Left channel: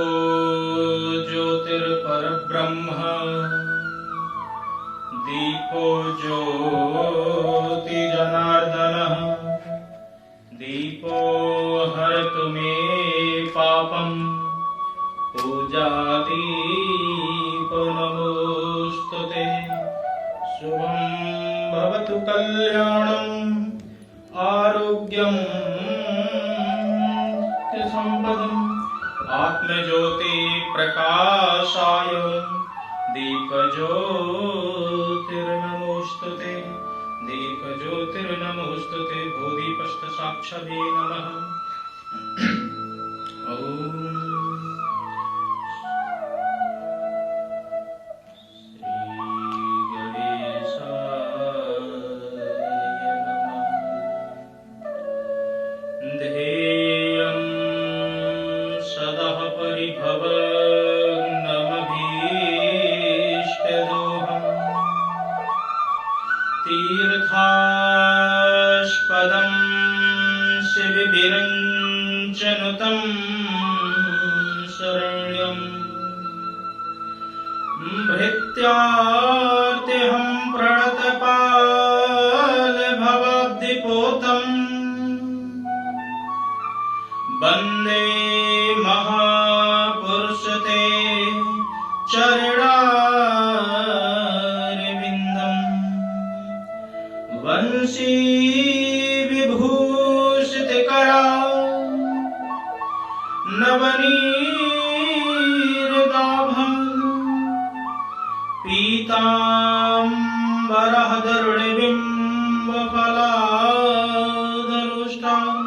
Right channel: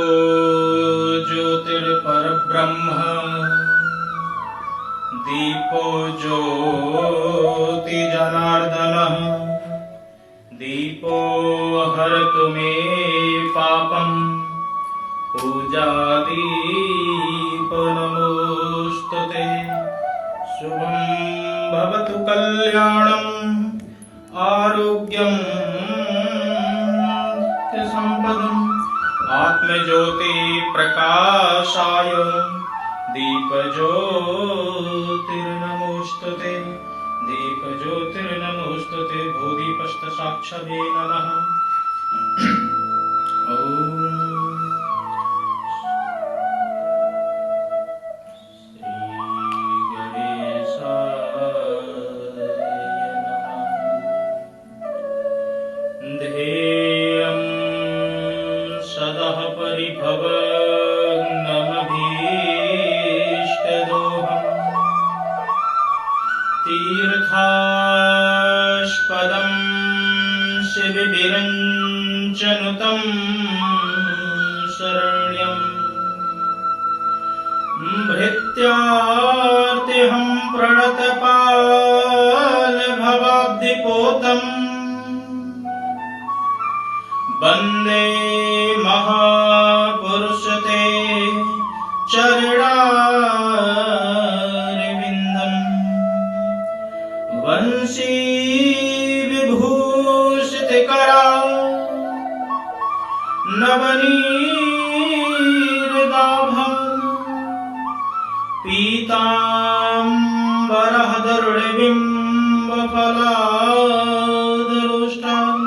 दीपो ज्योतिर्परब्रह्म दीपो ज्योति जनार्दनः दीपो हरतु मे पापम् पूजादीपो नमोस्तुते। शुभं भवतु कल्याणम् आरोग्यं संपदम् आत्मज्योति प्रकाशाय दीपज्योतिर्नमोस्तुते दीपज्योतिर्नमोस्तुते भूदीपस्थ साक्षाभे नमः। ओम तीर्थास्पदं शिवविरञ्चनुतं शरण्यं भृत्यार्तिहं प्रणतपालभवाब्धिपोतं वन्दे महापुरुषते चरणारविन्दम् वंशी विभूषितकरा नवनीरदाभं पीताम्बरः गरुडबिम्बफलाधरोष्टाम्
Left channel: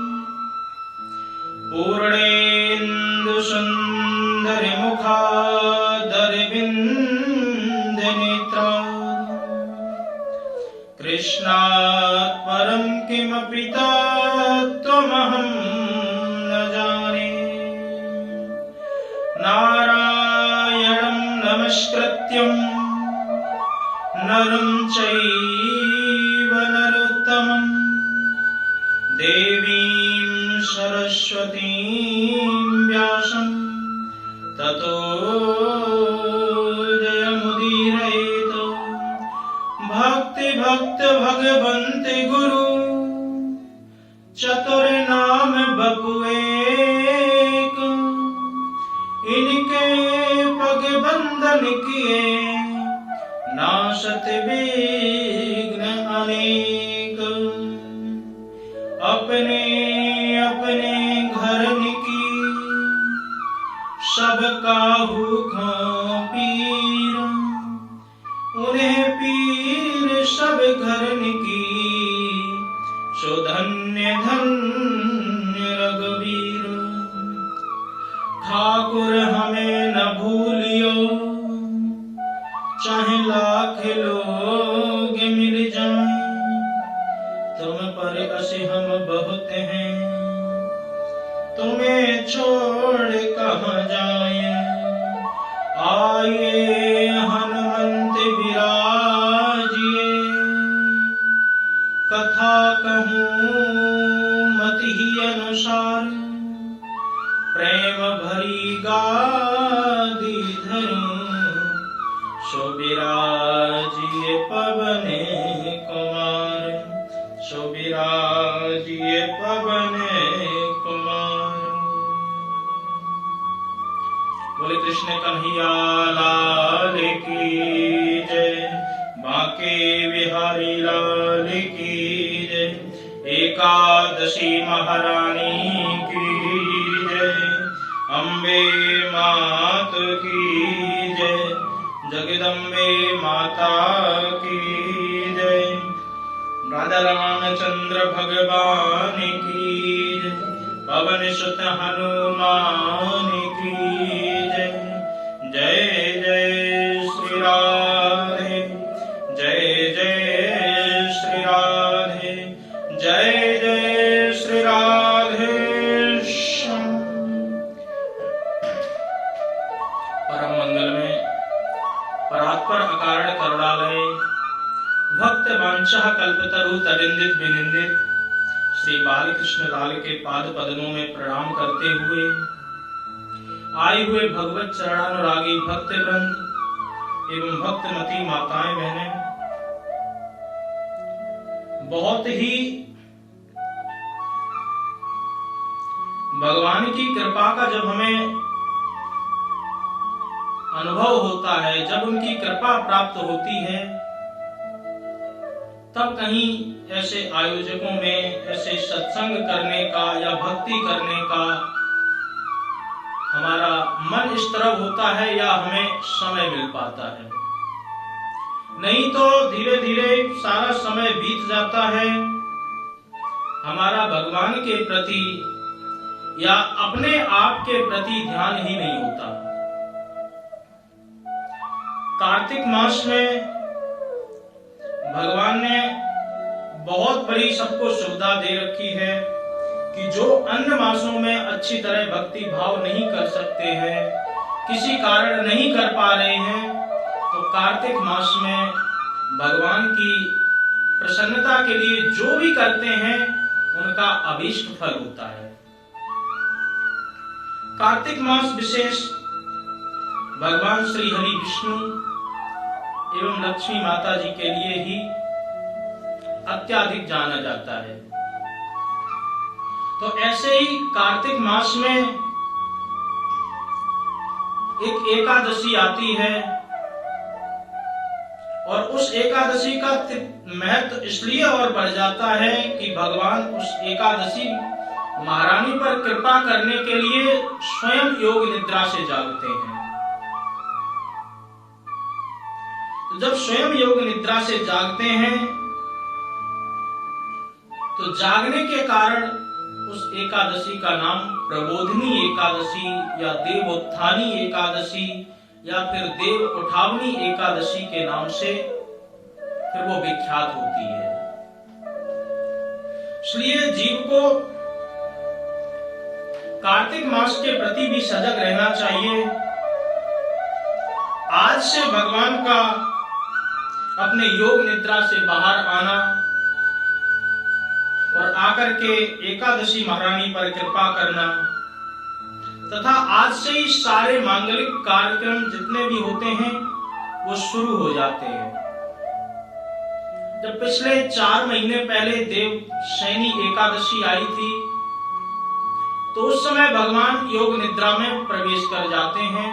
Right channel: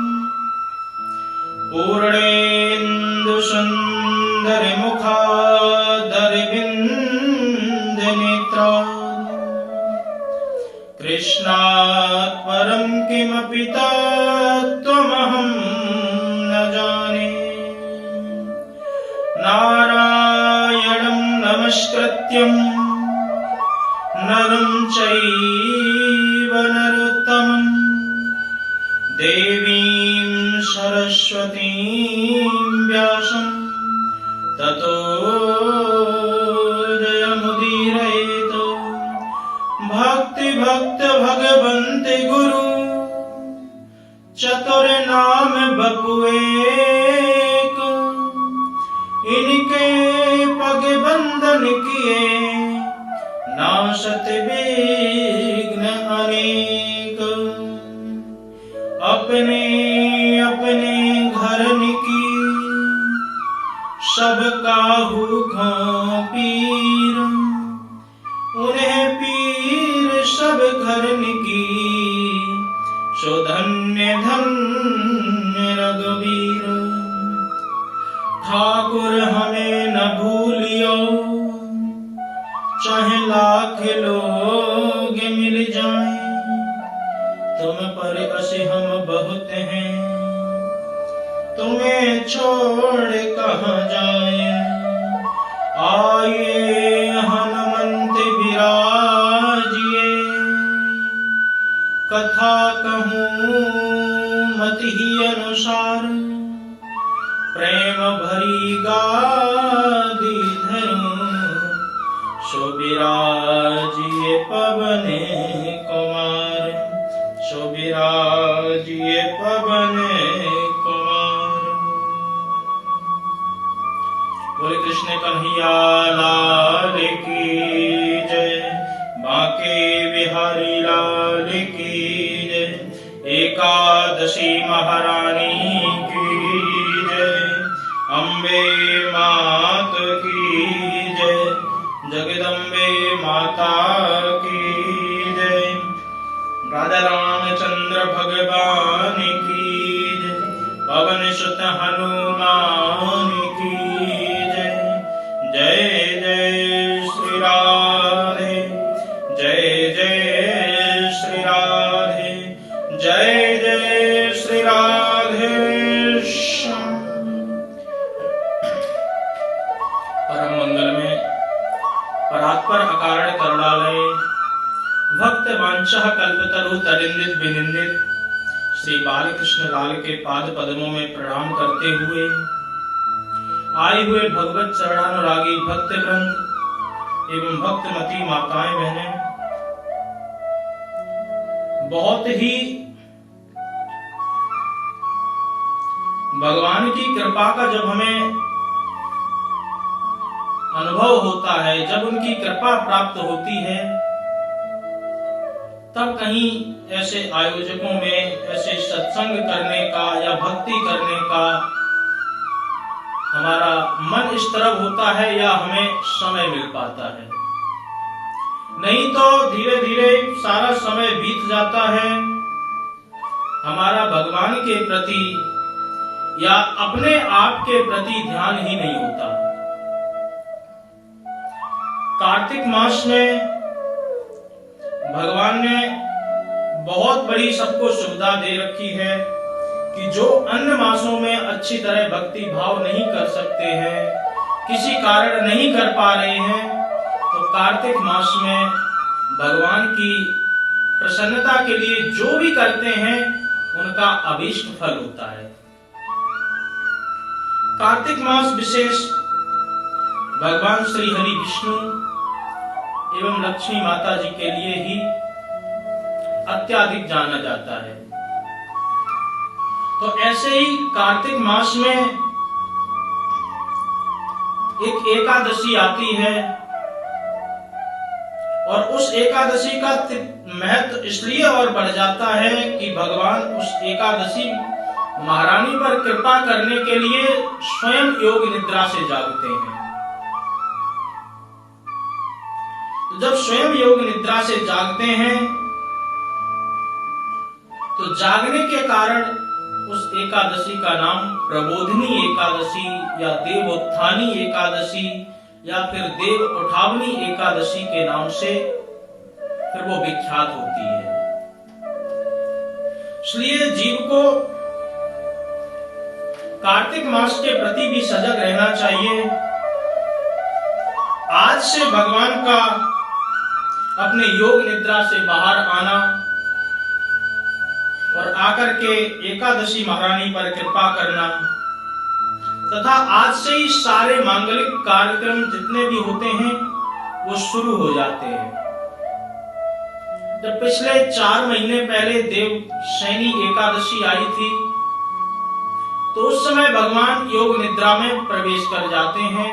पूर्णेन्दुसुन्दरमुखादरविन्दनेत्रा कृष्णात् परं किमपि तत्त्वमहं न जाने। नारायणं नमस्कृत्यं नरं चैव नरोत्तमं देवीं सरस्वतीं व्यासं ततो जयमुदीरयेत्। भक्ति भक्त भगवन्ते गुरु चतुर नाम बपुएक इनके पग बंधन किए नाशत विघ्न अनेक। अपने अपने घर की सब काहू पीर उन्हें पीर सब घरन की सो धन्य धन्य रघुवीर। ठाकुर हमें न भूलियो चाहे लाख लोग मिल जाएं तुम पर असे हम बहुत हैं तुम्हें छोड़ कहाँ जाएं। आइए हनुमंत विराजिए कथा कहूँ मति ही अनुसार प्रेम भरी गादी धरूं सो विराजिए पवन कुमार सो विराजिए पवन कुमार। बोले कृष्ण कन्हैया लाल की जय बांके बिहारी लाल की जय एकादशी महारानी की जय अम्बे मात की जय जगदम्बे माता की जय राधा रामचंद्र भगवान की जय पवन सुत हनुमान की जय। जय जय श्री राधे जय जय श्री राधे जय जय श्री राधे श्याम। परम मंगल में परात्पर अकारण करुणालय भक्त वांछः कल्पतरु तरिंदित विनिंदित श्री बालकृष्ण लाल के पाद पद्मों में प्रणाम करते हुए आए हुए भगवत चरणानुरागी भक्त वृंद एवं भक्तमती माताएं बहनें, बहुत ही भगवान की कृपा का जब हमें अनुभव होता है, जब उनकी कृपा प्राप्त होती है, तब कहीं ऐसे आयोजकों में ऐसे सत्संग करने का या भक्ति करने का हमारा मन इस तरफ होता है या हमें समय मिल पाता है। नहीं तो धीरे धीरे सारा समय बीत जाता है, हमारा भगवान के प्रति या अपने आप के प्रति ध्यान ही नहीं होता। कार्तिक मास में भगवान ने बहुत बड़ी सबको सुविधा दे रखी है कि जो अन्य मासों में अच्छी तरह भक्ति भाव नहीं कर सकते हैं, किसी कारण नहीं कर पा रहे हैं, तो कार्तिक मास में भगवान की प्रसन्नता के लिए जो भी करते हैं उनका अभीष्ट फल होता है। कार्तिक मास विशेष भगवान श्री हरि विष्णु एवं लक्ष्मी माता जी के लिए ही अत्यधिक जाना जाता है। तो ऐसे ही कार्तिक मास में एक एकादशी आती है और उस एकादशी का महत्व इसलिए और बढ़ जाता है कि भगवान उस एकादशी महारानी पर कृपा करने के लिए स्वयं योग निद्रा से जागते हैं। तो जब स्वयं योग निद्रा से जागते हैं तो जागने के कारण उस एकादशी का नाम प्रबोधिनी एकादशी या देवोत्थानी एकादशी या फिर देव उठावनी एकादशी के नाम से फिर वो विख्यात होती है। इसलिए जीव को कार्तिक मास के प्रति भी सजग रहना चाहिए। आज से भगवान का अपने योग निद्रा से बाहर आना और आकर के एकादशी महारानी पर कृपा करना तथा आज से ही सारे मांगलिक कार्यक्रम जितने भी होते हैं वो शुरू हो जाते हैं। जब पिछले 4 महीने पहले देवशयनी एकादशी आई थी तो उस समय भगवान योग निद्रा में प्रवेश कर जाते हैं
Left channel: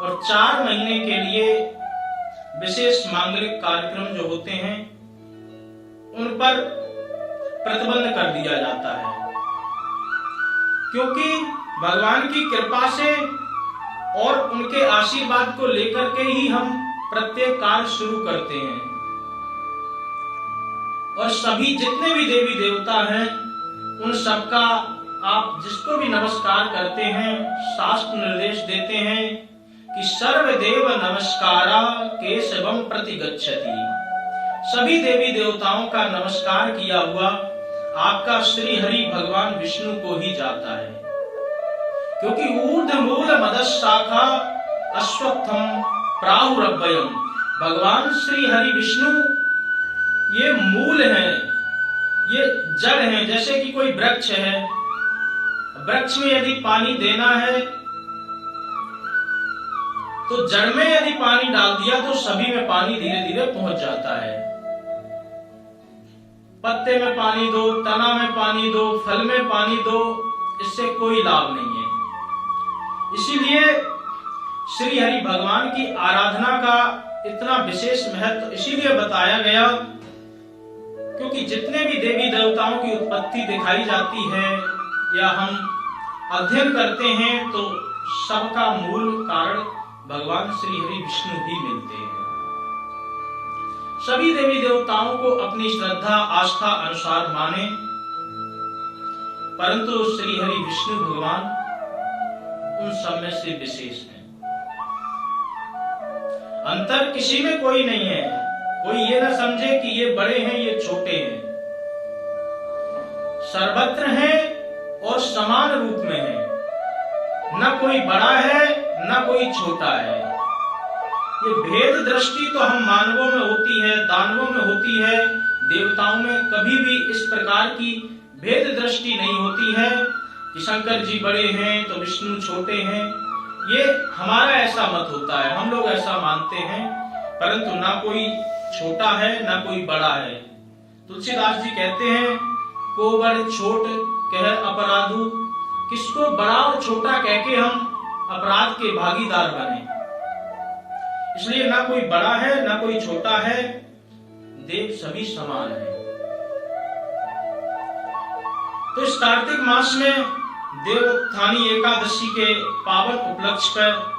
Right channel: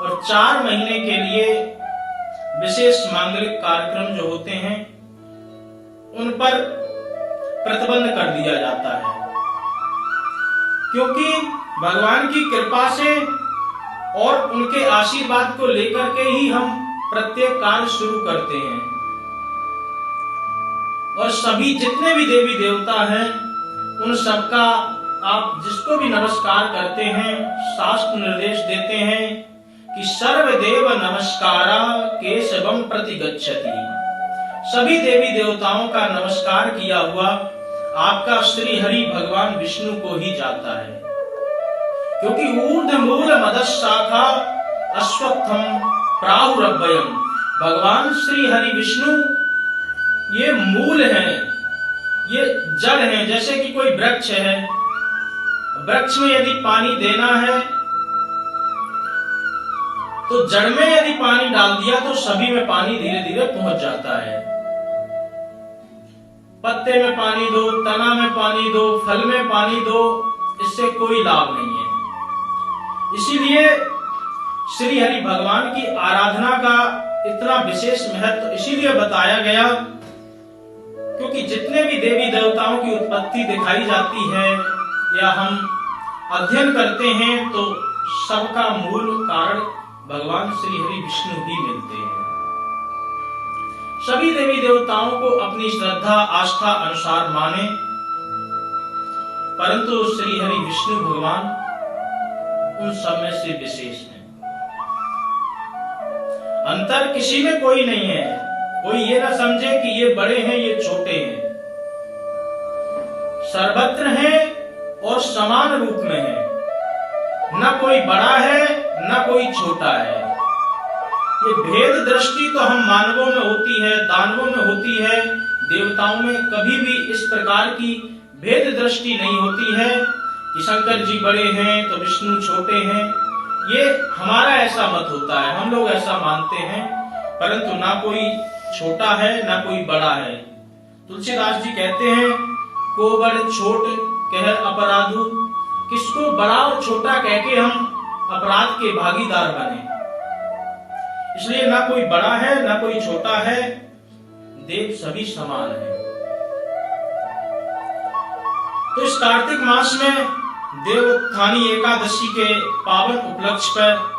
और 4 महीने के लिए विशेष मांगलिक कार्यक्रम जो होते हैं उन पर प्रतिबंध कर दिया जाता है, क्योंकि भगवान की कृपा से और उनके आशीर्वाद को लेकर के ही हम प्रत्येक कार्य शुरू करते हैं। और सभी जितने भी देवी देवता हैं उन सबका आप जिसको भी नमस्कार करते हैं, शास्त्र निर्देश देते हैं कि सर्वदेव नमस्कारा केशवम प्रति गच्छति। सभी देवी देवताओं का नमस्कार किया हुआ आपका श्री हरि भगवान विष्णु को ही जाता है, क्योंकि ऊर्ध्व मूल मदस शाखा अश्वत्थम प्राहुरभयम। भगवान श्री हरि विष्णु ये मूल हैं, ये जड़ हैं। जैसे कि कोई वृक्ष है, वृक्ष में यदि पानी देना है तो जड़ में यदि पानी डाल दिया तो सभी में पानी धीरे धीरे पहुंच जाता है। पत्ते में पानी दो, तना में पानी दो, फल में पानी दो, इससे कोई लाभ नहीं है। इसीलिए श्री हरि भगवान की आराधना का इतना विशेष महत्व इसीलिए बताया गया क्योंकि जितने भी देवी देवताओं की उत्पत्ति दिखाई जाती है या हम अध्ययन करते हैं तो सबका मूल कारण भगवान श्री हरि विष्णु ही मिलते हैं। सभी देवी देवताओं को अपनी श्रद्धा आस्था अनुसार माने, परंतु श्री हरि विष्णु भगवान उन सब में से विशेष हैं। अंतर किसी में कोई नहीं है। कोई ये ना समझे कि ये बड़े हैं ये छोटे हैं, सर्वत्र हैं और समान रूप में हैं। न कोई बड़ा है न कोई छोटा है। ये भेद दृष्टि तो हम मानवों में होती है, दानवों में होती है, देवताओं में कभी भी इस प्रकार की भेद दृष्टि नहीं होती है। कि शंकर जी बड़े हैं तो विष्णु छोटे हैं। ये हमारा ऐसा मत होता है, हम लोग ऐसा मानते हैं, परंतु ना कोई छोटा है ना कोई बड़ा है। तुलसीदास जी कहते हैं, को बड़ छोट कह अपराधु, किसको बड़ा और छोटा कह के हम अपराध के भागीदार बने। इसलिए ना कोई बड़ा है ना कोई छोटा है, देव सभी समान है। तो इस कार्तिक मास में देवोत्थानी एकादशी के पावन उपलक्ष्य पर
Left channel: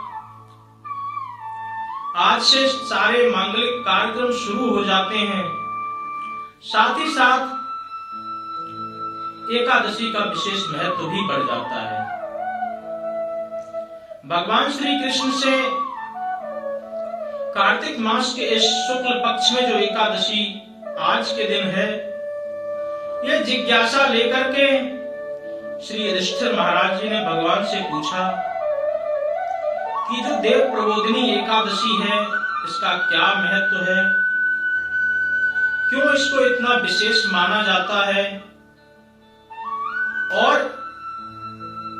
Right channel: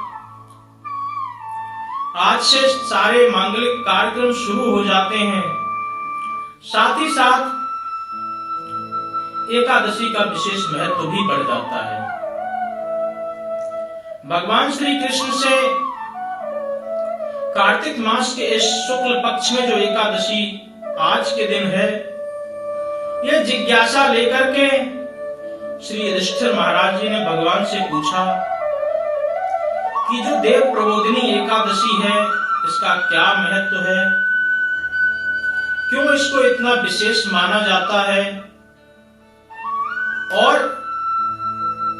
आज से सारे मांगलिक कार्यक्रम शुरू हो जाते हैं। साथ ही साथ एकादशी का विशेष महत्व भी बढ़ जाता है। भगवान श्री कृष्ण से कार्तिक मास के इस शुक्ल पक्ष में जो एकादशी आज के दिन है, यह जिज्ञासा लेकर के श्री युधिष्ठिर महाराज जी ने भगवान से पूछा कि जो देव प्रबोधिनी एकादशी है, इसका क्या महत्व है, क्यों इसको इतना विशेष माना जाता है, और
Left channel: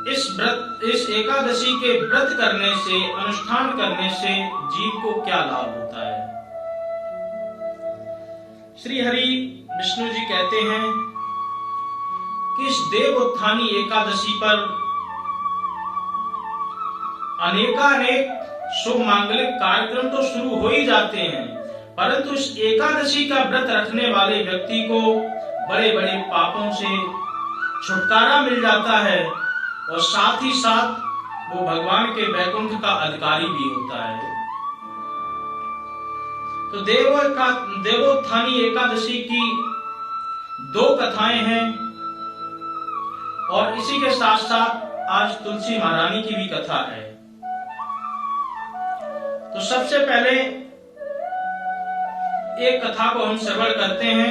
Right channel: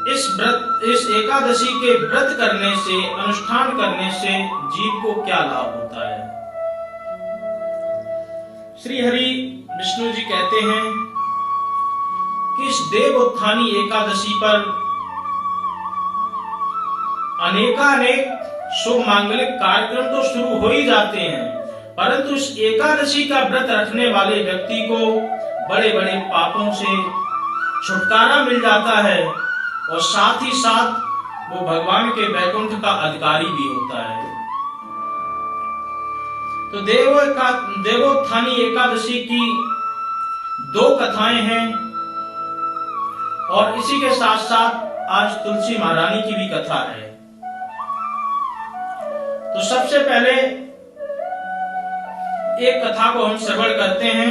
इस एकादशी के व्रत करने से, अनुष्ठान करने से जीव को क्या लाभ होता है। श्री हरि विष्णु जी कहते हैं कि इस देवोत्थानी एकादशी पर अनेकानेक शुभ मांगलिक कार्यक्रम तो शुरू हो ही जाते हैं, परंतु इस एकादशी का व्रत रखने वाले व्यक्ति को बड़े बड़े पापों से छुटकारा मिल जाता है, और साथ ही साथ वो भगवान के वैकुंठ का अधिकारी भी होता है। तो देवोत्थानी एकादशी की दो कथाएं हैं, और इसी के साथ साथ आज तुलसी महारानी की भी कथा है। तो सबसे पहले एक कथा को हम श्रवण करते हैं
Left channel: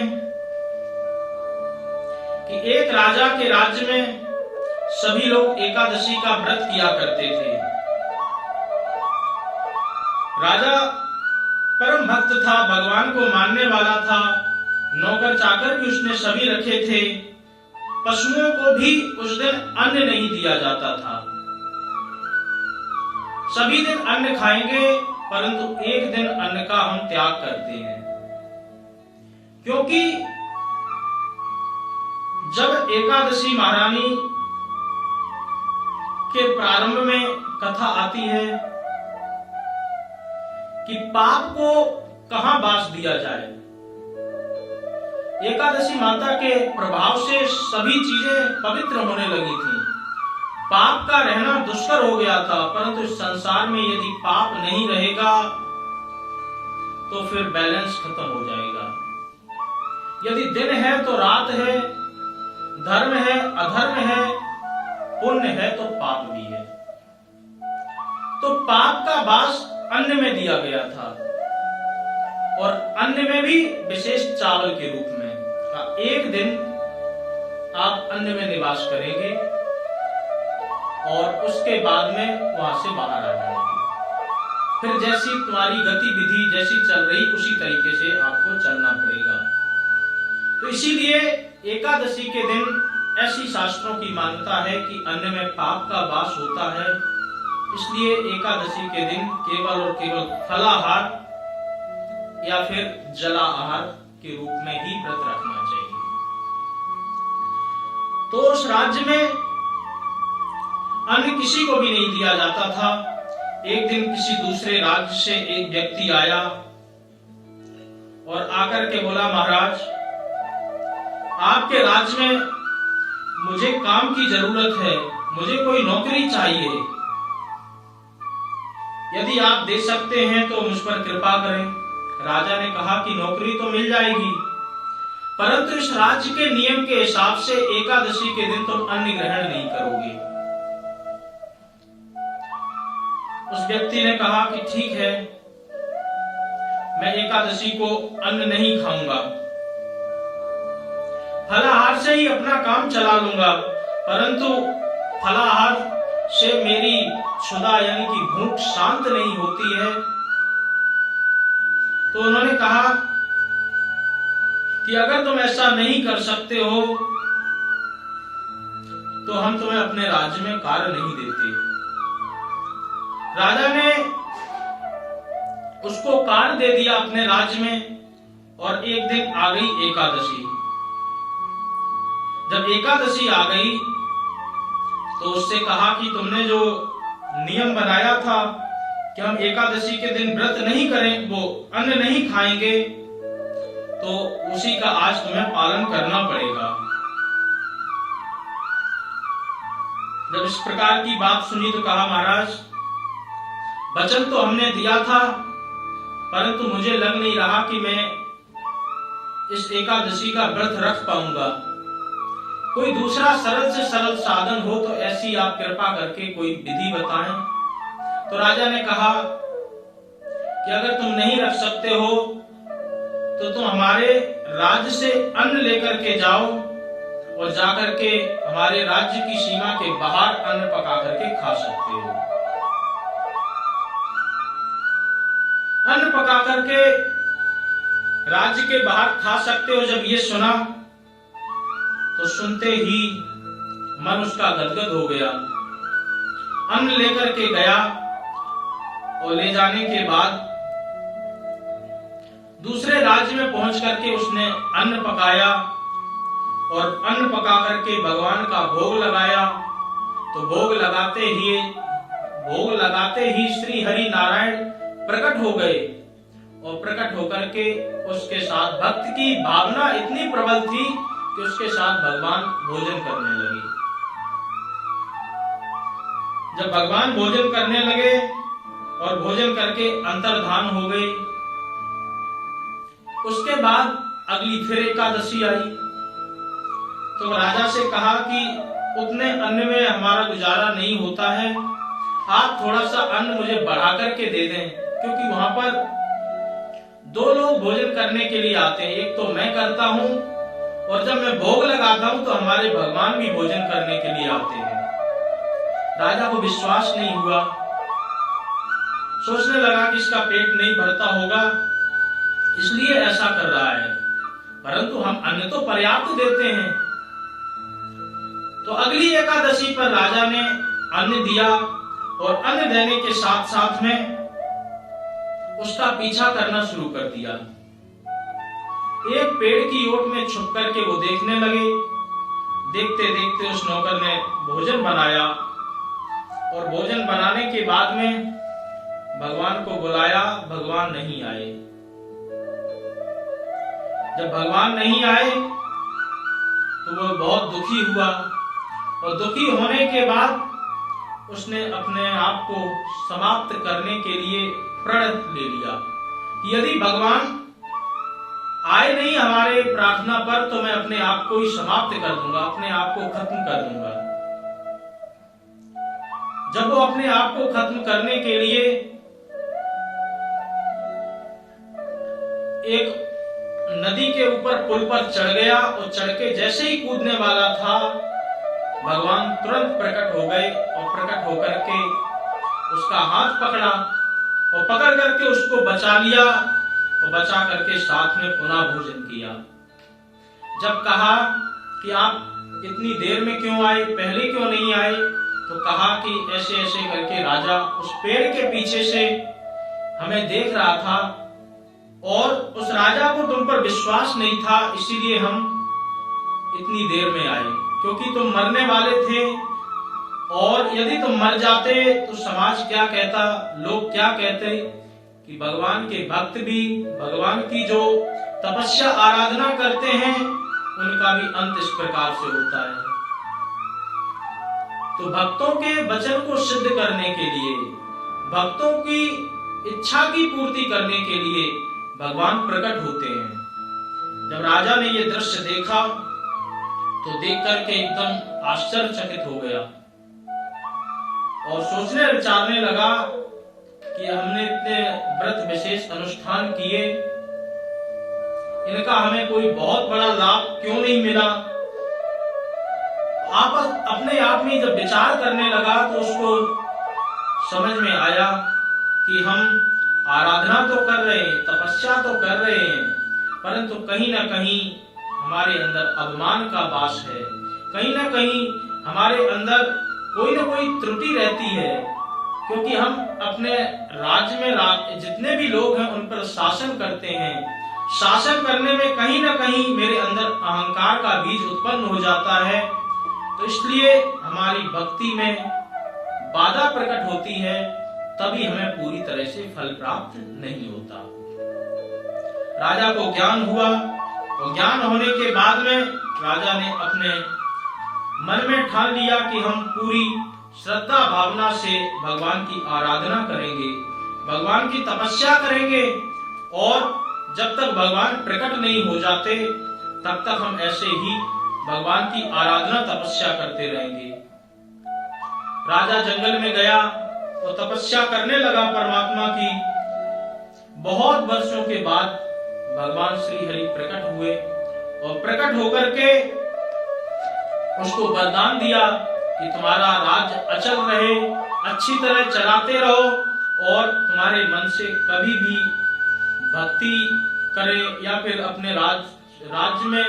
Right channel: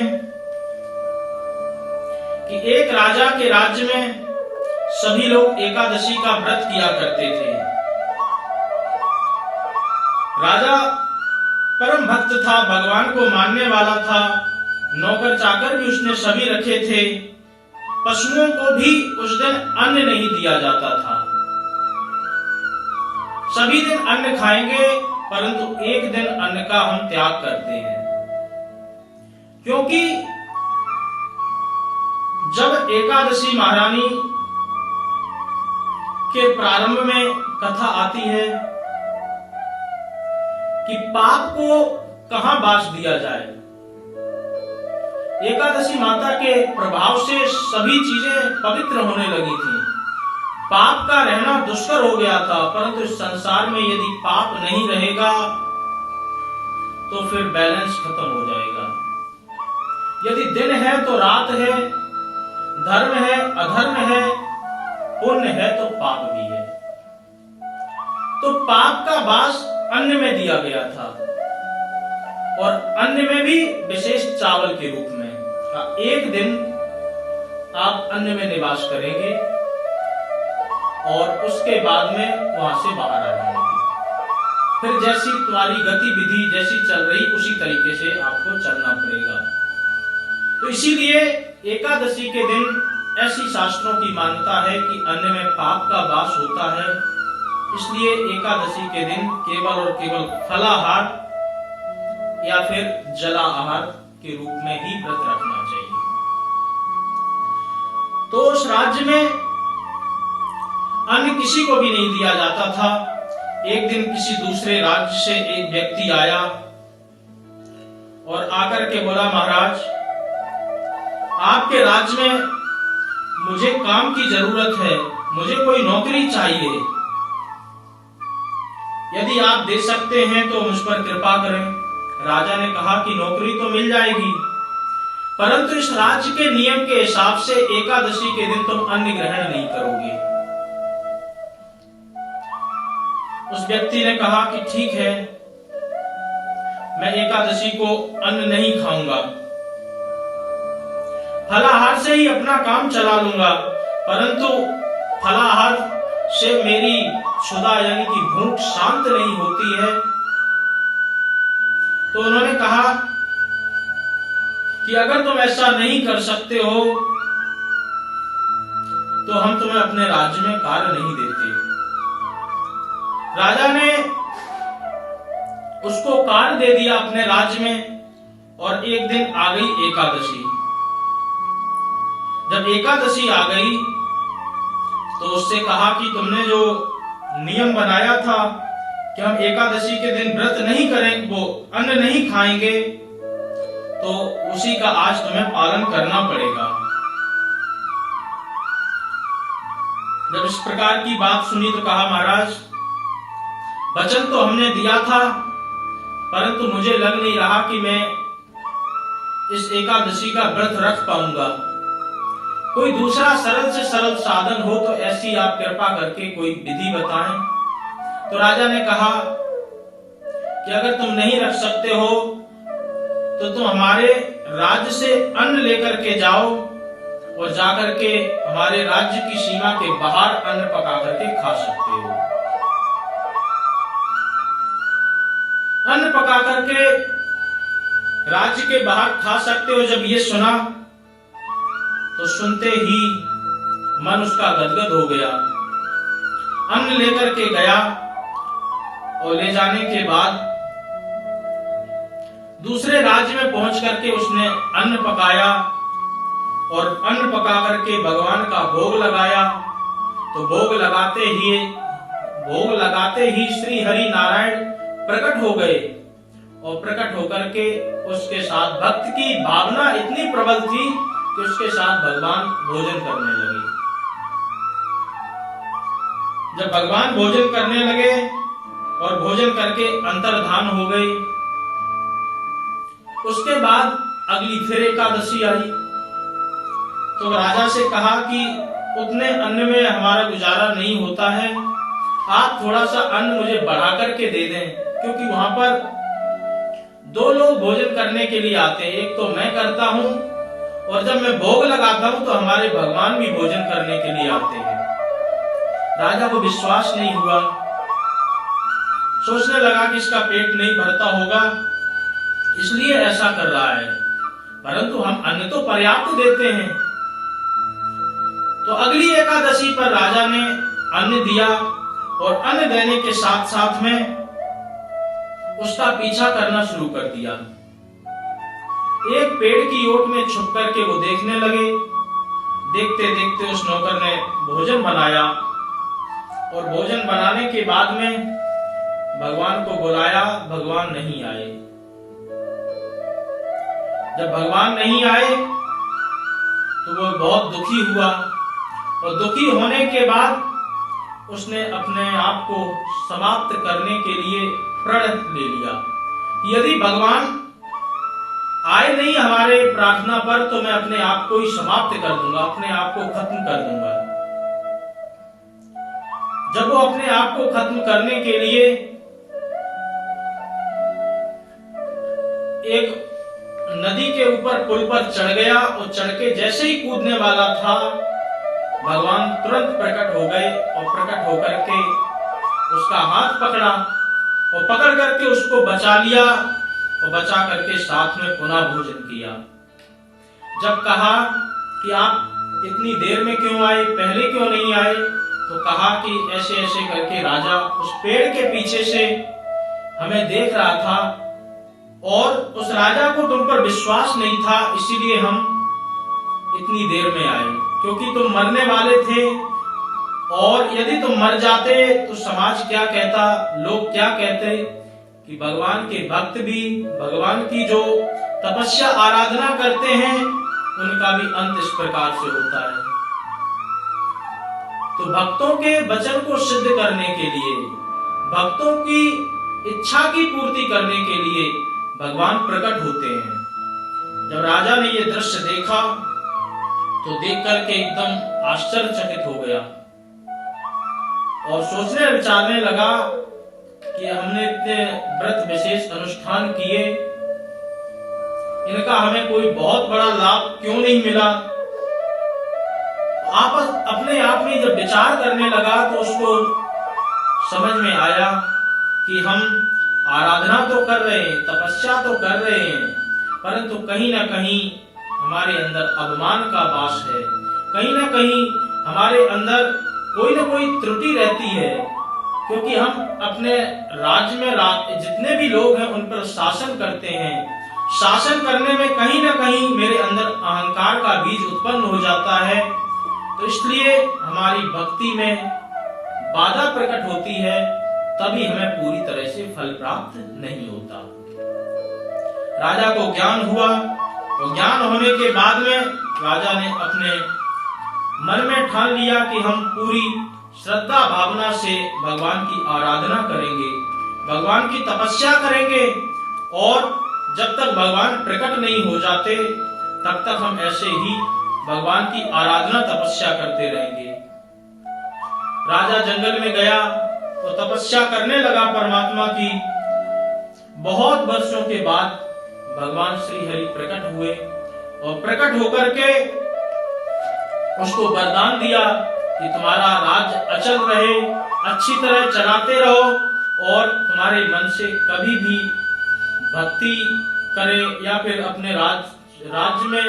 कि एक राजा के राज्य में सभी लोग एकादशी का व्रत किया करते थे। राजा परम भक्त था, भगवान को मानने वाला था, नौकर चाकर भी उसने सभी रखे थे, पशुओं को भी उस दिन अन्न नहीं दिया जाता था। सभी दिन अन्न खाएंगे, परंतु एक दिन अन्न का हम त्याग करते हैं, क्योंकि जब एकादशी महारानी के प्रारंभ में कथा आती है कि पाप को कहां बास दिया जाए, एकादशी माता के प्रभाव से सभी चीजें पवित्र होने लगी थी, पाप का रहना दुष्कर हो गया था। परंतु इस संसार में यदि पाप नहीं रहेगा तो फिर बैलेंस खत्म हो जाएगा। यदि दिन है तो रात है, धर्म है अधर्म है, पुण्य है तो पाप भी है। तो पाप का वास अन्न में दिया गया था, और अन्न में भी विशेष चावल के रूप में। एक दिन आप अन्न में निवास करेंगे और उसके बाद में वहां से बाहर आ जाएंगे। फिर जैसी तुम्हारी गतिविधि जैसी चल रही उसी तरीके से आपको चलना पड़ेगा। तो इसीलिए एकादशी के दिन ऐसी शास्त्रों की मान्यता है कि अन्न में पाप का वास होता है, इसलिए एकादशी के दिन केवल और केवल फलाहार या फिर जला आहार के रूप में ही व्रत रखना चाहिए। तो उस राज्य में अन्न किसी को भी नहीं दिया जाता था। एक दिन किसी दूसरे राज्य से एक व्यक्ति आया और आकर के बोला, महाराज आपके राज्य में मुझे काम की जरूरत है, मुझे कोई नौकरी चाहिए, यदि आप दे सकते हैं तो मुझ पर कृपा करें। राजा ने कहा कि नौकरी तो मिल जाएगी, परंतु इस राज्य के नियम के हिसाब से एकादशी के दिन तुम अन्न ग्रहण नहीं करोगे। उस व्यक्ति ने कहा कि ठीक है, मैं एकादशी को अन्न नहीं खाऊंगा, फलाहार से ही अपना काम चला लूंगा, परंतु फलाहार से मेरी क्षुधा यानी कि भूख शांत नहीं होती है। तो उन्होंने कहा कि अगर तुम ऐसा नहीं कर सकते हो तो हम तुम्हें अपने राज्य में कार्य नहीं देते। राजा ने उसको कार्य दे दिया अपने राज्य में। और एक दिन आ गई एकादशी। जब एकादशी आ गई तो उससे कहा कि तुमने जो नियम बनाया था कि हम एकादशी के दिन व्रत नहीं करें, वो अन्न नहीं खाएंगे, तो उसी का आज तुम्हें पालन करना पड़ेगा। जब इस प्रकार की बात सुनी तो कहा, महाराज वचन तो हमने दिया था, परंतु मुझे लग नहीं रहा कि मैं इस एकादशी का व्रत रख पाऊंगा। कोई दूसरा सरल से सरल साधन हो तो ऐसी आप कृपा करके कोई विधि बताएं। तो राजा ने कहा कि अगर तुम नहीं रख सकते हो तो तुम हमारे राज्य से अन्न लेकर के जाओ और जाकर के हमारे राज्य की सीमा के बाहर अन्न पका करके खा सकते हो। अन्न पका करके राज्य के बाहर खा सकते हो। जब ये सुना तो सुनते ही मन उसका गदगद हो गया। अन्न लेकर के गया और ले जाने के बाद दूसरे राज्य में पहुंच करके उसने अन्न पकाया और अन्न पका करके भगवान का भोग लगाया। तो भोग लगाते ही श्री हरि नारायण प्रकट हो गए और प्रकट होकर के उसके साथ भक्त की भावना इतनी प्रबल थी कि उसके साथ भगवान भोजन करने लगे। जब भगवान भोजन करने लगे और भोजन करके अंतर्धान हो गए, उसके बाद अगली फिर एकादशी आई। तो राजा से कहा कि उतने अन्न में हमारा गुजारा नहीं होता है, आप थोड़ा सा अन्न मुझे बढ़ा करके दे दें, क्योंकि वहां पर दो लोग भोजन करने के लिए आते हैं, एक तो मैं करता हूं और जब मैं भोग लगाता हूं तो हमारे भगवान भी भोजन करने के लिए आते हैं। राजा को विश्वास नहीं हुआ, सोचने लगा कि इसका पेट नहीं भरता होगा इसलिए ऐसा कर रहा है, परंतु हम अन्न तो पर्याप्त देते हैं। तो अगली एकादशी पर राजा ने अन्न दिया और अन्न देने के साथ साथ में उसका पीछा करना शुरू कर दिया। एक पेड़ की ओट में छुप करके वो देखने लगे। देखते देखते उस नौकर ने भोजन बनाया और भोजन बनाने के बाद में भगवान को बुलाया, भगवान नहीं आए। जब भगवान नहीं आए तो वो बहुत दुखी हुआ और दुखी होने के बाद उसने अपने आप को समाप्त करने के लिए प्रण ले लिया। यदि भगवान आए नहीं हमारे प्रार्थना पर तो मैं अपने आप को ही समाप्त कर दूंगा, अपने आप को खत्म कर दूंगा। जब वो अपने आप को खत्म करने के लिए एक नदी के ऊपर पुल पर चढ़ गया और चढ़ के जैसे ही कूदने वाला था, भगवान तुरंत प्रकट हो गए और प्रकट होकर के उसका हाथ पकड़ा और पकड़ करके उसको बचा लिया और बचा करके साथ में पुनः भोजन किया। जब कहा कि आप इतनी देर में क्यों आए, पहले क्यों नहीं आए, तो कहा कि ऐसे ऐसे करके राजा उस पेड़ के पीछे से हमें देख रहा था और उस राजा को तुम पर विश्वास नहीं था, इसीलिए हम इतनी देर में आए, क्योंकि तुम मरने वाले थे और यदि तुम मर जाते तो समाज क्या कहता, लोग क्या कहते कि भगवान के भक्त भी भगवान की जो तपस्या आराधना करते हैं उनका भी अंत इस प्रकार से होता है। तो भक्तों के वचन को सिद्ध करने के लिए, भक्तों की इच्छा की पूर्ति करने के लिए भगवान प्रकट होते हैं। जब राजा ने ये दृश्य देखा तो देख करके एकदम आश्चर्यचकित हो गया और सोचने विचारने लगा कि हमने इतने व्रत विशेष अनुष्ठान किए, इनका हमें कोई बहुत बड़ा लाभ क्यों नहीं मिला। आप अपने आप में जब विचार करने लगा तो उसको समझ में आया कि हम आराधना तो कर रहे हैं, तपस्या तो कर रहे हैं, परंतु कहीं ना कहीं हमारे अंदर अभिमान का वास है, कहीं ना कहीं हमारे अंदर कोई ना कोई त्रुटि रहती है, क्योंकि हम अपने राज्य में जितने भी लोग हैं उन पर शासन करते हैं। शासन करने में कहीं ना कहीं मेरे अंदर अहंकार का बीज उत्पन्न हो जाता है, तो इसलिए हमारी भक्ति में बाधा प्रकट होती है, तभी हमें पूरी तरह से फल प्राप्त नहीं होता। राजा को ज्ञान हुआ, तो ज्ञान होने के बाद में राजा ने अपने मन में ठान लिया कि हम पूरी श्रद्धा भावना से भगवान की आराधना करेंगे, भगवान की तपस्या करेंगे, और जब तक भगवान प्रकट नहीं हो जाते तब तक हम ऐसे ही भगवान की आराधना तपस्या करते रहेंगे। राजा जंगल में गया और तपस्या करने लगा परमात्मा की। बहुत वर्षों के बाद भगवान श्री हरि प्रकट हुए और प्रकट होकर के उसको वरदान दिया कि तुम्हारा राज्य अचल रहे, अच्छी तरह चलाते रहो, और तुम्हारे मन से कभी भी भक्ति करें या फिर अपने राज्य में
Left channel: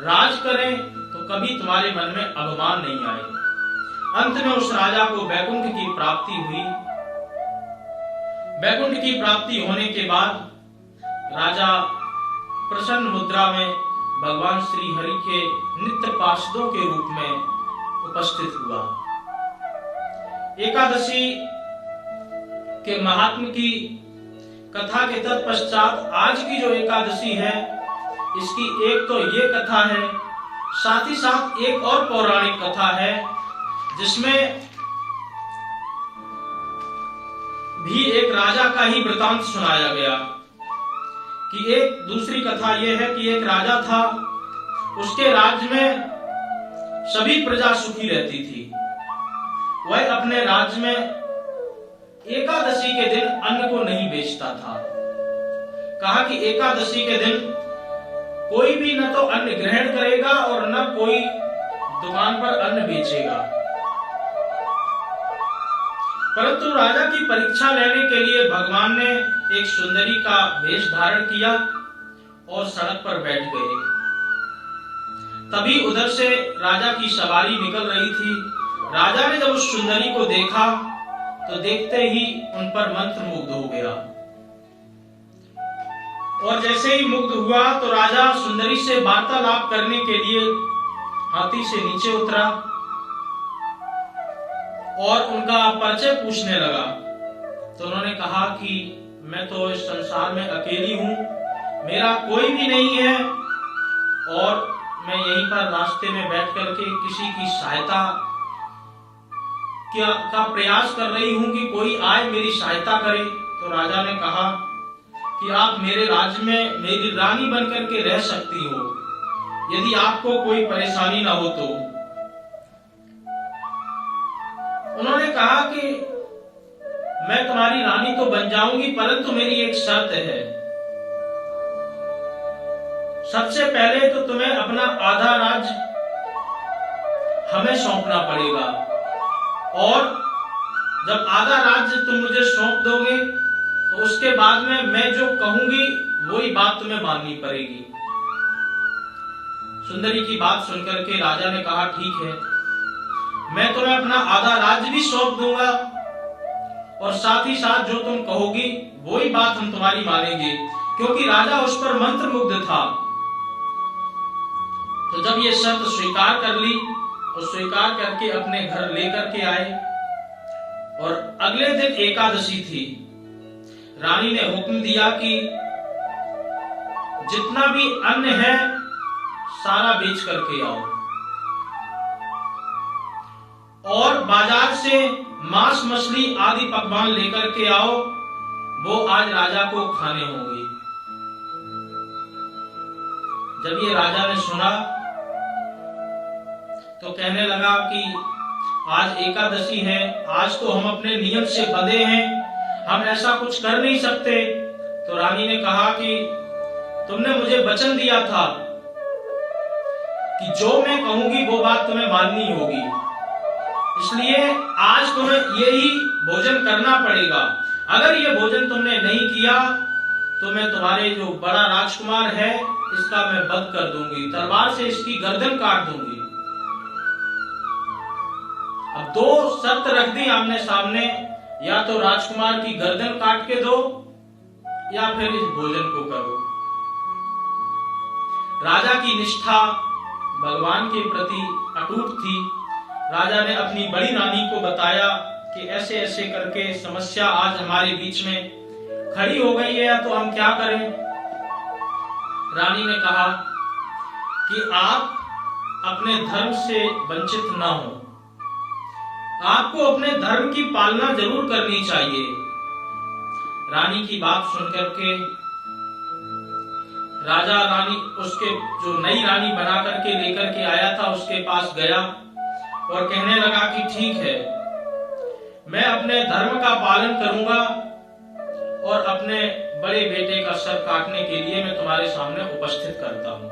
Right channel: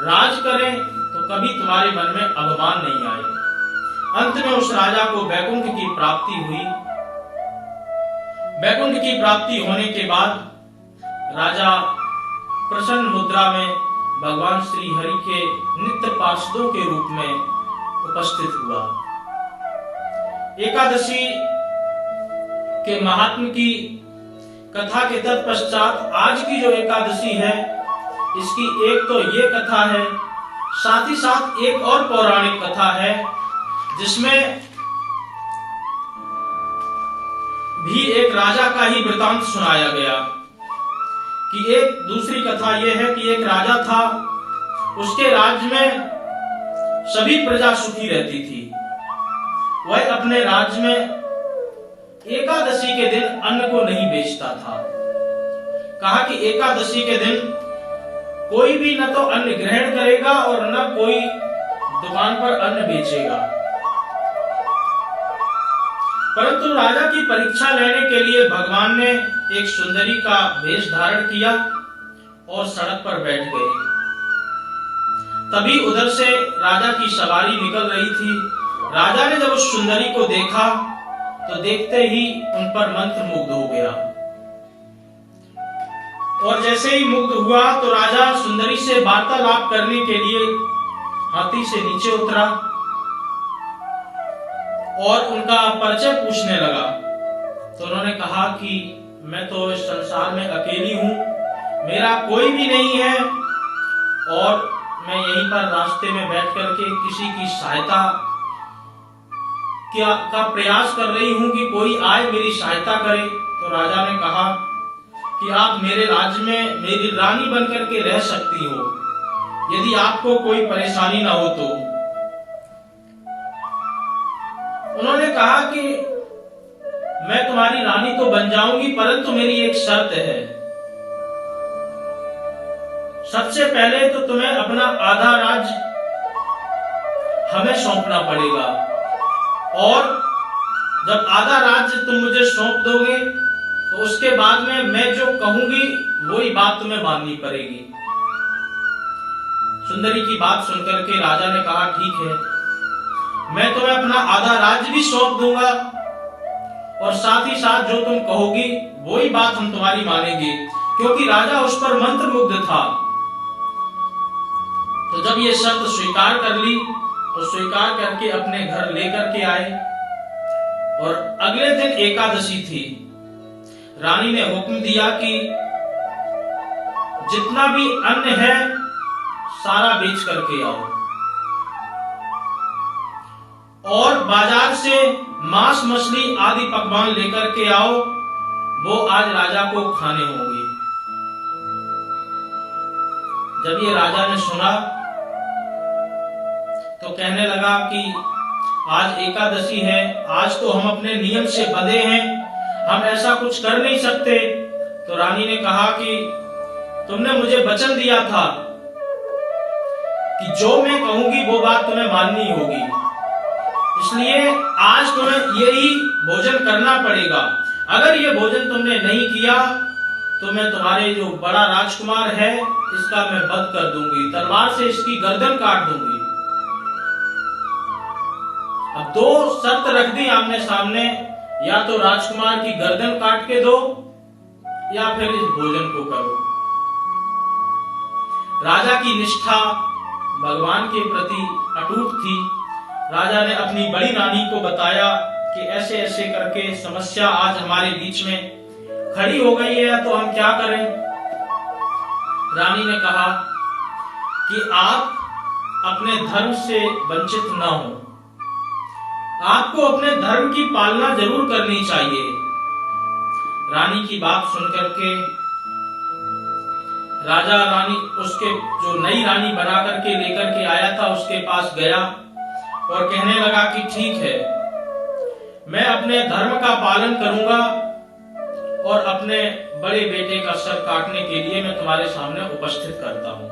राज करें तो कभी तुम्हारे मन में अभिमान नहीं आए। अंत में उस राजा को वैकुंठ की प्राप्ति हुई। वैकुंठ की प्राप्ति होने के बाद राजा प्रसन्न मुद्रा में भगवान श्री हरि के नित्य पार्षदों के रूप में उपस्थित हुआ। एकादशी के महात्म की कथा के तत्पश्चात आज की जो एकादशी है, इसकी एक तो ये कथा है, साथ ही साथ एक और पौराणिक कथा है जिसमें भी एक राजा का ही वृतांत सुनाया गया। कि एक दूसरी कथा यह है कि एक राजा था, उसके राज्य में सभी प्रजा सुखी रहती थी। वह अपने राज्य में एकादशी के दिन अन्न को नहीं बेचता था। कहा कि एकादशी के दिन कोई भी न तो अन्न ग्रहण करेगा और न कोई दुकान पर अन्न बेचेगा। परंतु राजा की परीक्षा लेने के लिए भगवान ने एक सुंदरी का वेश धारण किया और सड़क पर बैठ गए। तभी उधर से राजा की सवारी निकल रही थी। राजा ने जब उस सुंदरी को देखा तो देखते ही उन पर मंत्र मुग्ध हो गया, और जैसे ही मुग्ध हुआ तो राजा सुंदरी से वार्तालाप करने के लिए हाथी से नीचे उतरा और उनका परिचय पूछने लगा। तो उन्होंने कहा कि मैं तो इस संसार में अकेली हूं, मेरा कोई भी नहीं है, और मैं यहीं पर रास्ते में बैठ करके किसी की सहायता का प्रयास कर रही हूं कि कोई आए मेरी सहायता करे। तो राजा ने कहा कि आप मेरे राज्य में मेरी रानी बनकर के रह सकती हो, यदि आपको कोई परेशानी ना हो तो। उन्होंने कहा कि मैं तुम्हारी रानी तो बन जाऊंगी, परंतु मेरी एक शर्त है। सबसे पहले तो तुम्हें अपना आधा राज्य हमें सौंपना पड़ेगा, और जब आधा राज्य तुम मुझे सौंप दोगे तो उसके बाद में मैं जो कहूंगी वही बात तुम्हें माननी पड़ेगी। सुंदरी की बात सुनकर के राजा ने कहा ठीक है, मैं तुम्हें अपना आधा राज्य भी सौंप दूंगा, और साथ ही साथ जो तुम कहोगी वही बात हम तुम्हारी मानेंगे, क्योंकि राजा उस पर मंत्र मुग्ध था। तो जब ये शर्त स्वीकार कर ली और स्वीकार करके अपने घर लेकर के आए, और अगले दिन एकादशी थी। रानी ने हुक्म दिया कि जितना भी अन्न है सारा बेच करके आओ, और बाजार से मांस मछली आदि पकवान लेकर के आओ, वो आज राजा को खाने होंगे। जब ये राजा ने सुना तो कहने लगा कि आज एकादशी है, आज तो हम अपने नियम से बंधे हैं, हम ऐसा कुछ कर नहीं सकते। तो रानी ने कहा कि तुमने मुझे वचन दिया था कि जो मैं कहूंगी वो बात तुम्हें माननी होगी, इसलिए आज तुम्हें यही भोजन करना पड़ेगा। अगर ये भोजन तुमने नहीं किया तो मैं तुम्हारे जो बड़ा राजकुमार है इसका मैं वध कर दूंगी, तलवार से इसकी गर्दन काट दूंगी। अब दो शर्त रख दी आमने सामने, या तो राजकुमार की गर्दन काट के दो या फिर इस भोजन को करो। राजा की निष्ठा भगवान के प्रति अटूट थी। राजा ने अपनी बड़ी रानी को बताया कि ऐसे ऐसे करके समस्या आज हमारे बीच में खड़ी हो गई है, तो हम क्या करें। रानी ने कहा कि आप अपने धर्म से वंचित न हो, आपको अपने धर्म की पालना जरूर करनी चाहिए। रानी की बात सुनकर के राजा रानी उसके जो नई रानी बना करके लेकर के आया था उसके पास गया और कहने लगा कि ठीक है, मैं अपने धर्म का पालन करूंगा और अपने बड़े बेटे का सर काटने के लिए मैं तुम्हारे सामने उपस्थित करता हूं।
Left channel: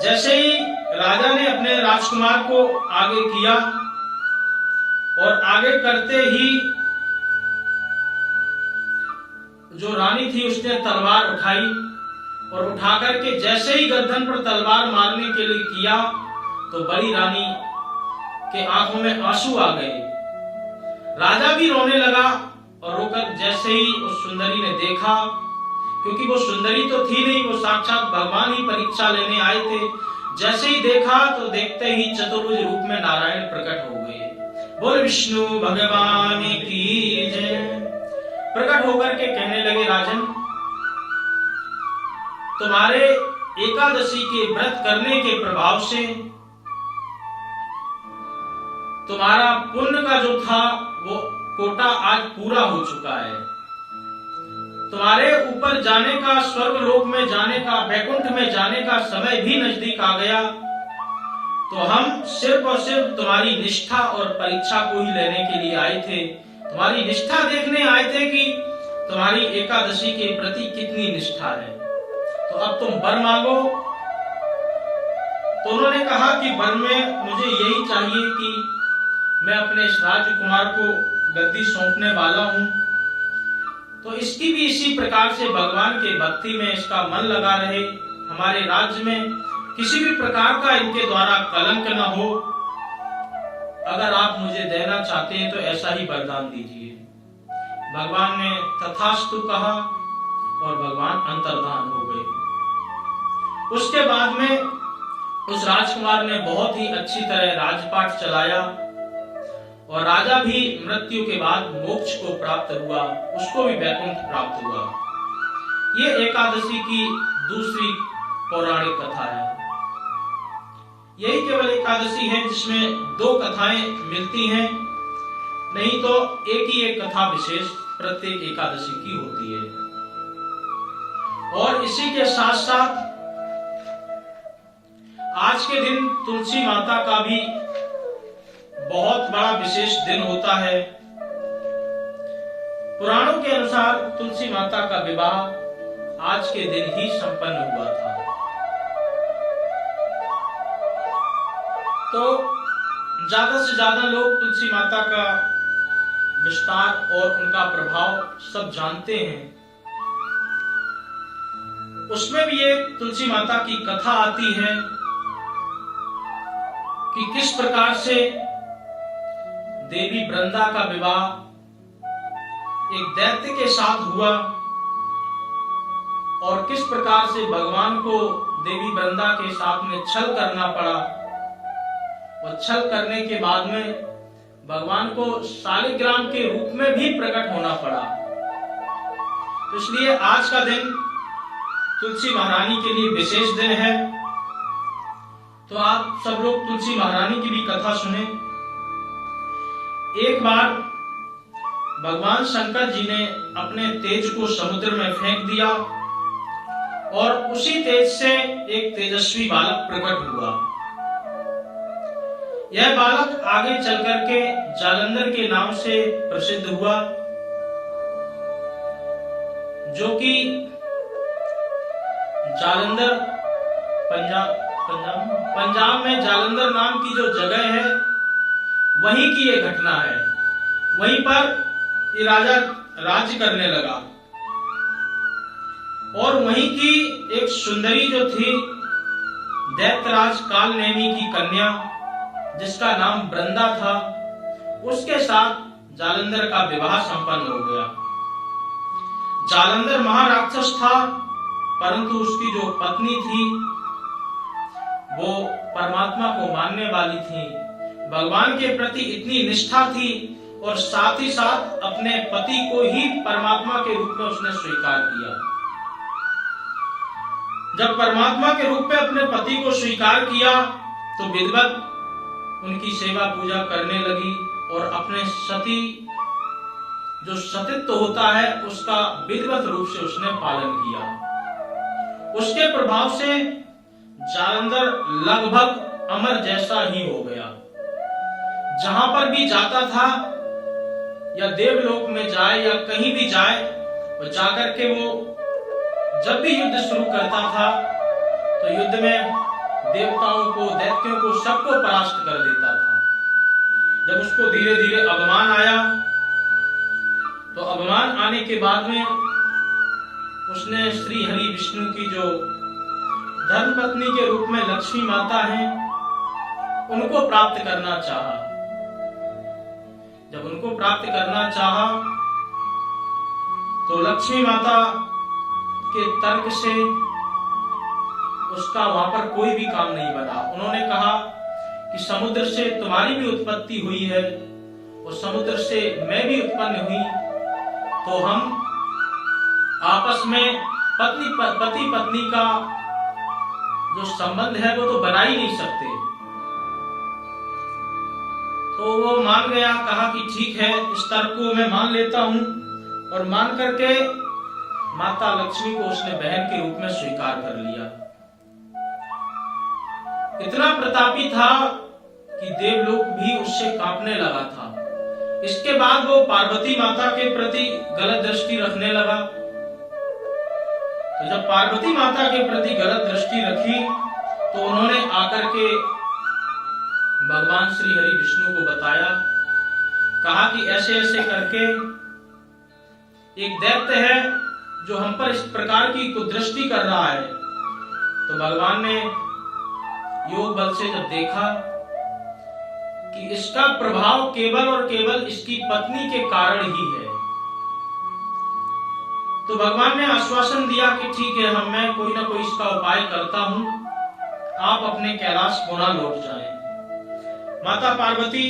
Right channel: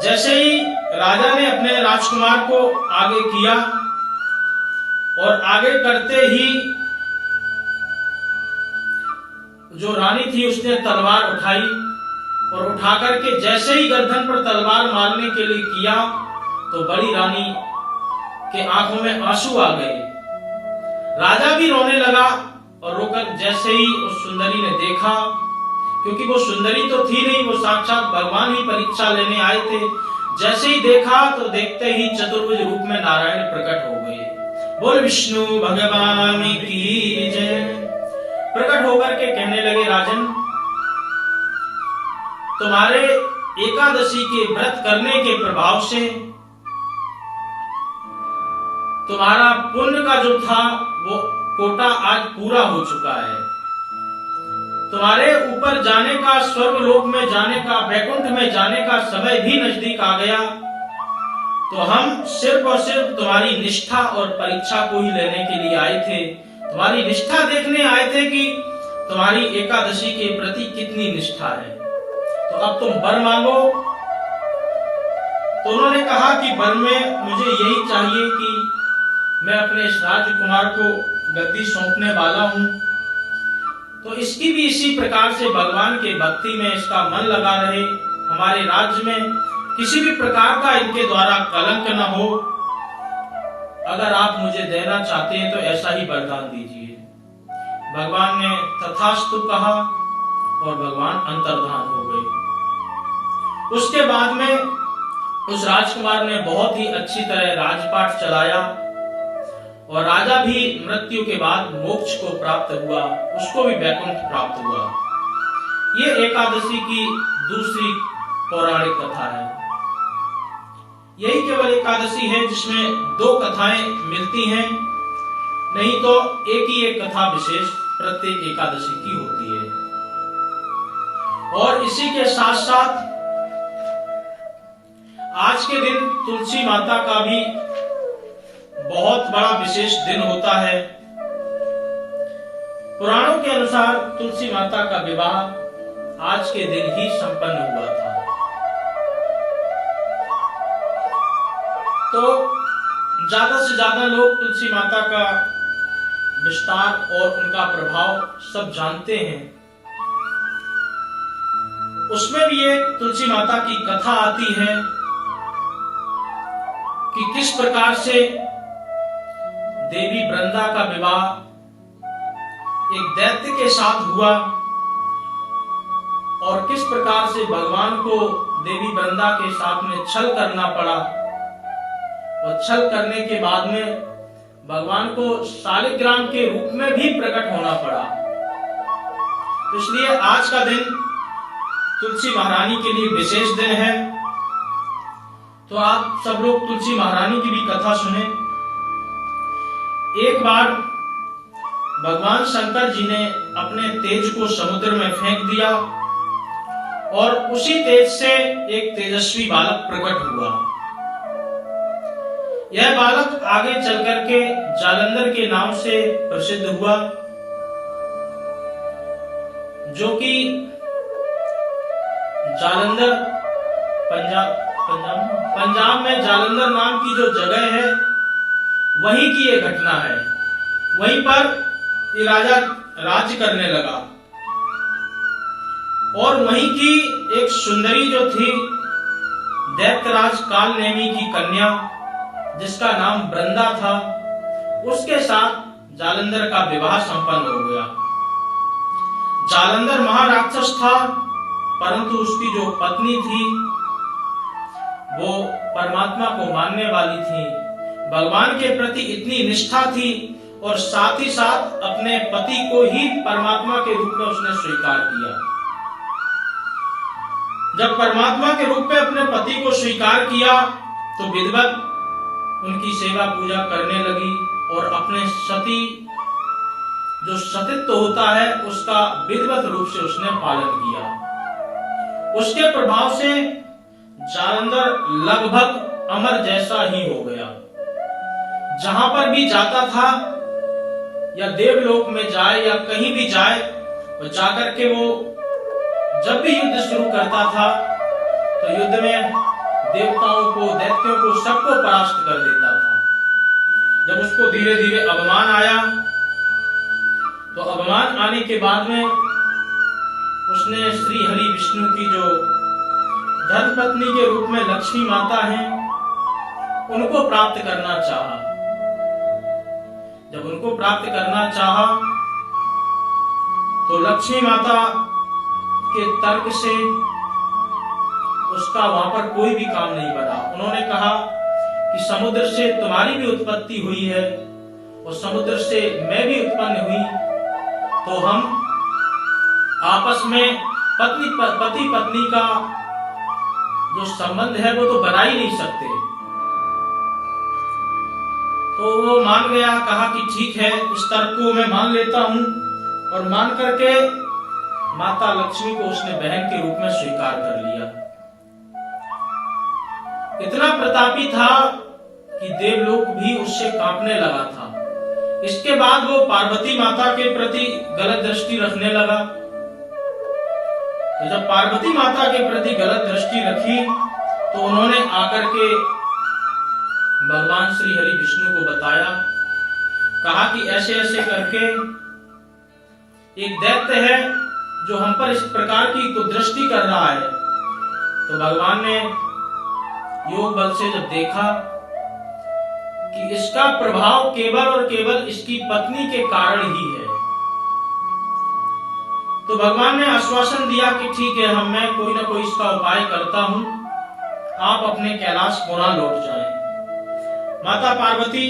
जैसे ही राजा ने अपने राजकुमार को आगे किया और आगे करते ही जो रानी थी उसने तलवार उठाई और उठा करके जैसे ही गर्दन पर तलवार मारने के लिए किया तो बड़ी रानी के आंखों में आंसू आ गए। राजा भी रोने लगा और रोकर जैसे ही उस सुंदरी ने देखा, क्योंकि वो सुंदरी तो थी नहीं, वो साक्षात भगवान ही परीक्षा लेने आए थे। जैसे ही देखा तो देखते ही चतुर्भुज रूप में नारायण प्रकट हो गए। बोल विष्णु भगवान की जय। प्रकट होकर के कहने लगे, राजन, तुम्हारे एकादशी के व्रत करने के प्रभाव से तुम्हारा पुण्य का जो था वो कोटा आज पूरा हो चुका है। तुम्हारे ऊपर जाने का, स्वर्ग लोक में जाने का, वैकुंठ में जाने का समय भी नजदीक आ गया। तो हम सिर्फ और सिर्फ तुम्हारी निष्ठा और परीक्षा को ही लेने के लिए आए थे। तुम्हारी निष्ठा देखने आए थे कि तुम्हारी एकादशी के प्रति कितनी निष्ठा है। तो अब तुम वर मांगो। तो उन्होंने कहा कि वर में मुझे यही चाहिए कि मैं अपने इस राजकुमार को गद्दी सौंपने वाला हूं, तो इसकी भी इसी प्रकार से भगवान के भक्ति में इसका मन लगा रहे, हमारे राज्य में किसी भी प्रकार का इनके द्वारा कलंक न हो। अगर आप मुझे देना चाहते हैं तो ऐसा ही वरदान दीजिए। भगवान ने तथास्तु कहा और भगवान अंतर्धान हो गए। उसके बाद में उस राजकुमार ने बहुत ही अच्छी तरह राजपाट चलाया और राजा भी मृत्यु के बाद मोक्ष को प्राप्त हुआ, उसको भी वैकुंठ प्राप्त हुआ। ये एकादशी की दूसरी पौराणिक कथा है। यही केवल एकादशी है जिसमें दो कथाएं मिलती हैं, नहीं तो एक ही एक कथा विशेष प्रत्येक एकादशी की होती है। और इसी के साथ साथ आज के दिन तुलसी माता का भी बहुत बड़ा विशेष दिन होता है। पुराणों के अनुसार तुलसी माता का विवाह आज के दिन ही संपन्न हुआ था। तो ज्यादा से ज्यादा लोग तुलसी माता का विस्तार और उनका प्रभाव सब जानते हैं। उसमें भी एक तुलसी माता की कथा आती है कि किस प्रकार से देवी वृंदा का विवाह एक दैत्य के साथ हुआ और किस प्रकार से भगवान को देवी वृंदा के साथ में छल करना पड़ा और छल करने के बाद में भगवान को शालिग्राम के रूप में भी प्रकट होना पड़ा। तो इसलिए आज का दिन तुलसी महारानी के लिए विशेष दिन है। तो आप सब लोग तुलसी महारानी की भी कथा सुने। एक बार भगवान शंकर जी ने अपने तेज को समुद्र में फेंक दिया और उसी तेज से एक तेजस्वी बालक प्रकट हुआ। यह बालक आगे चल करके जालंधर के नाम से प्रसिद्ध हुआ, जो कि जालंधर पंजाब में जालंधर नाम की जो जगह है वहीं की ये घटना है। वहीं पर ये राजा राज्य करने लगा और वहीं की एक सुंदरी जो थी दैत्यराज कालनेमी की कन्या, जिसका नाम वृंदा था, उसके साथ जालंधर का विवाह संपन्न हो गया। जालंधर महाराक्षस था, परंतु उसकी जो पत्नी थी वो परमात्मा को मानने वाली थी, भगवान के प्रति इतनी निष्ठा थी और साथ ही साथ अपने पति को ही परमात्मा के रूप में उसने स्वीकार किया। जब परमात्मा के रूप में अपने पति को स्वीकार किया तो विधिवत उनकी सेवा पूजा करने लगी और अपने सती जो सतीत्व होता है उसका विधिवत रूप से उसने पालन किया। उसके प्रभाव से जालंधर लगभग अमर जैसा ही हो गया। जहां पर भी जाता था या देवलोक में जाए या कहीं भी जाए, वो जाकर के वो जब भी युद्ध शुरू करता था तो युद्ध में देवताओं को, दैत्यों को, सबको परास्त कर देता था। जब उसको धीरे धीरे अवमान आया तो अवमान आने के बाद में उसने श्री हरि विष्णु की जो धर्मपत्नी के रूप में लक्ष्मी माता हैं उनको प्राप्त करना चाहा। जब उनको प्राप्त करना चाहा तो लक्ष्मी माता के तर्क से उसका वहां पर कोई भी काम नहीं बना। उन्होंने कहा कि समुद्र से तुम्हारी भी उत्पत्ति हुई है और समुद्र से मैं भी उत्पन्न हुई, तो हम आपस में पति पत्नी का जो संबंध है वो तो बना ही नहीं सकते। तो वो मान गया, कहा कि ठीक है, इस तर्क को मैं मान लेता हूं, और मान करके माता लक्ष्मी को उसने बहन के रूप में स्वीकार कर लिया। इतना प्रतापी था कि देवलोक भी उससे कांपने लगा था। इसके बाद वो पार्वती माता के प्रति गलत दृष्टि रखने लगा। तो जब पार्वती माता के प्रति गलत दृष्टि रखी तो उन्होंने आकर के भगवान श्री हरि विष्णु को बताया, कहा कि ऐसे ऐसे करके एक दैत्य है जो हम पर इस प्रकार की कुदृष्टि कर रहा है। तो भगवान ने योग बल से जब देखा कि इसका प्रभाव केवल और केवल इसकी पत्नी के कारण ही है, तो भगवान ने आश्वासन दिया कि ठीक है, मैं कोई ना कोई इसका उपाय करता हूं, आप अपने कैलाश पुनः लौट जाएं। माता पार्वती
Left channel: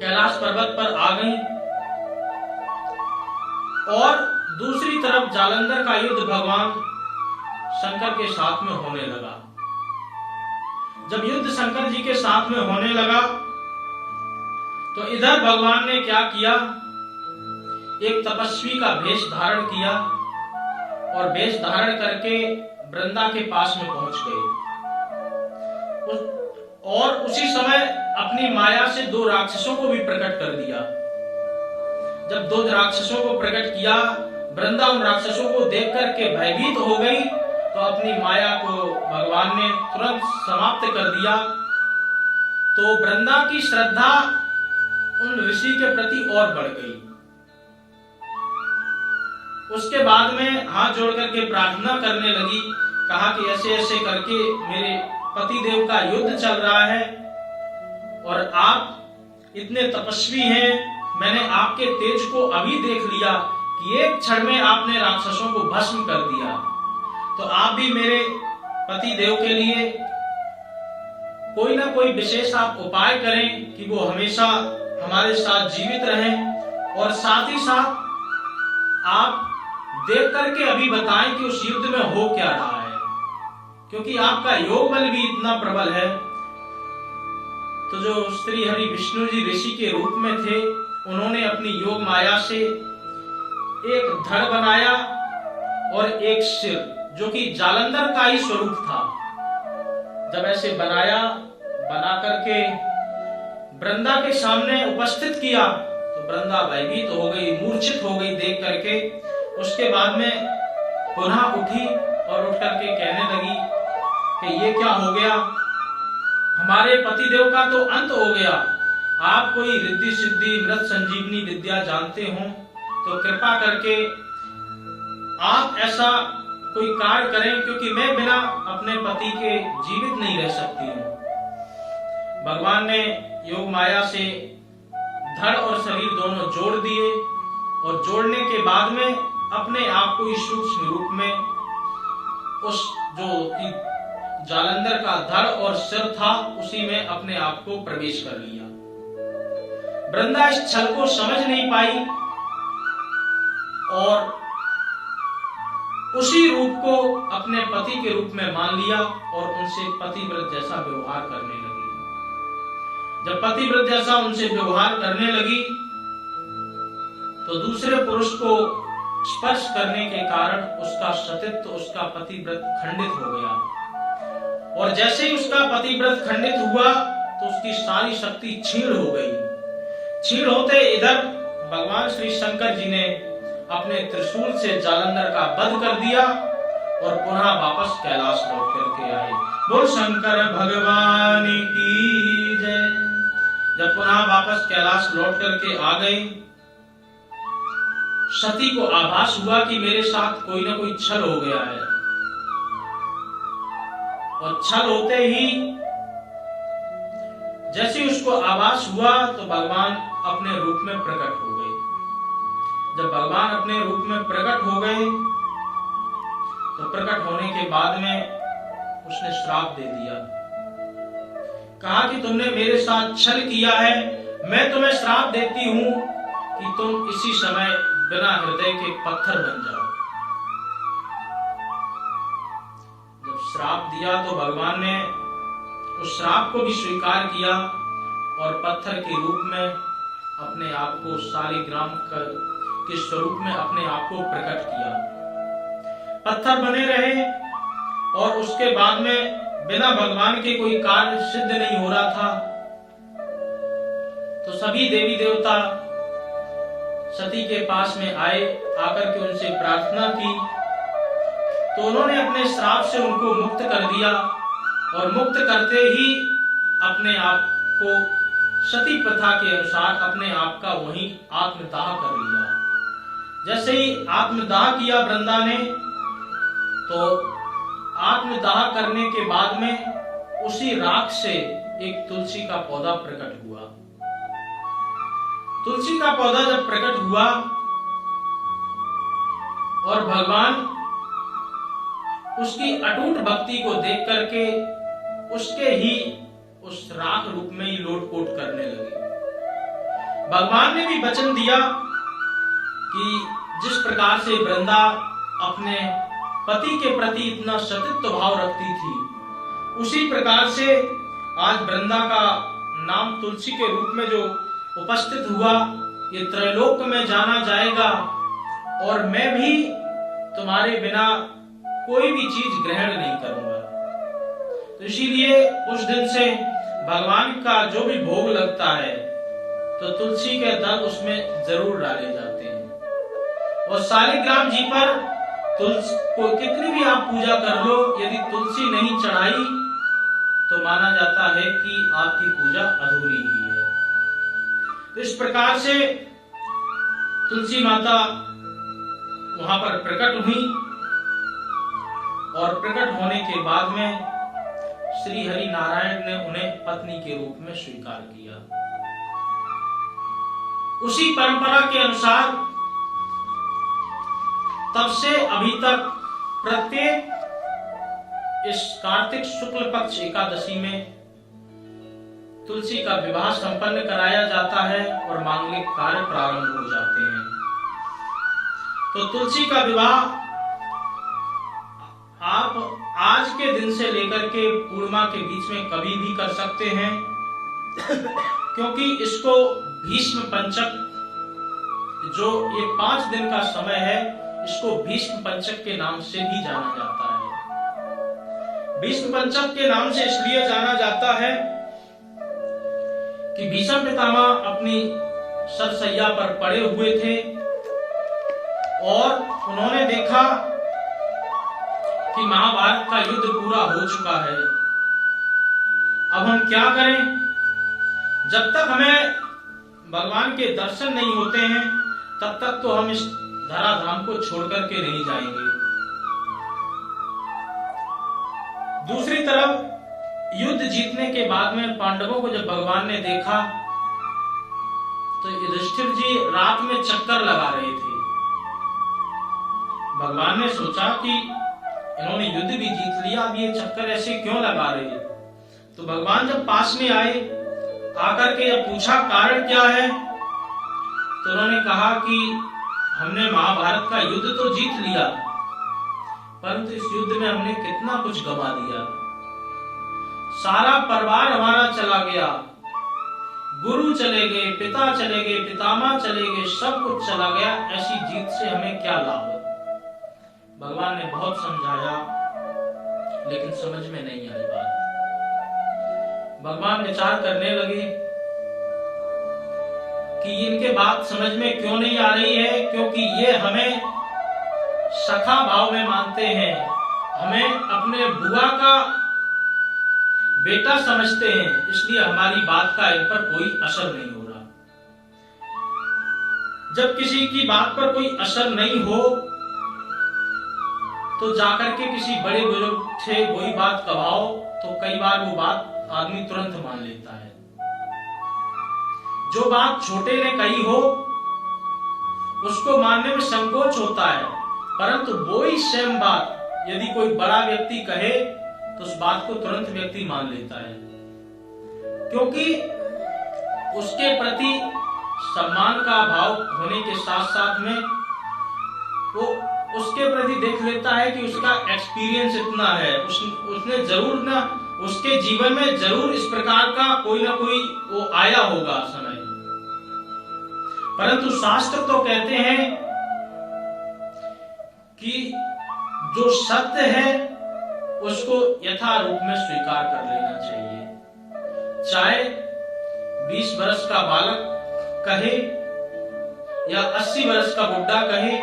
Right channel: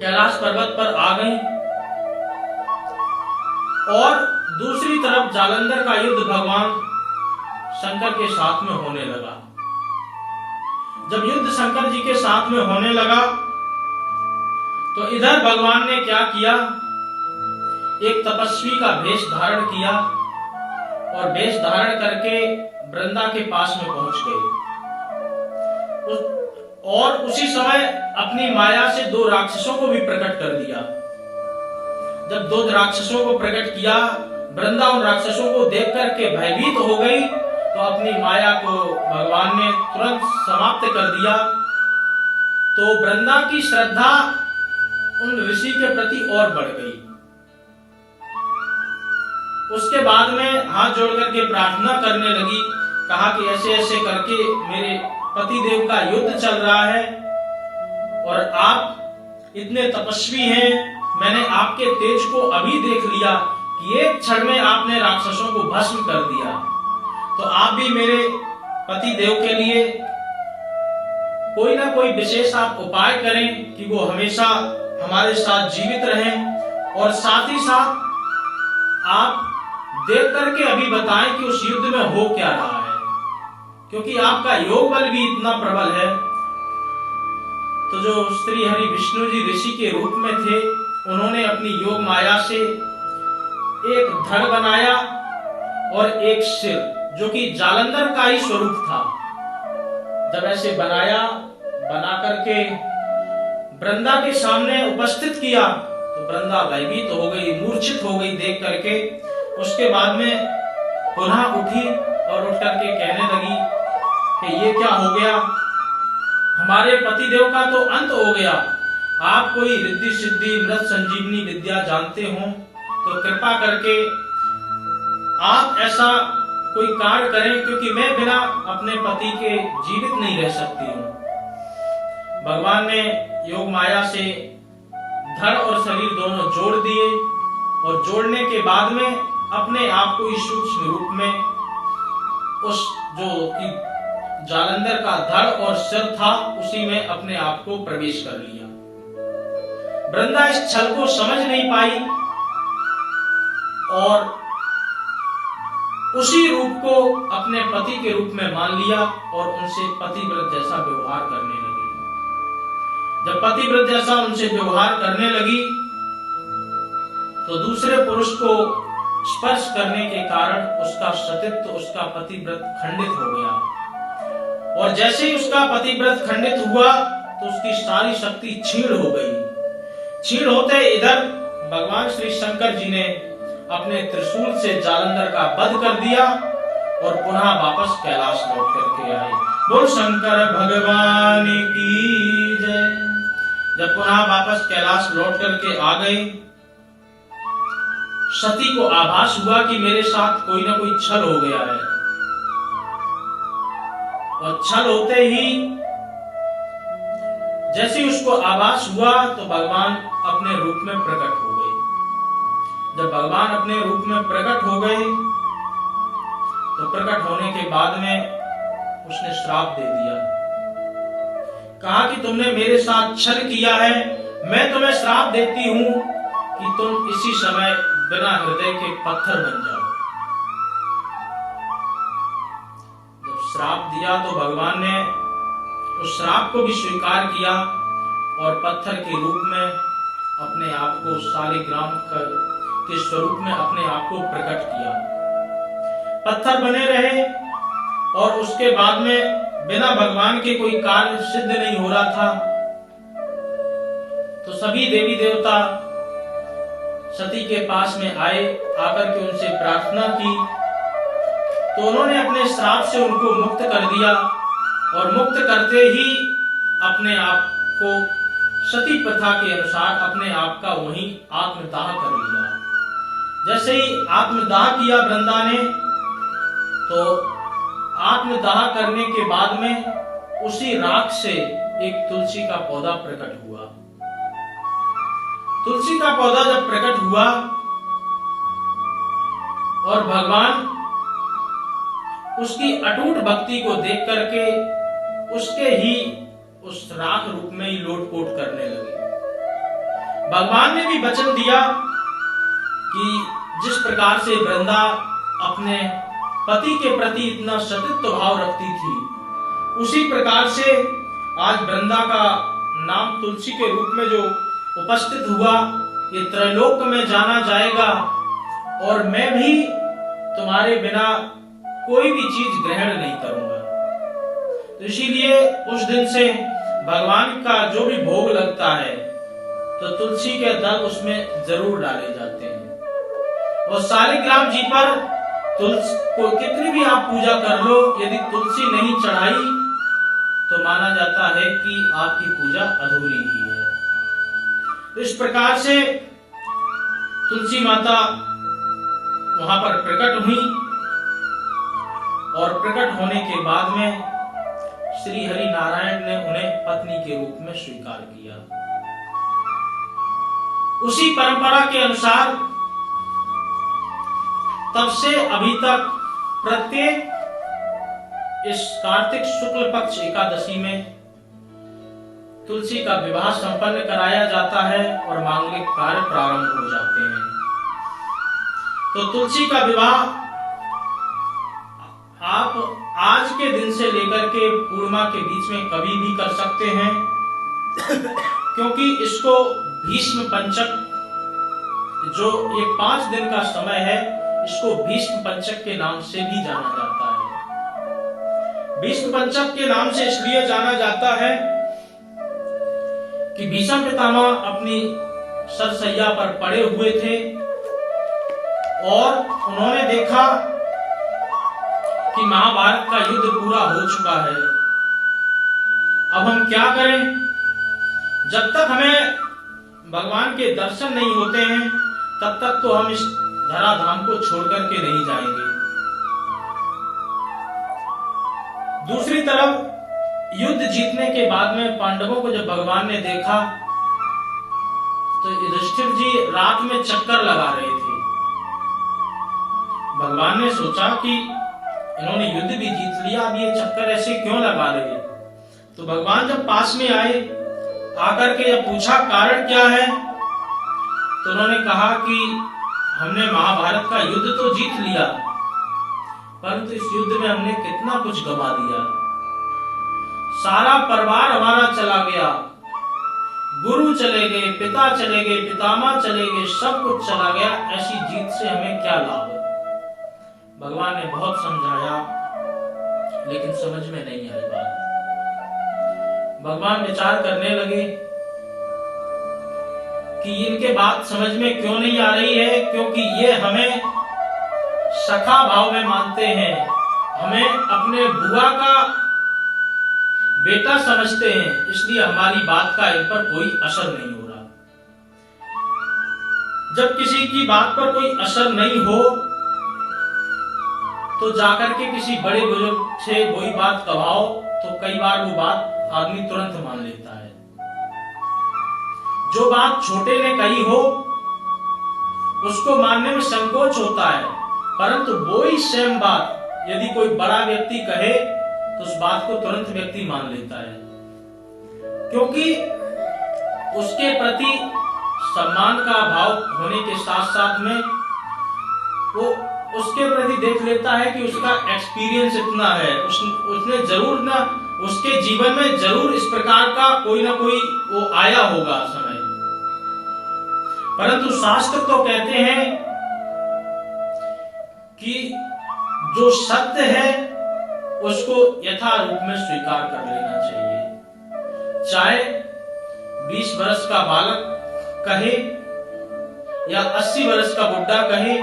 कैलाश पर्वत पर आ गई और दूसरी तरफ जालंधर का युद्ध भगवान शंकर के साथ में होने लगा। जब युद्ध शंकर जी के साथ में होने लगा तो इधर भगवान ने क्या किया, एक तपस्वी का वेश धारण किया और वेश धारण करके वृंदा के पास में पहुंच गए और उसी समय अपनी माया से 2 राक्षसों को भी प्रकट कर दिया। जब 2 राक्षसों को प्रकट किया, वृंदा उन राक्षसों को देख करके भयभीत हो गई, तो अपनी माया को भगवान ने तुरंत समाप्त कर दिया। तो वृंदा की श्रद्धा उन ऋषि के प्रति और बढ़ गई। उसके बाद में हाथ जोड़ करके प्रार्थना करने लगी, कहा कि ऐसे ऐसे करके मेरे पति देव का युद्ध चल रहा है और आप इतने तपस्वी हैं, मैंने आपके तेज को अभी देख लिया कि एक क्षण में आपने राक्षसों को भस्म कर दिया। तो आप भी मेरे पति देव के लिए कोई ना कोई विशेष आप उपाय करें कि वो हमेशा हमारे साथ जीवित रहें, और साथ ही साथ आप देख करके अभी बताएं कि उस युद्ध में हो क्या रहा है, क्योंकि आपका योग बल भी इतना प्रबल है। तो जो श्री हरि विष्णु जी ऋषि के रूप में थे, उन्होंने अपनी योग माया से एक धड़ बनाया और एक सिर, जो कि जालंधर का ही स्वरूप था। जब ऐसे बना करके वृंदा के सामने उपस्थित किया तो वृंदा भयभीत हो गई, मूर्छित हो गई देख करके। उसके बाद में पुनः उठी और उठ करके कहने लगी कि ये क्या हो गया, हमारे पतिदेव का तो अंत हो गया। आप कोई रिद्धि सिद्धि मृत संजीवनी विद्या जानते हो तो कृपा करके आप ऐसा कोई कार्य करें, क्योंकि मैं बिना अपने पति के जीवित नहीं रह सकती हूँ। भगवान ने योग माया से धड़ और शरीर दोनों जोड़ दिए और जोड़ने के बाद में अपने आप को इस सूक्ष्म रूप में उस जो जालंधर का धड़ और सिर था उसी में अपने आप को प्रवेश कर लिया। वृंदा इस छल को समझ नहीं पाई और उसी रूप को अपने पति के रूप में मान लिया और उनसे पतिव्रत जैसा व्यवहार करने लगी। जब पतिव्रत जैसा उनसे व्यवहार करने लगी तो दूसरे पुरुष को स्पर्श करने के कारण उसका सतीत्व, उसका पतिव्रत खंडित हो गया और जैसे ही उसका पतिव्रत खंडित हुआ तो उसकी सारी शक्ति क्षीण हो गई। क्षीण होते इधर भगवान श्री शंकर जी ने अपने त्रिशूल से जालंधर का वध कर दिया और पुनः वापस कैलाश लौट करके आए। बोल शंकर भगवान की जय। जब पुनः वापस कैलाश लौट करके आ गए, सती को आभास हुआ कि मेरे साथ कोई ना कोई छल हो गया है और छल होते ही जैसे उसको आभास हुआ तो भगवान अपने रूप में प्रकट हो गए। जब भगवान अपने रूप में प्रकट हो गए तो प्रकट होने के बाद में उसने श्राप दे दिया। कहा कि तुमने मेरे साथ छल किया है, मैं तुम्हें श्राप देती हूं कि तुम इसी समय बिना हृदय के पत्थर बन जाओ। जब श्राप दिया तो भगवान ने उस श्राप को भी स्वीकार किया और पत्थर के रूप में अपने आप को शालिग्राम के स्वरूप में अपने आप को प्रकट किया। पत्थर बने रहे और उसके बाद में बिना भगवान के कोई कार्य सिद्ध नहीं हो रहा था तो सभी देवी देवता सती के पास में आए, आकर के उनसे प्रार्थना की तो उन्होंने अपने श्राप से उनको मुक्त कर दिया और मुक्त करते ही अपने आप को सती प्रथा के अनुसार अपने आप का वहीं आत्मदाह कर लिया। जैसे ही आत्मदाह किया वृंदा ने तो आत्मदाह करने के बाद में उसी राख से एक तुलसी का पौधा प्रकट हुआ। तुलसी का पौधा जब प्रकट हुआ और भगवान उसकी अटूट भक्ति को देख करके उसके ही उस राख रूप में ही लोटपोट करने लगे। भगवान ने भी वचन दिया कि जिस प्रकार से वृंदा अपने पति के प्रति इतना सतीत्व भाव रखती थी, उसी प्रकार से आज वृंदा का नाम तुलसी के रूप में जो उपस्थित हुआ, ये त्रैलोक में जाना जाएगा और मैं भी तुम्हारे बिना कोई भी चीज ग्रहण नहीं करूंगा। तो इसीलिए उस दिन से भगवान का जो भी भोग लगता है तो तुलसी के दल उसमें जरूर डाले जाते हैं। और शालिग्राम जी पर तुलसी को कितनी भी आप पूजा कर लो, यदि तुलसी नहीं चढ़ाई तो माना जाता है कि आपकी पूजा अधूरी ही है। तो इस प्रकार से तुलसी माता वहां पर प्रकट हुई और प्रकट होने के बाद में श्री हरि नारायण ने उन्हें पत्नी के रूप में स्वीकार किया। उसी परंपरा के अनुसार तब से अभी तक प्रत्येक इस कार्तिक शुक्ल पक्ष एकादशी में तुलसी का विवाह संपन्न कराया जाता है और मांगलिक कार्य प्रारंभ हो जाते हैं। तो तुलसी का विवाह आप आज के दिन से लेकर के पूर्णिमा के बीच में कभी भी कर सकते हैं क्योंकि इसको भीष्म पंचक, जो ये 5 दिन का समय है, इसको भीष्म पंचक के नाम से भी जाना जाता है। भीष्म पंचक के नाम से इसलिए जाना जाता है कि भीष्म पितामह अपनी सरसैया पर पड़े हुए थे और उन्होंने देखा कि महाभारत का युद्ध पूरा हो चुका है, अब हम क्या करें। जब तक हमें भगवान के दर्शन नहीं होते हैं तब तक तो हम इस धराधाम को छोड़ करके नहीं जाएंगे। दूसरी तरफ युद्ध जीतने के बाद में पांडवों को जब भगवान ने देखा तो युधिष्ठिर जी रात में चक्कर लगा रहे थे। भगवान ने सोचा कि इन्होंने युद्ध भी जीत लिया, अब ये चक्कर ऐसे क्यों लगा रहे। तो भगवान जब पास में आए, आकर के जब पूछा कारण क्या है, तो उन्होंने कहा कि हमने महाभारत का युद्ध तो जीत लिया, परंतु इस युद्ध में हमने कितना कुछ गंवा दिया। सारा परिवार हमारा चला गया, गुरु चले गए, पिता चले गए, पितामह चले गए, सब कुछ चला गया। ऐसी जीत से हमें क्या लाभ। भगवान ने बहुत समझाया, लेकिन समझ में नहीं आई बात। भगवान विचार करने लगे कि इनके बात समझ में क्यों नहीं आ रही है, क्योंकि ये हमें सखा भाव में मानते हैं, हमें अपने बुआ का बेटा समझते हैं, इसलिए हमारी बात का इन पर कोई असर नहीं हो रहा। जब किसी की बात पर कोई असर नहीं हो तो जाकर के किसी बड़े बुजुर्ग से वही बात कहाओ तो कई बार वो बात आदमी तुरंत मान लेता है। जो बात छोटे ने कही हो उसको मानने में संकोच होता है, परंतु वही सेम बात यदि कोई बड़ा व्यक्ति कहे तो उस बात को तुरंत व्यक्ति मान लेता है, क्योंकि उसके प्रति सम्मान का भाव होने के साथ साथ में वो उसके प्रति देख लेता है कि उसका एक्सपीरियंस इतना है, उसने जरूर ना उसके जीवन में जरूर इस प्रकार का कोई ना कोई वो आया होगा समय। परंतु शास्त्र तो कहते हैं कि जो सत्य है उसको यथा रूप में स्वीकार कर लेना चाहिए। चाहे 20 वर्ष का बालक कहे या 80 वर्ष का बुड्ढा कहे,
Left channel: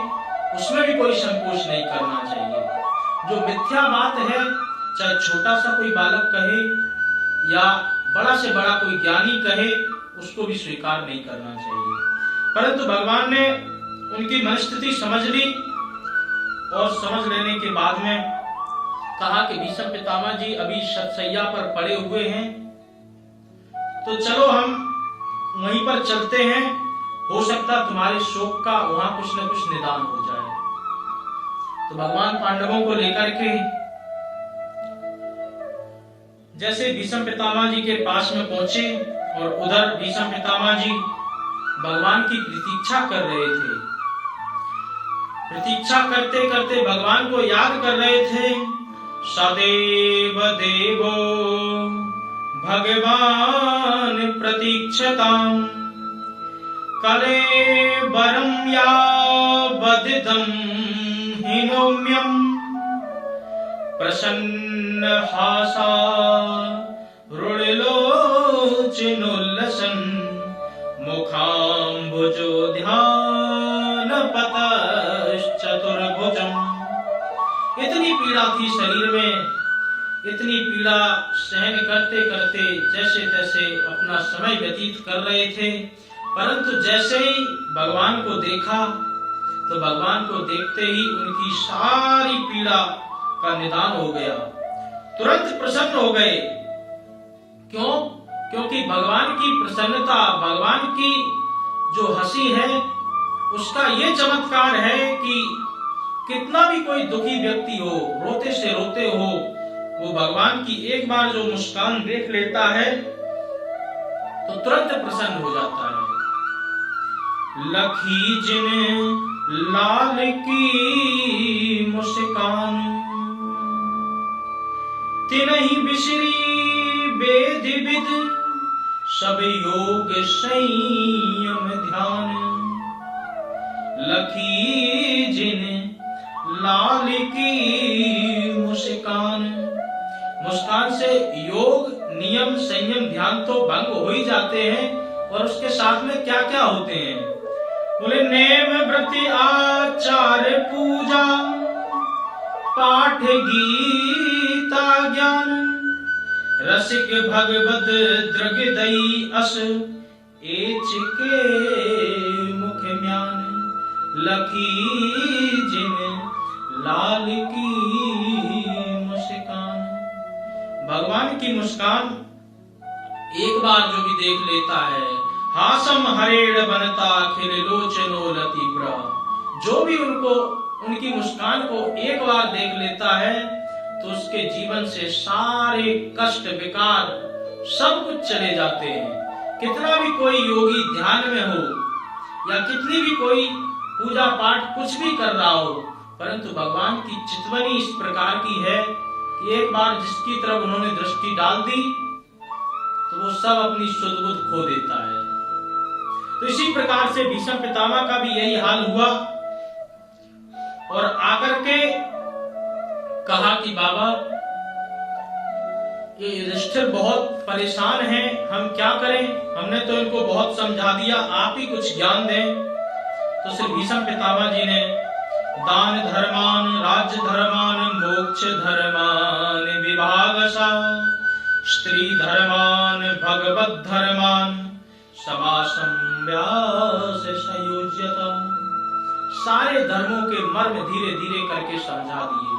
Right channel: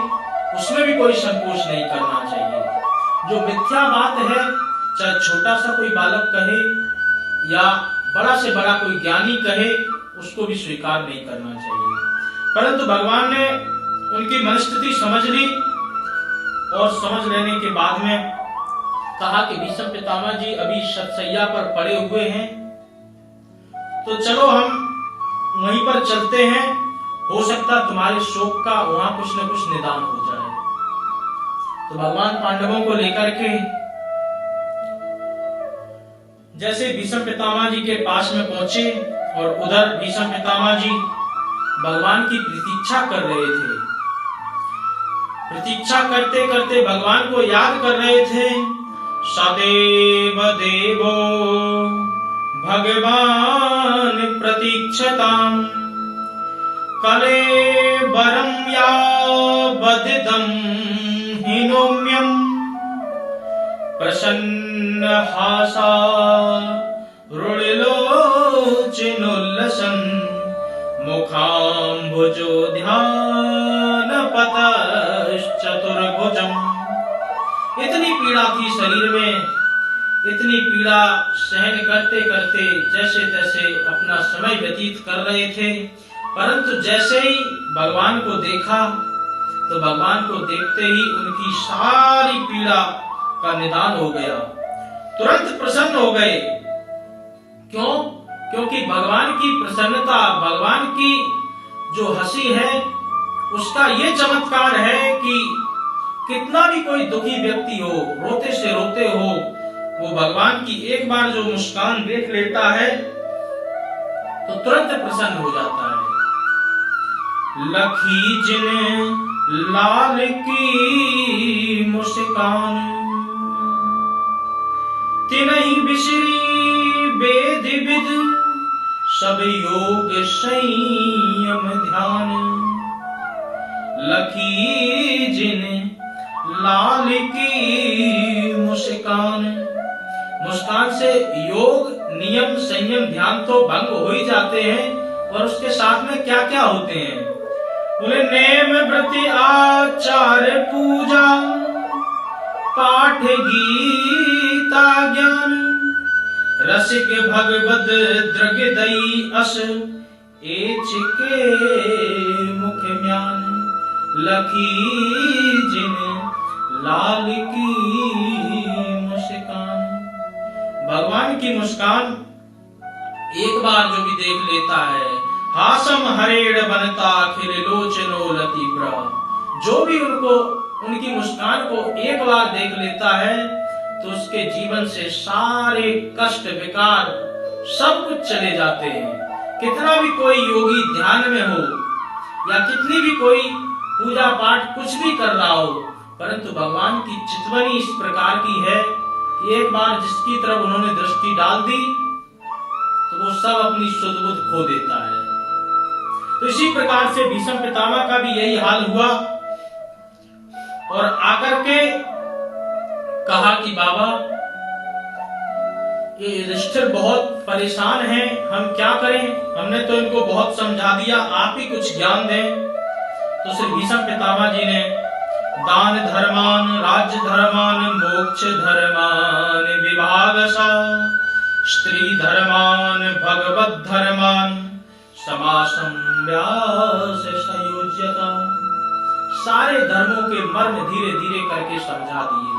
उसमें भी कोई संकोच नहीं करना चाहिए। जो मिथ्या बात है, चाहे छोटा सा कोई बालक कहे या बड़ा से बड़ा कोई ज्ञानी कहे, उसको भी स्वीकार नहीं करना चाहिए। परंतु भगवान ने उनकी मनस्थिति समझ ली और समझ लेने के बाद में कहा कि भीष्म पितामह जी अभी शतशैया पर पड़े हुए हैं, तो चलो हम वहीं पर चलते हैं, हो सकता तुम्हारे शोक का वहां कुछ न कुछ निदान हो जाए। तो भगवान पांडवों को लेकर के जैसे भीष्म पितामह जी के पास में पहुंचे और उधर भीष्म पितामह जी भगवान की प्रतीक्षा कर रहे थे। प्रतीक्षा करते करते भगवान को याद कर रहे थे। सदैव देवो भगवान प्रतीक्षताम् कलेबरं यावदिदं हिनोम्यं प्रसन्नहासा रुणिलोचनोल्लसन् मुखाम्बुजो ध्यानपतश्चतुर्भुजम्। इतनी पीड़ा थी शरीर में, इतनी पीड़ा सहन करते करते जैसे तैसे अपना समय व्यतीत कर रहे थे। परंतु जैसे ही भगवान को देखा तो भगवान को देखते ही उनकी सारी पीड़ा का निदान हो गया, तुरंत प्रसन्न हो गए। क्यों? क्योंकि भगवान की प्रसन्नता, भगवान की जो हंसी है उसका ये चमत्कार है कि कितना भी कोई दुखी व्यक्ति हो, रोते से रोते हो, वो भगवान की एक बार जो मुस्कान देख लेता है तो तुरंत प्रसन्न हो जाता है। लखी जिन लाल की मुस्कान तिनहि बिसरी वेद विद सब योग संयम ध्यान। लखी जिन लाल की मुस्कान, मुस्कान से योग नियम संयम ध्यान तो भंग हो ही जाते हैं, और उसके साथ में क्या क्या होते हैं? बोले नेम व्रति आचार पूजा पाठ गीता ज्ञान रसिक भगवद द्रगदई अस एच के मुख म्यान। लखी जिन लाल की मुस्कान। भगवान की मुस्कान एक बार जो भी देख लेता है, हासम हरेड़ बनता खिल लोचनो लतीब्रा, जो भी उनकी मुस्कान को एक बार देख लेता है तो उसके जीवन से सारे कष्ट विकार सब कुछ चले जाते हैं। कितना भी कोई योगी ध्यान में हो या कितनी भी कोई पूजा पाठ कुछ भी कर रहा हो, परंतु भगवान की चितवनी इस प्रकार की है कि एक बार जिसकी तरफ उन्होंने दृष्टि डाल दी तो वो सब अपनी सुध बुध खो देता है। तो इसी प्रकार से भीष्म पितामह का भी यही हाल हुआ और आकर के कहा कि बाबा ये युधिष्ठिर बहुत परेशान हैं, हम क्या करें, हमने तो इनको बहुत समझा दिया, आप ही कुछ ज्ञान दें। तो श्री भीष्म पितामह जी ने दान धर्मान राज्य धर्मान मोक्ष धर्मान विभागसा स्त्री धर्मान भगवत धर्मान समासं व्यास संयोज्यता, सारे धर्मों के मर्म धीरे धीरे करके समझा दिए।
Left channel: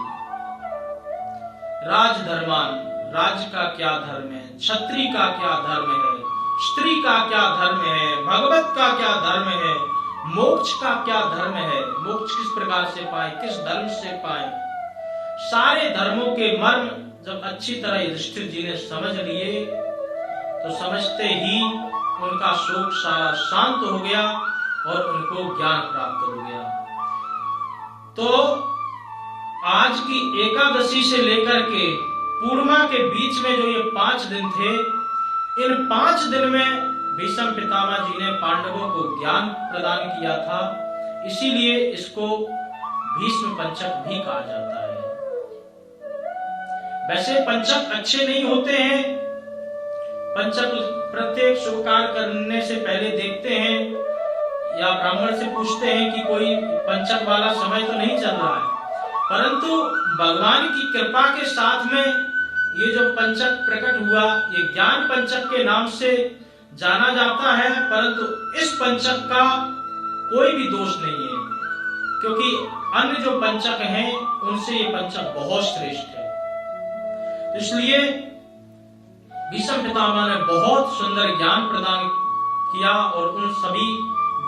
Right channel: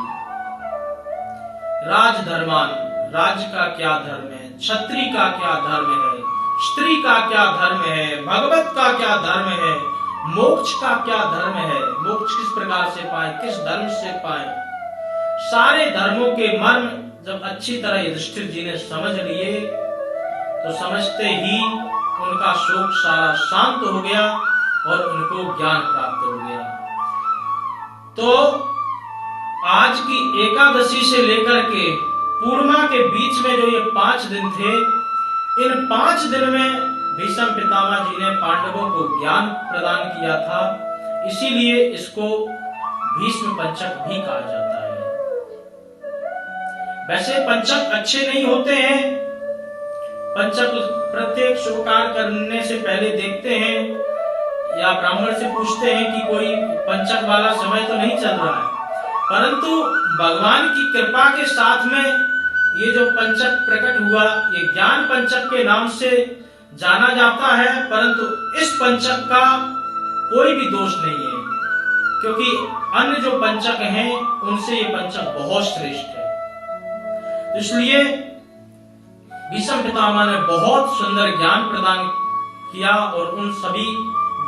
राज धर्मान, राज्य का क्या धर्म है, क्षत्रिय का क्या धर्म है, स्त्री का क्या धर्म है, भगवत का क्या धर्म है, मोक्ष का क्या धर्म है, मोक्ष किस प्रकार से पाए, किस धर्म से पाए, सारे धर्मों के मर्म जब अच्छी तरह युधिष्ठिर जी ने समझ लिए तो समझते ही उनका शोक सारा शांत हो गया और उनको ज्ञान प्राप्त हो गया। तो आज की एकादशी से लेकर के पूर्णिमा के बीच में जो ये 5 दिन थे, इन 5 दिन में भीष्म पितामह जी ने पांडवों को ज्ञान प्रदान किया था, इसीलिए इसको भीष्म पंचक भी कहा जाता है। वैसे पंचक अच्छे नहीं होते हैं, पंचक प्रत्येक शुभ कार्य करने से पहले देखते हैं या ब्राह्मण से पूछते हैं कि कोई पंचक वाला समय तो नहीं चल रहा है, परंतु भगवान की कृपा के साथ में ये जो पंचक प्रकट हुआ, ये ज्ञान पंचक के नाम से जाना जाता है, परंतु इस पंचक का कोई भी दोष नहीं है, क्योंकि अन्य जो पंचक हैं उनसे ये पंचक बहुत श्रेष्ठ है। तो इसलिए भीष्म पितामह ने बहुत सुंदर ज्ञान प्रदान किया और उन सभी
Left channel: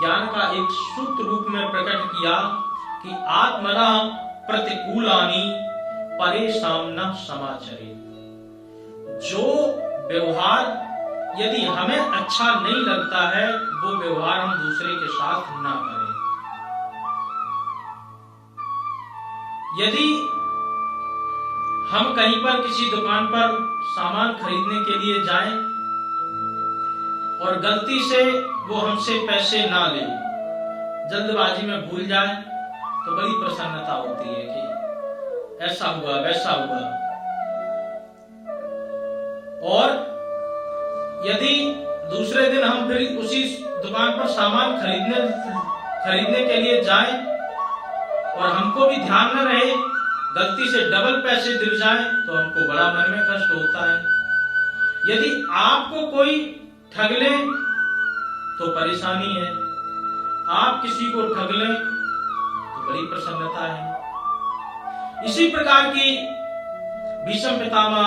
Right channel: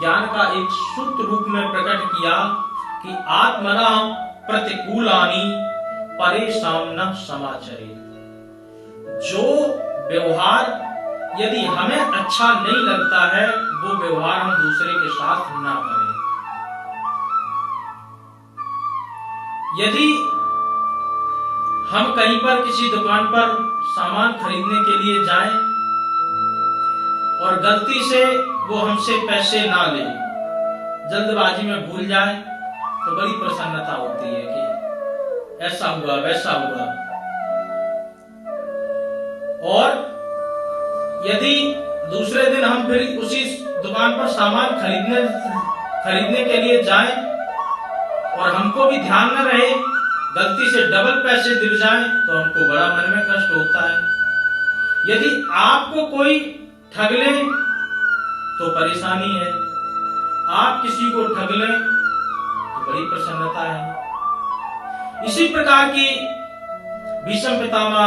ज्ञान का एक सूत्र रूप में प्रकट किया कि आत्मना प्रतिकूलानि परेशान न समाचरे, जो व्यवहार यदि हमें अच्छा नहीं लगता है वो व्यवहार हम दूसरे के साथ ना करें। यदि हम कहीं पर किसी दुकान पर सामान खरीदने के लिए जाएं और गलती से वो हमसे पैसे ना ले, जल्दबाजी में भूल जाए, तो बड़ी प्रसन्नता होती है कि ऐसा हुआ वैसा हुआ। और यदि दूसरे दिन हम फिर उसी दुकान पर सामान खरीदने के लिए जाएं और हमको भी ध्यान न रहे, गलती से डबल पैसे दिल जाएं, तो हमको बड़ा मन में कष्ट होता है। यदि आपको कोई ठग ले तो परेशानी है, आप किसी को ठग लें तो बड़ी प्रसन्नता है। इसी प्रकार की भीष्म पितामह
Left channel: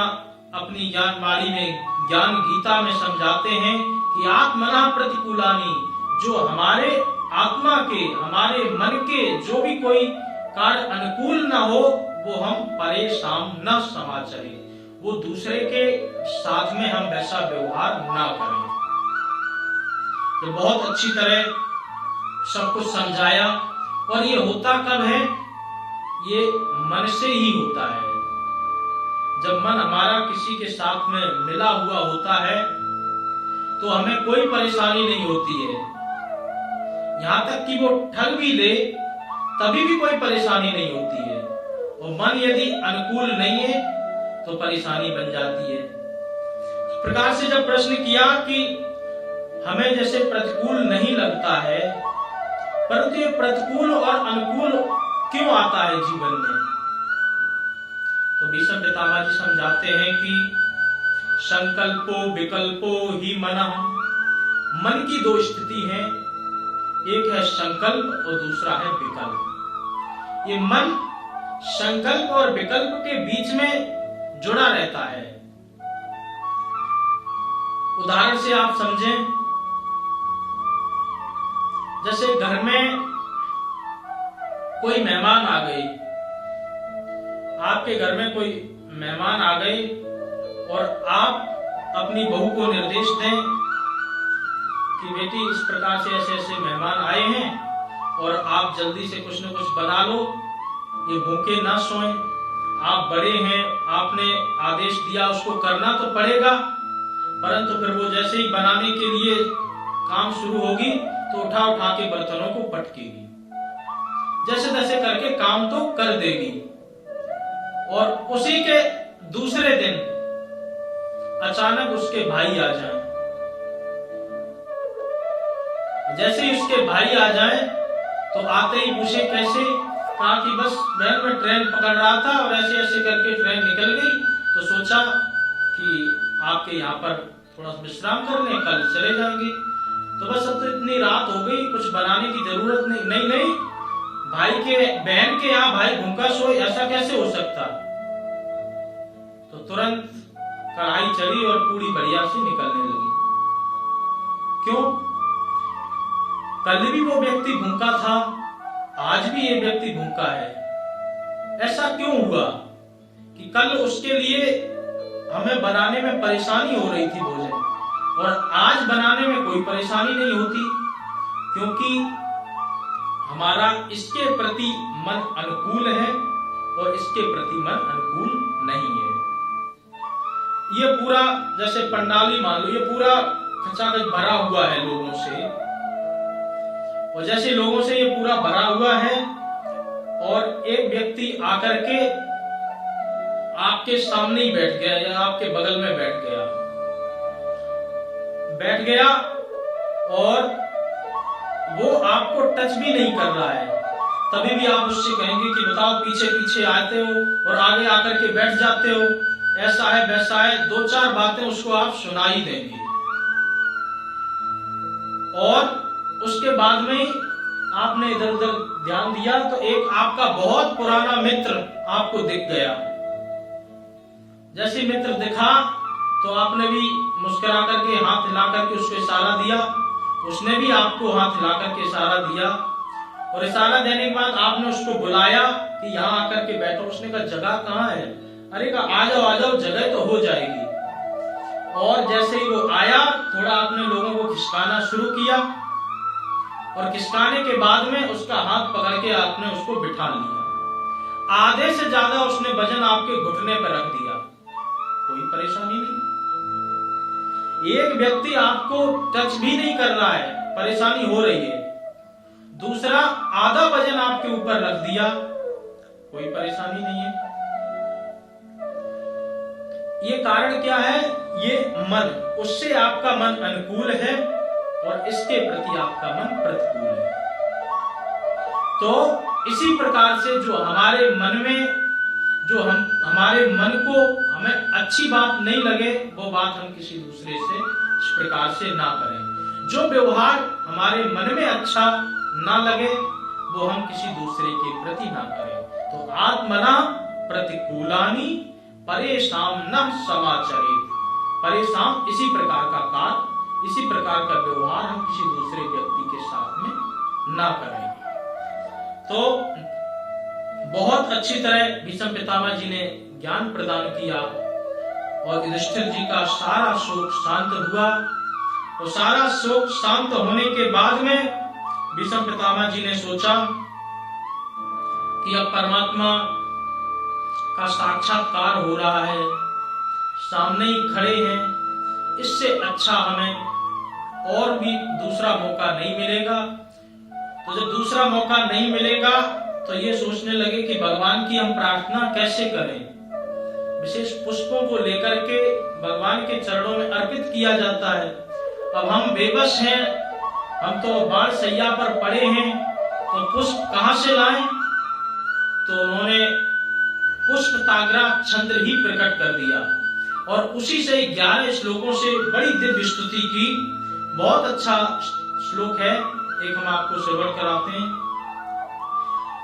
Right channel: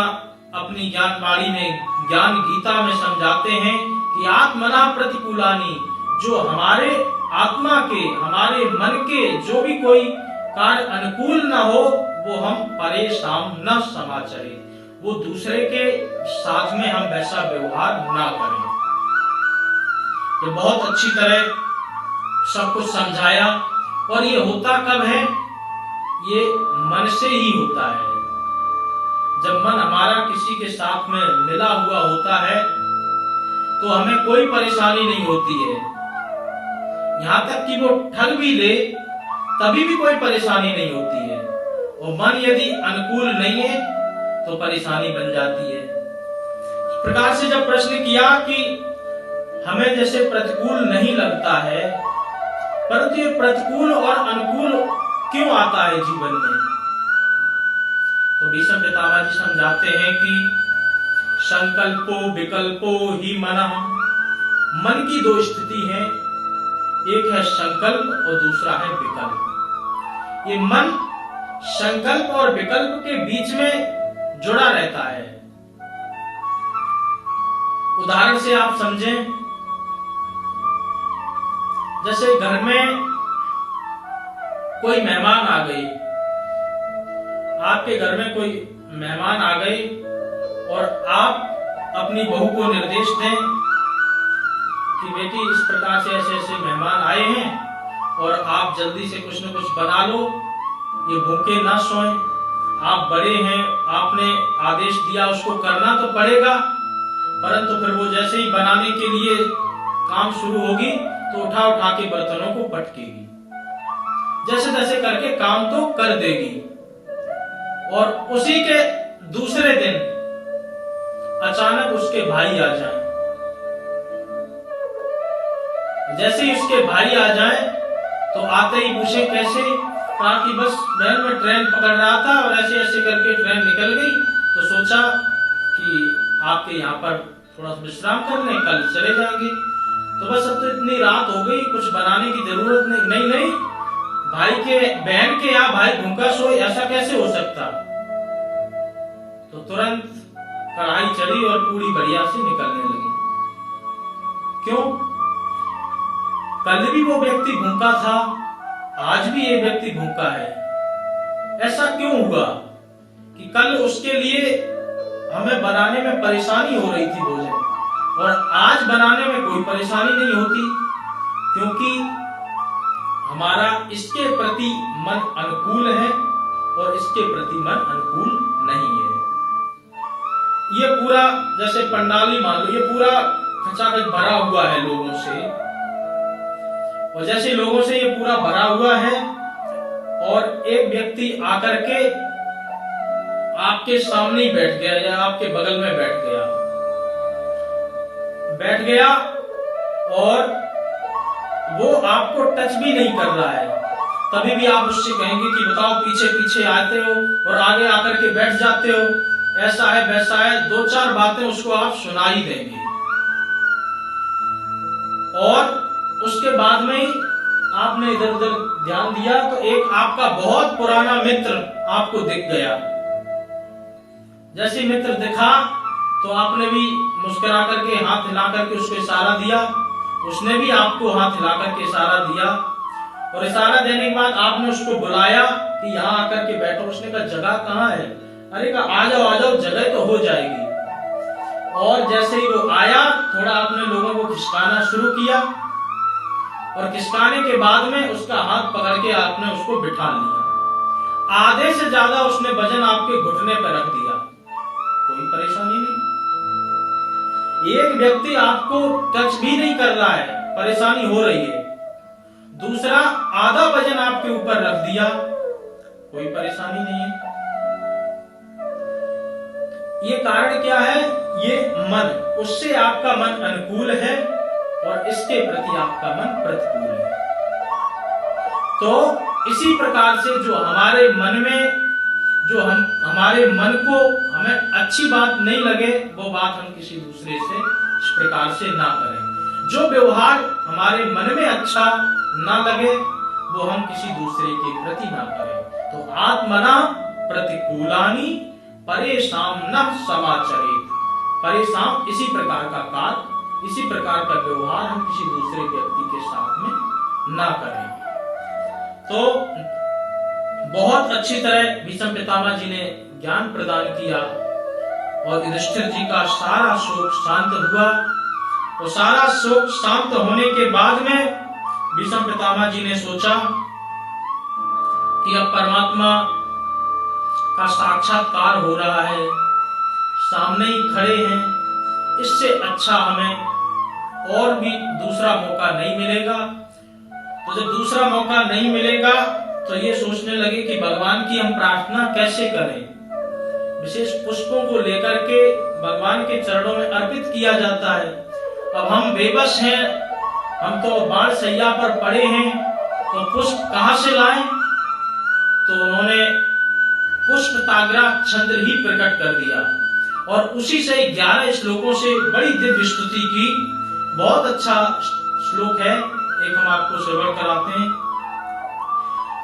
अपनी ज्ञानवाणी में, ज्ञान गीता में समझाते हैं कि आत्मना प्रतिकूलानि, जो हमारे आत्मा के, हमारे मन के जो भी कोई कार्य अनुकूल न हो वो हम परेशान न समाचरे, वो दूसरे के साथ में हम वैसा व्यवहार ना करें। तो बहुत अच्छी तरह सब कुछ समझाया। और ये होता कब है? ये मन से ही होता है। जब मन हमारा किसी के साथ में मिला हुआ होता है तो हमें कोई परेशानी नहीं होती है, यहां तक कि वो ठग भी ले तभी भी कोई परेशानी नहीं होती है। और मन यदि अनुकूल नहीं है तो परेशानी बन जाती है। इस प्रकार से जब प्रश्न किया कि हमें जैसे प्रतिकूल नहीं लगता है, परंतु ये प्रतिकूल और अनुकूल क्यों आता है जीवन में, तो भीष्म पितामह जी समझाते हैं कि संकल्पो विकल्पो ही मनः, मन की 2 स्थिति है, एक है संकल्प और दूसरा है विकल्प। ये मन संकल्प और विकल्प के बीच में जुड़ा रहता है। उदाहरण से आप समझें, जैसे घर में कोई मेहमान आ गए, आपके घर में कोई मेहमान आ गए और आप अपनी बहू को निर्देश दें कि बेटी इस प्रकार से ऐसे ऐसे मेहमान आए हैं और आप जल्दी से कुछ न कुछ बना लो, ये भूखे ना सोएं, आप बड़े हैं, आपने आदेश दिया उसको करना तो पड़ेगा। परंतु फिर वो जैसे ही बनाने के लिए काम शुरू होगी तो उठा उठा के बर्तनों को पटकेगी, जैसे तैसे करके काम तो कर देगी। और उसी के दूसरे दिन अचानक उसके भाई आ जाएं। जैसे ही उसके भाई आ जाएं तो आते ही पूछे कैसे, कहा कि बस बहन मैं ट्रेन पकड़ रहा था और ऐसे ऐसे करके ट्रेन निकल गई, तो सोचा कि आपके यहाँ पर थोड़ा विश्राम कर लें, कल चले जाएंगे। तो बस अब तो इतनी रात हो गई, कुछ बनाने की जरूरत नहीं। नहीं, भाई के बहन के यहाँ भाई भूखा सोए, ऐसा कैसे हो सकता। तो तुरंत कढ़ाई चली और पूरी बढ़िया से निकलने लगी। क्यों? कल भी वो व्यक्ति भूखा था, आज भी ये व्यक्ति भूखा है। ऐसा क्यों हुआ कि कल उसके लिए हमें बनाने में परेशानी हो रही थी भोजन, और आज बनाने में कोई परेशानी नहीं होती, क्योंकि हमारा इसके प्रति मन अनुकूल है और इसके प्रति मन अनुकूल नहीं है। ये पूरा जैसे पंडाली मान लो, ये पूरा खचाखच भरा हुआ है लोगों से, और जैसे लोगों से ये पूरा भरा हुआ है और एक व्यक्ति आकर के आपके सामने ही बैठ गया या आपके बगल में बैठ गया और वो आपको टच भी नहीं कर रहा है, तभी भी आप उससे कहेंगे कि बताओ, पीछे पीछे आते हो और आगे आकर के बैठ जाते हो, ऐसा है वैसा है, दो चार बातें उसको आप सुना ही देंगे। और उसके बाद में ही आपने इधर उधर ध्यान दिया तो एक आपका बहुत पुराना मित्र आपको दिख गया। जैसे मित्र दिखा तो आपने भी मुस्कुरा करके हाथ हिला करके उसको इशारा दिया, उसने भी आपको हाथ हिला करके इशारा दिया, और इशारा देने के बाद आपने उसको बुलाया कि यहाँ आकर के बैठो। उसने कहा जगह कहाँ है? अरे कहा आ जाओ, जगह तो हो जाएगी। और जैसे ही वो आया, थोड़ा आपने लोगों को खिसकाना शुरू किया, और खिसकाने के बाद में उसका हाथ पकड़ के आपने उसको बिठा लिया। आधे से ज्यादा उसने वजन आपके घुटने पर रख दिया, कोई परेशानी नहीं। एक व्यक्ति आपको टच भी नहीं कर रहा है, परेशानी हो रही है, दूसरा आधा वजन आपके ऊपर रख दिया, कोई परेशानी नहीं है। ये कारण क्या है? ये मन, उससे आपका मन अनुकूल है और इसके प्रति आपका मन प्रतिकूल है। तो इसी प्रकार से जो हमारे मन में, जो हमारे मन को हमें अच्छी बात नहीं लगे, वो बात हम किसी दूसरे से इस प्रकार से ना करें। जो व्यवहार हमारे मन में अच्छा ना लगे, वो हम किसी दूसरे के प्रति ना करें। तो आत्मना प्रतिकूलानि परेशान न समाचरेत। परेशान इसी प्रकार का कार्य, इसी प्रकार का व्यवहार हम किसी दूसरे व्यक्ति के साथ में ना करें। तो बहुत अच्छी तरह भीष्म पितामह जी ने ज्ञान प्रदान किया और युधिष्ठिर जी का सारा शोक शांत हुआ। और सारा शोक शांत होने के बाद में भीष्म पितामह जी ने सोचा कि अब परमात्मा का साक्षात्कार हो रहा है, सामने ही खड़े हैं, इससे अच्छा हमें और भी दूसरा मौका नहीं मिलेगा। तो जब दूसरा मौका नहीं मिलेगा तो ये सोचने लगे कि भगवान की हम प्रार्थना कैसे करें। विशेष पुष्पों को लेकर के भगवान के चरणों में अर्पित किया जाता है। अब हम बेबस हैं, हम तो बाण सैया पर पड़े हैं, तो पुष्प कहां से लाएं? तो उन्होंने पुष्प ताग्रा छंद्र ही प्रकट कर दिया और उसी से 11 श्लोकों से बड़ी दिव्य स्तुति की। बहुत अच्छा श्लोक है, एक हम आपको श्रवण कराते हैं।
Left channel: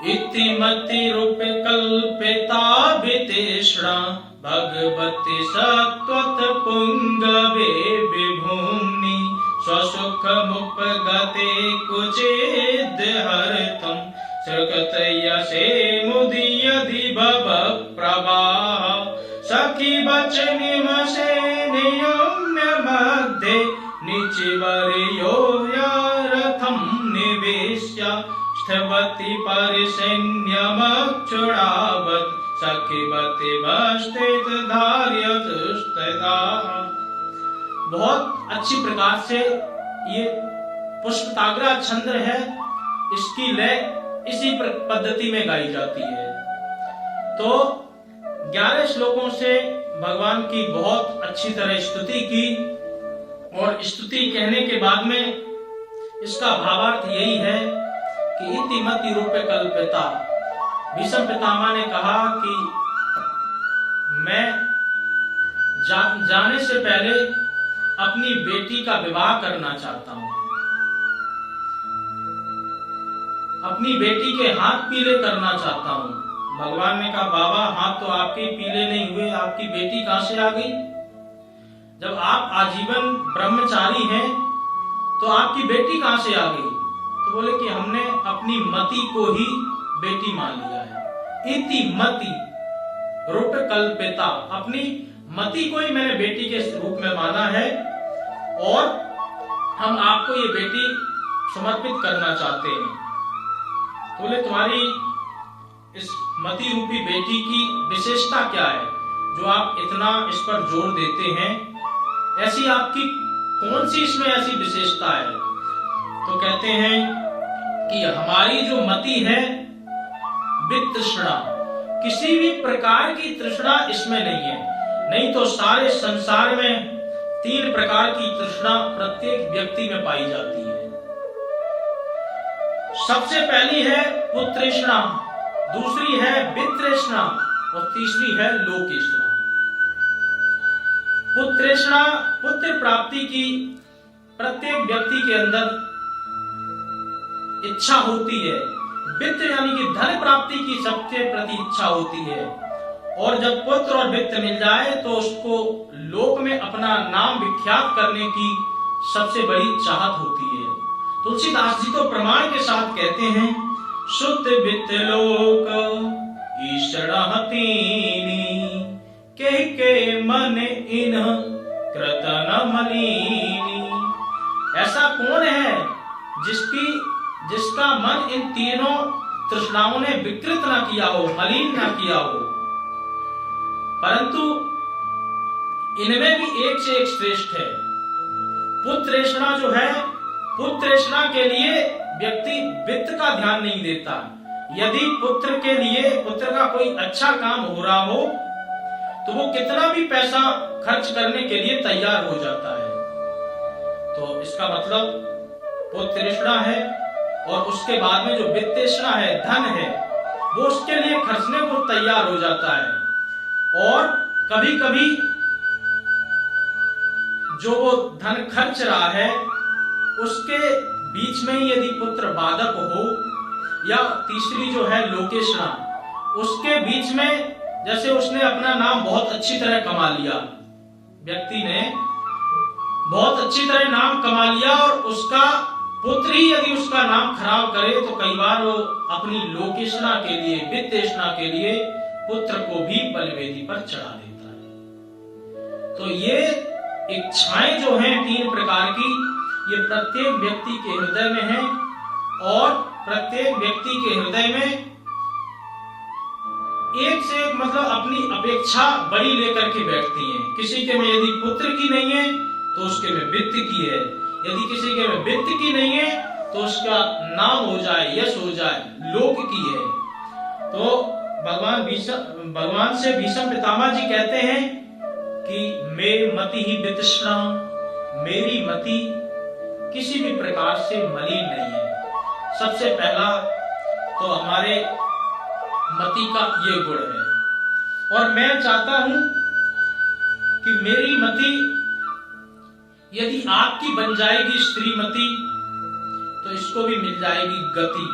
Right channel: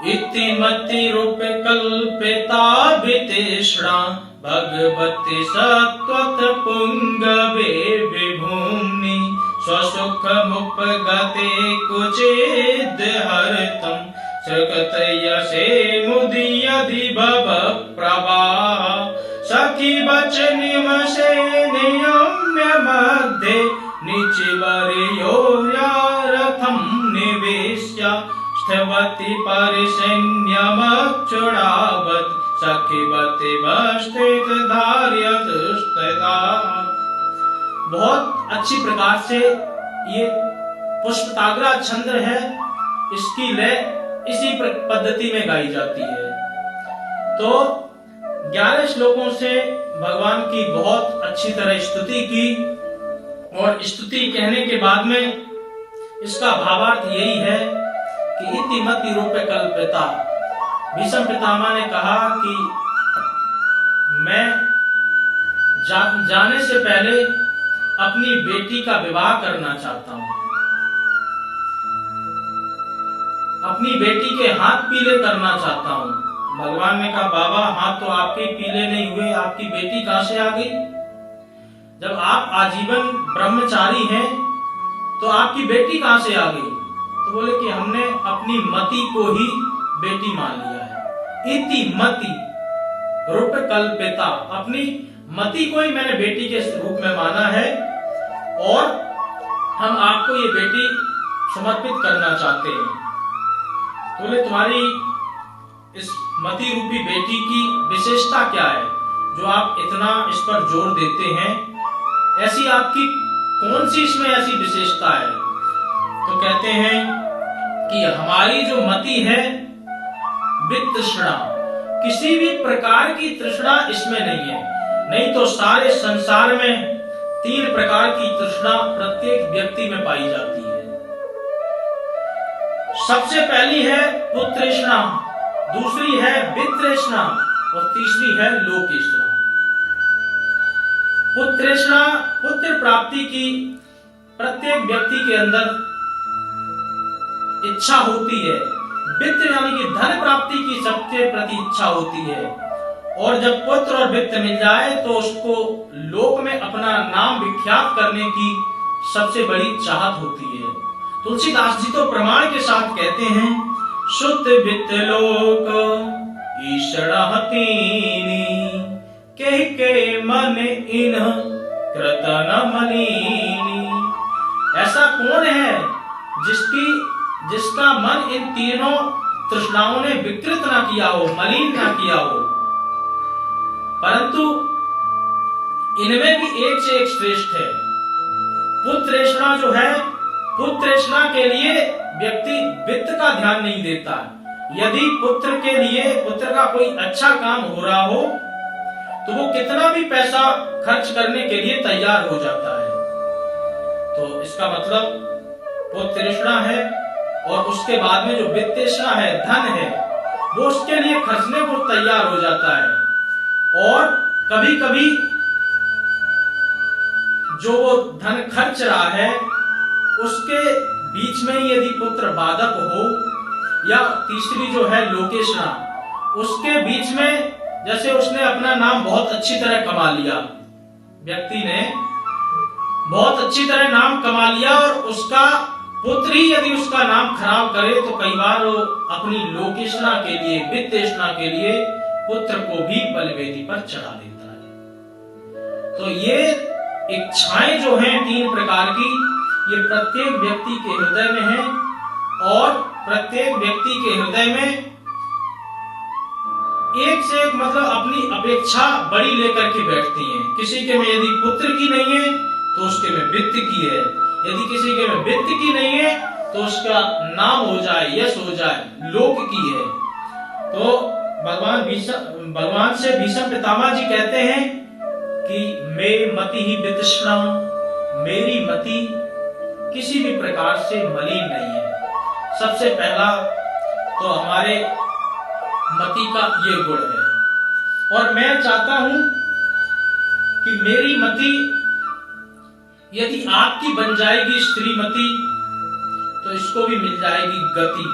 इति मति रूप कल्पेता वितेषणा भगवती सत्वत पुंगवे विभूम्नि स्वसुख मुपगते कुचिद हरतम सकत यसे मुदियदि भव प्रवाह सखी बचनिमसे नियम्य मध्ये निचिवर्यो यारथम निवेश्य स्थवति परिसैन्यमक्षुणावत् सखीवति वस्तित धार्यत स्थिता। बहुत अच्छी प्रकार से ये पुष्पताग्रा छंद है, इसकी लय इसी पद्धति में गाई जाती है। तो 11 श्लोकों से भगवान की बहुत अच्छी तरह स्तुति की, और स्तुति कहने के बाद में इसका भावार्थ यही है कि इति मति रूपे कल्पिता। भीष्म पितामह ने कहा कि मैं जाने से पहले अपनी बेटी का विवाह करना चाहता हूं, अपनी बेटी के हाथ पीले करना चाहता हूं। भगवान ने कहा बाबा हाथ तो आपके पीले नहीं हुए, आपकी बेटी कहां से आ गई? जब आप आजीवन ब्रह्मचारी हैं तो आपकी बेटी कहां से आ गई? तो बोले कि हमने अपनी मति को ही बेटी मान लिया है। इति मति रूप कल्पिता, अपनी मति को ही मैंने बेटी के रूप में माना है, और हम आपको ये बेटी समर्पित करना चाहते हैं। बोले तुम्हारी इस मति रूपी बेटी की विशेषता क्या है जो आप इतना इस पर जोर देते हैं? ऐसी आपकी कौन सी इसमें ऐसी विशेषता है? तो कहते हैं कि हमारी जो मति है वितृष्णा, किसी भी प्रकार की तृष्णा इसमें नहीं है। नहीं तो सारे संसार में 3 प्रकार की तृष्णा प्रत्येक व्यक्ति में पाई जाती है। सबसे पहली है पुत्रेष्णा, दूसरी है वित्तृष्णा, और तीसरी है लोकेष्णा। पुत्रेष्णा, पुत्र प्राप्ति की प्रत्येक व्यक्ति के अंदर इच्छा होती है। वित्त यानी कि धन प्राप्ति की सबके प्रति इच्छा होती है, और जब पुत्र और वित्त मिल जाए तो उसको लोक में अपना नाम विख्यात करने की सबसे बड़ी चाहत होती है। तुलसीदास जी तो प्रमाण के साथ कहते हैं शुद्ध वित्त लोक ईषणहतीनि कह के मन इन कृतन मलिनी। ऐसा कौन है जिसका मन इन तीनों तृष्णाओं ने विकृत ना किया हो, मलिन ना किया हो। परंतु इनमें भी एक से एक श्रेष्ठ है। पुत्रेष्णा जो है, पुत्रेष्णा के लिए व्यक्ति वित्त का ध्यान नहीं देता। यदि पुत्र के लिए पुत्र का कोई अच्छा काम हो रहा हो तो वो कितना भी पैसा खर्च करने के लिए तैयार हो जाता है। तो इसका मतलब पुत्रेष्णा है, और उसके बाद में जो वित्तेष्णा है, धन है, वो उसके लिए खर्चने को तैयार हो जाता है। और कभी कभी जो वो धन खर्च रहा है उसके बीच में यदि पुत्र बाधक हो, या तीसरी जो है लोकेष्णा, उसके बीच में जैसे उसने अपना नाम बहुत अच्छी तरह कमा लिया, व्यक्ति ने बहुत अच्छी तरह नाम कमा लिया, और उसका पुत्र ही यदि उसका नाम खराब करे तो कई बार वो अपनी लोकेष्णा के लिए, वित्तेष्णा के लिए पुत्र को भी बलिवेदी पर चढ़ा देता है। तो ये इच्छाएं जो हैं 3 प्रकार की, ये प्रत्येक व्यक्ति के हृदय में है, और प्रत्येक व्यक्ति के हृदय में एक से एक मतलब अपनी अपेक्षा बड़ी लेकर के बैठती हैं। किसी के में यदि पुत्र की नहीं है तो उसके में वित्त की है, यदि किसी के में वित्त की नहीं है तो उसका नाम हो जाए, यश हो जाए, लोक की है। तो भगवान से भीष्म पितामह जी कहते हैं कि मे मति ही वितृष्णा, मेरी मति किसी भी प्रकार से मलिन नहीं है। सबसे पहला तो हमारे मति का ये गुण है, और मैं चाहता हूं कि मेरी मति यदि आपकी बन जाएगी श्रीमती तो इसको भी मिल जाएगी गति,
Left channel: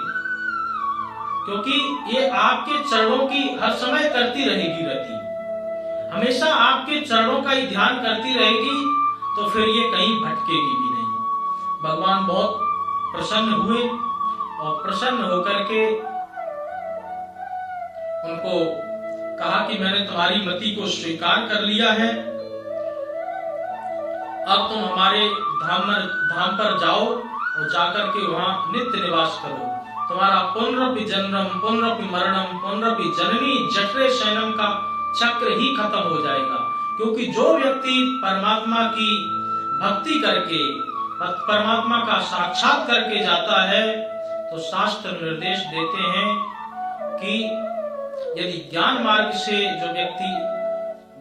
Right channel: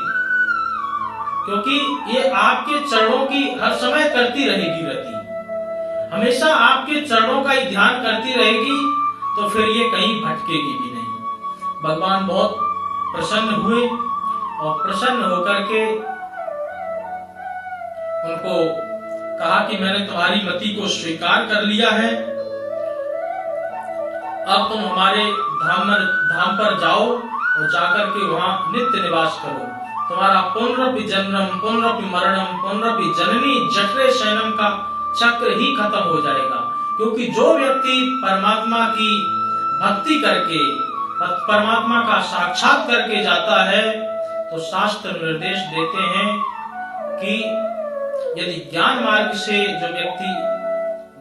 क्योंकि ये आपके चरणों की हर समय करती रहेगी रति। हमेशा आपके चरणों का ही ध्यान करती रहेगी तो फिर ये कहीं भटकेगी भी नहीं। भगवान बहुत प्रसन्न हुए और प्रसन्न होकर के उनको कहा कि मैंने तुम्हारी मति को स्वीकार कर लिया है, अब तुम हमारे धाम पर जाओ और जाकर के वहां नित्य निवास करो। तुम्हारा पुनरपि जन्म पुनरपि मरणम पुनरपि जननी जठरे शयनम का चक्र ही खत्म हो जाएगा। क्योंकि जो व्यक्ति परमात्मा की भक्ति करके परमात्मा का साक्षात करके जाता है तो शास्त्र निर्देश देते हैं कि यदि ज्ञान मार्ग से जो व्यक्ति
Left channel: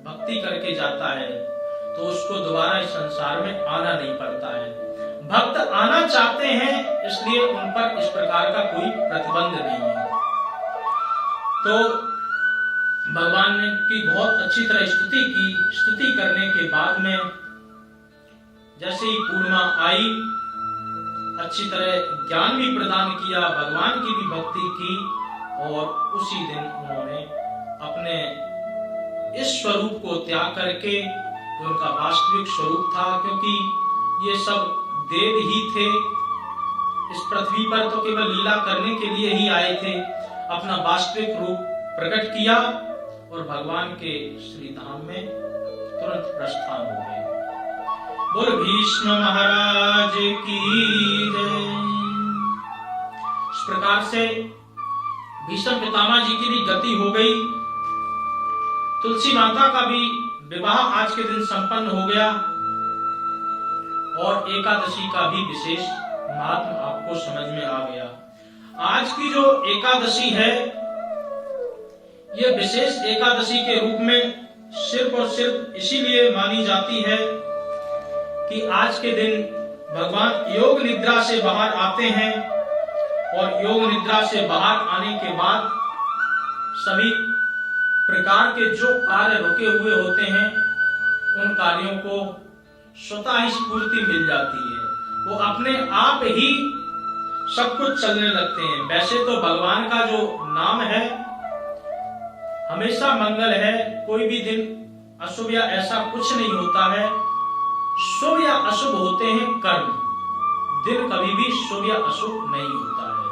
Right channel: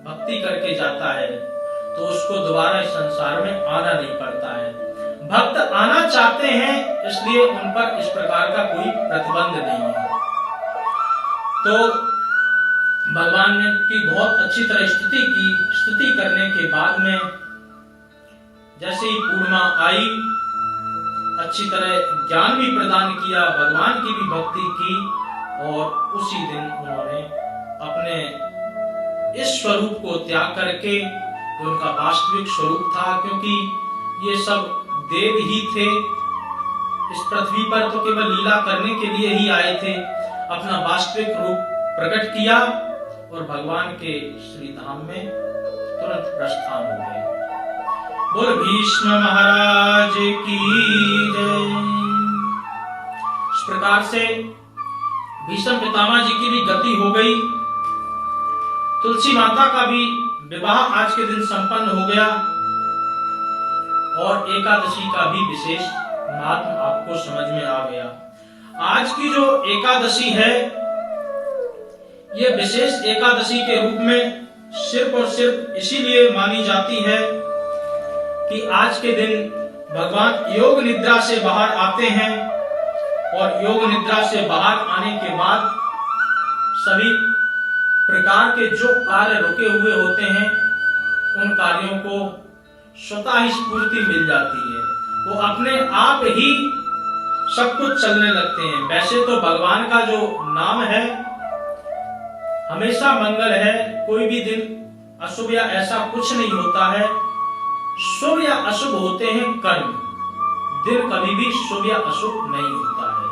भक्ति करके जाता है तो उसको दोबारा इस संसार में आना नहीं पड़ता है। भक्त आना चाहते हैं इसलिए उन पर इस प्रकार का कोई प्रतिबंध नहीं है। तो भगवान ने की बहुत अच्छी तरह स्तुति की। स्तुति करने के बाद में जैसे ही पूर्णिमा आई, अच्छी तरह ज्ञान भी प्रदान किया, भगवान की भी भक्ति की और उसी दिन उन्होंने अपने इस स्वरूप को त्याग करके जो उनका वास्तविक स्वरूप था, क्योंकि ये सब देव ही थे, इस पृथ्वी पर तो केवल लीला करने के लिए ही आए थे, अपना वास्तविक रूप प्रकट किया और भगवान के श्री धाम में तुरंत प्रस्थान हो गए। बोल भीष्म महाराज की जय। इस प्रकार से भीष्म पितामह जी की भी गति हो गई। तुलसी माता का भी विवाह आज के दिन संपन्न हो गया और एकादशी का भी विशेष महत्व आपको समझ में आ गया। आज की जो एकादशी है ये विशेष एकादशी के रूप में सिर्फ और सिर्फ इसीलिए मानी जाती है कि आज के दिन भगवान योग निद्रा से बाहर आते हैं और योग निद्रा से बाहर आने के बाद सभी प्रकार के जो कार्य रुके हुए होते हैं उन कार्यों को स्वतः ही स्फूर्ति मिल जाती है, वो अपने आप ही सब कुछ चलने लगते हैं। वैसे तो भगवान का जो नाम है हमेशा मंगल है, कोई भी दिन अशुभ या ऐसा कुछ नहीं होता है। शुभ या अशुभ होते हैं कर्म, दिन कभी भी शुभ या अशुभ नहीं होता है।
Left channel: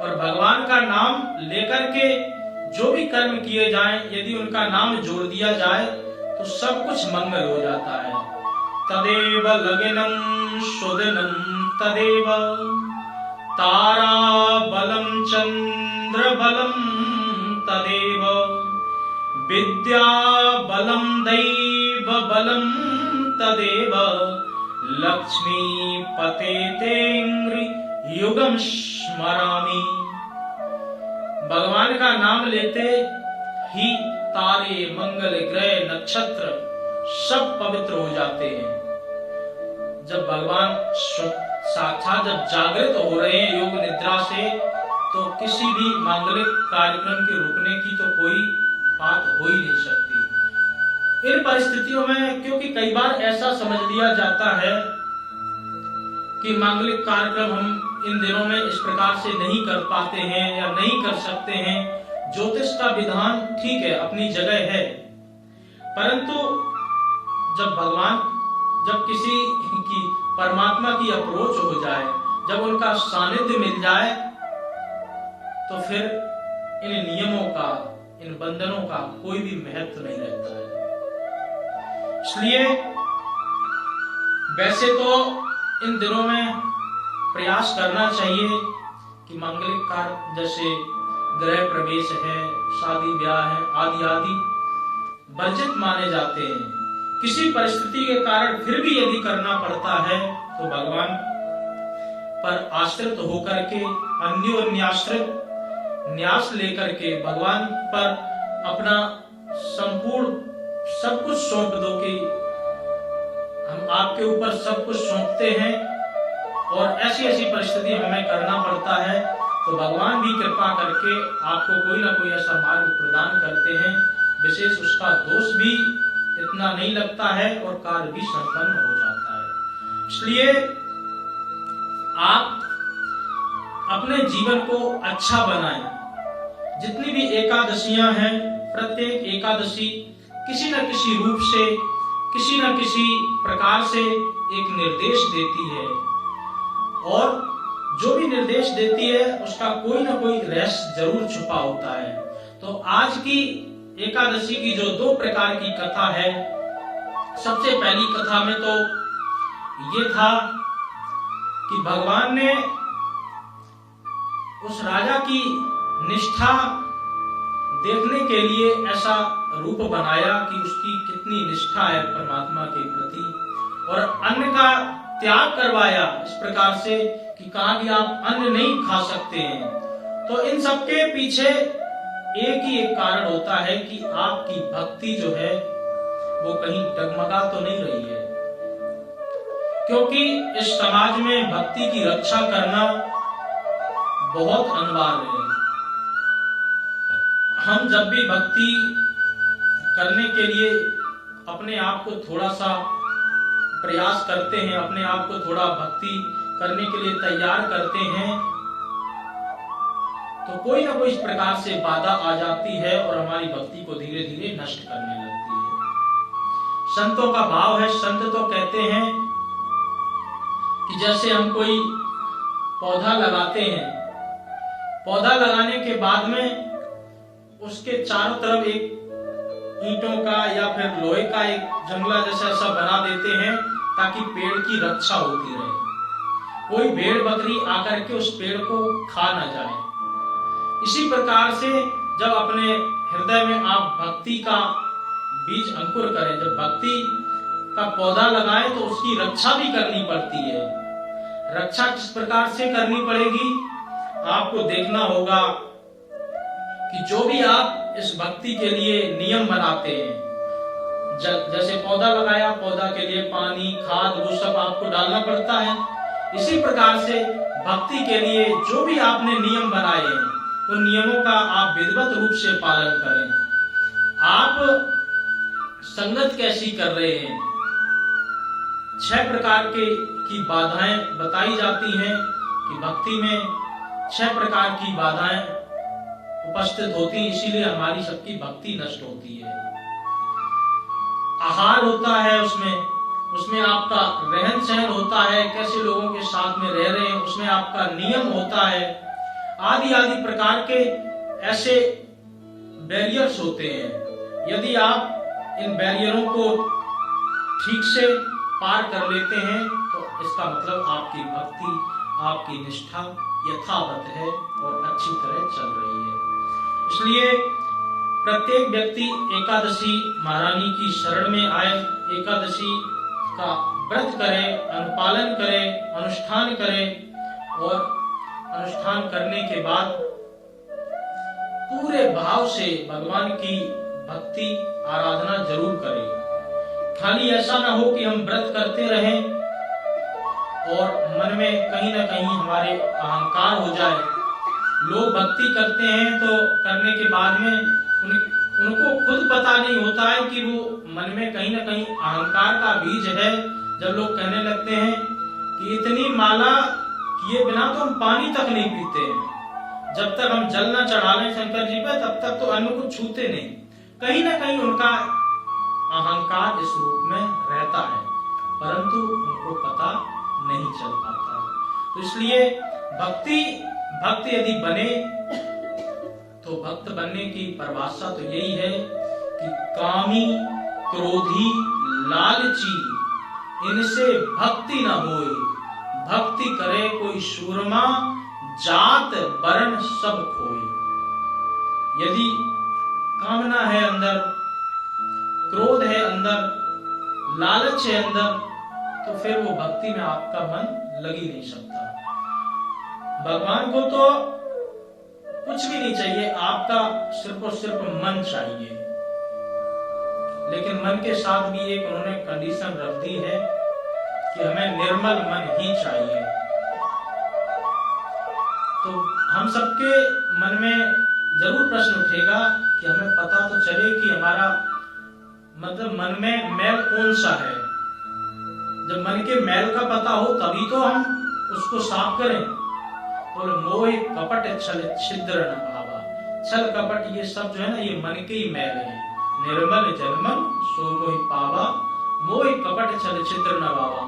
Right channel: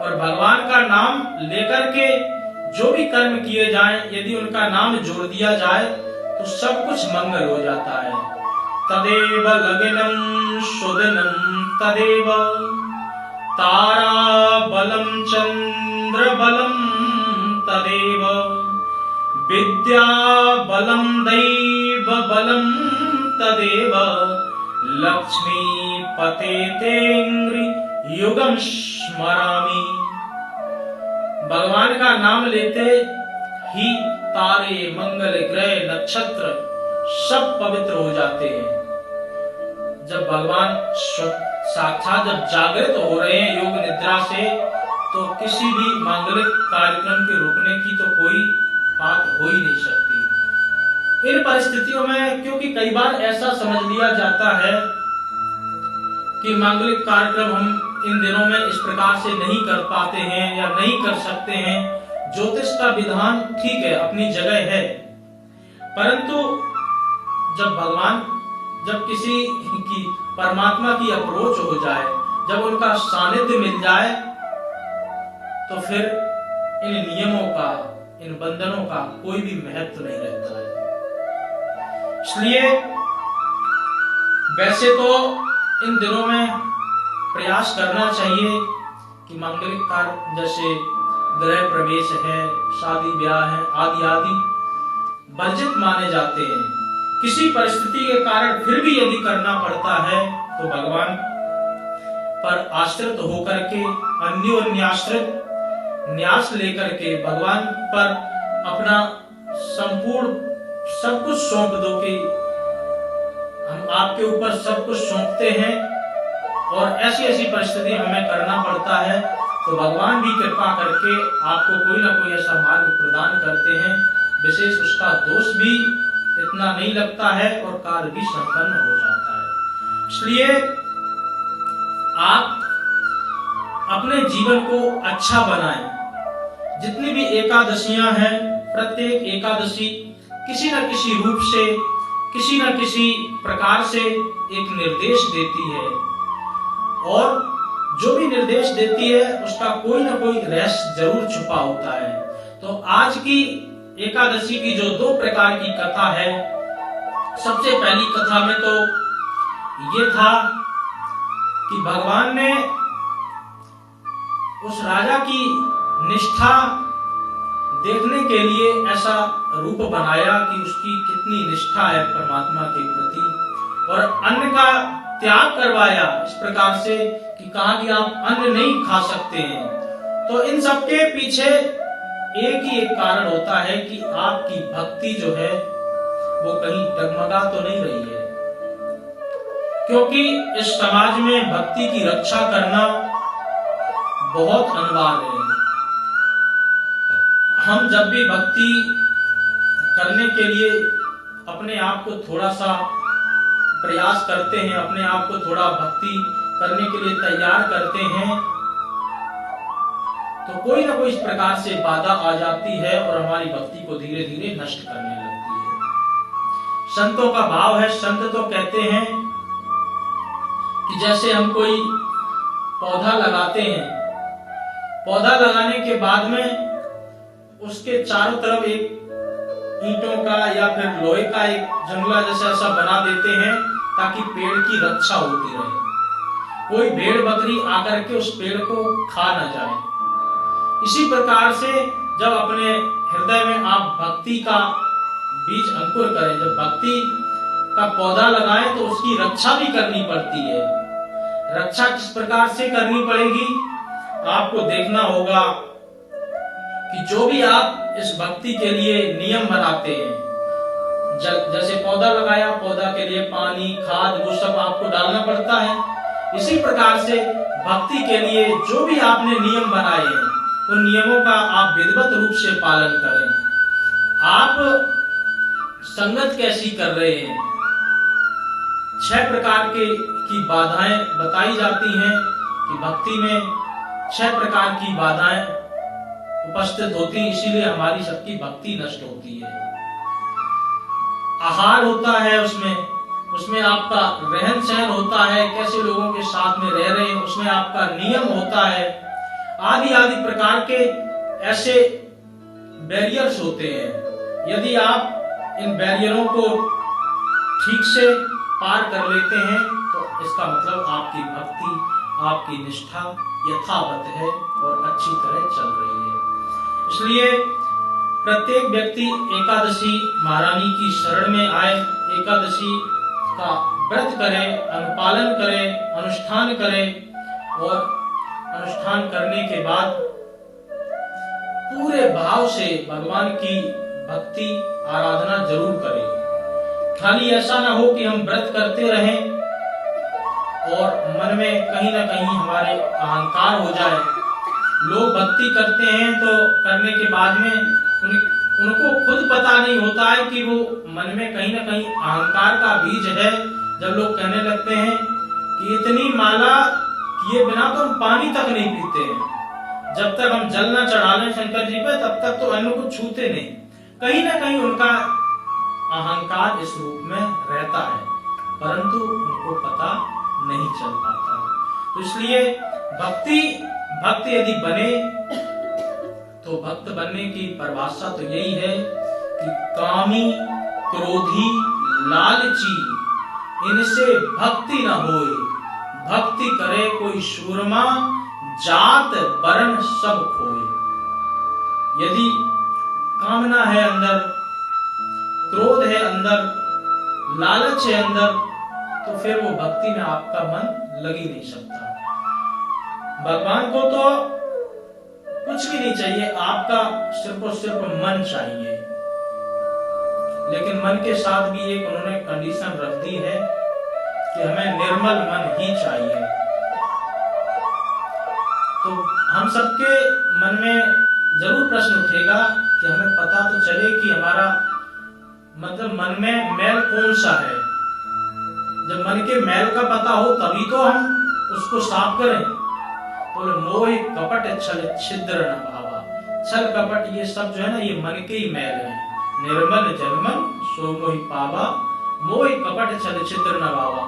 और भगवान का नाम लेकर के जो भी कर्म किए जाएं, यदि उनका नाम जोड़ दिया जाए तो सब कुछ मंगल हो जाता है। तदेव लग्नं सुदिनं तदेव तारा बलम चंद्र बलम तदेव विद्या बलम दैव बलम तदेव लक्ष्मी पते तेंग्रि युगम स्मरामि। भगवान का नाम लेते ही तारे, मंगल ग्रह, नक्षत्र सब पवित्र हो जाते हैं। जब भगवान साक्षात जब जागृत हो रहे हैं योग निद्रा से तो किसी भी मांगलिक कार्यक्रम के रुकने की तो कोई बात हो ही नहीं सकती। इन परिस्थितियों में क्योंकि कई बार ऐसा समझ लिया जाता है कि मांगलिक कार्यक्रम हम इन दिनों में इस प्रकार से नहीं कर पाते हैं या नहीं कर सकते हैं। ज्योतिष का विधान ठीक है, अपनी जगह है, परंतु जब किसी की परमात्मा की अप्रोच हो जाए, जब उनका सानिध्य मिल जाए तो फिर इन नियमों का, इन बंधनों का कोई भी महत्व नहीं रहता है। इसलिए वैसे तो इन दिनों में प्रयास करना चाहिए कि मांगलिक कार्य जैसे गृह प्रवेश है, शादी ब्याह है, आदि आदि वर्जित माने जाते हैं। किसी परिस्थिति के कारण फिर भी यदि करना पड़ता है तो भगवान पर आश्रित होकर के, अन्योन्याश्रित न्यास लेकर के भगवान पर अपना संपूर्ण सब कुछ सौंप दो कि हम आपके ऊपर सब कुछ सौंपते हैं और ऐसी ऐसी परिस्थिति हमें करना पड़ता है तो भगवान भी कृपा करके आपको कोई ना कोई ऐसा मार्ग प्रदान करते हैं, विशेष उसका दोष भी इतना नहीं लगता है और कार्य भी संपन्न हो जाता है। इसलिए आप अपने जीवन को अच्छा बनाएं। जितनी भी एकादशियां हैं, प्रत्येक एकादशी किसी न किसी रूप से, किसी न किसी प्रकार से एक निर्देश देती है, और जो भी निर्देश देती है उसका कोई ना कोई रहस्य जरूर छुपा होता है। तो आज की एकादशी की जो 2 प्रकार की कथा है, सबसे पहली कथा में तो ये था कि भगवान ने उस राजा की निष्ठा देखने के लिए ऐसा रूप बनाया कि उसकी कितनी निष्ठा है परमात्मा के प्रति, और अन्न का त्याग करवाया इस प्रकार से कि कहा कि आप अन्न नहीं खा सकते हैं। तो इन सब के पीछे एक ही एक कारण होता है कि आपकी भक्ति जो है वो कहीं डगमगा तो नहीं रही है, क्योंकि इस समाज में भक्ति की रक्षा करना बहुत अनिवार्य है। हम जब भी भक्ति करने के लिए अपने आप को थोड़ा सा प्रयास करते हैं, अपने आप को थोड़ा भक्ति करने के लिए तैयार करते हैं, तो कोई ना कोई इस प्रकार से बाधा आ जाती है और हमारी भक्ति को धीरे धीरे नष्ट करने लगती है। संतों का भाव है, संत तो कहते हैं कि जैसे हम कोई पौधा लगाते हैं, पौधा लगाने के बाद में उसके चारों तरफ एक ईंटों का या फिर लोहे का एक जंगला जैसा ऐसा बना देते हैं ताकि पेड़ की रक्षा होती रहे, कोई भेड़ बकरी आकर के उस पेड़ को खा ना जाए। इसी प्रकार से जब अपने हृदय में आप भक्ति का बीज अंकुर करें, जब भक्ति का पौधा लगाएं तो उसकी रक्षा भी करनी पड़ती है। रक्षा किस प्रकार से करनी पड़ेगी, आपको देखना होगा कि जो भी आप इस भक्ति के लिए नियम बनाते हैं, जैसे पौधा लगाया, पौधा के लिए पानी, खाद, वो सब आपको डालना पड़ता है। इसी प्रकार से भक्ति के लिए जो भी आपने नियम बनाए हैं, उन नियमों का आप विधिवत रूप से पालन करें। आप संगत कैसी कर रहे हैं? 6 प्रकार की बाधाएं बताई जाती हैं कि भक्ति में 6 प्रकार की बाधाएं उपस्थित होती, इसीलिए हमारी सबकी भक्ति नष्ट होती है। आहार होता है, उसमें आपका रहन सहन होता है, कैसे लोगों के साथ में रह रहे हैं, उसमें आपका नियम होता है, आदि आदि प्रकार के ऐसे बैरियर्स होते हैं। यदि आप इन बैरियरों को ठीक से पार कर लेते हैं तो इसका मतलब आपकी भक्ति, आपकी निष्ठा यथावत है और अच्छी तरह चल रही है। इसलिए प्रत्येक व्यक्ति एकादशी महारानी की शरण में आए, एकादशी का व्रत करे, अनुपालन करे, अनुष्ठान करे, और अनुष्ठान करने के बाद पूरे भाव से भगवान की भक्ति आराधना जरूर करें। खाली ऐसा ना हो कि हम व्रत करते रहें और मन में कहीं ना कहीं हमारे अहंकार हो जाए। लोग भक्ति करते हैं तो करने के बाद में उनको खुद पता नहीं होता है कि वो मन में कहीं ना कहीं अहंकार का बीज है। जब लोग कहने लगते हैं कि इतनी माला किए बिना तो हम पानी तक नहीं पीते हैं, जब तक हम जल न चढ़ा लें शंकर जी पे तब तक तो अन्न को छूते नहीं। कहीं ना कहीं उनका अहंकार इस रूप में रहता है, परंतु उनको पता नहीं चल पाता है। तो इसलिए भक्त यदि बने तो भक्त बनने की परिभाषा तो यही है कि कामी, क्रोधी, लालची इनसे भक्ति न होए। भक्ति करे कोई शूरमा, जात वर्ण सब खोए। यदि कामना है अंदर, क्रोध है अंदर, लालच है अंदर, तो फिर वो भक्ति में आपका मन लग ही नहीं सकता। भगवान को तो कुछ भी नहीं चाहिए, आपका सिर्फ और सिर्फ मन चाहिए। लेकिन मन के साथ भी एक उन्होंने कंडीशन रख दी है कि हमें निर्मल मन ही चाहिए। तो हम सबके मन में जरूर प्रश्न उठेगा कि हमें पता तो चले कि हमारा मतलब मन में मैल कौन सा है। जब मन के मैल का पता हो तभी तो हम उसको साफ करें। बोले मोह कपट छल छिद्र न भावा। छल कपट ये सब जो है ना, ये मन के ही मैल है। निर्मल जनमन सो मोहि पावा, मोहि कपट छल छिद्र न भावा।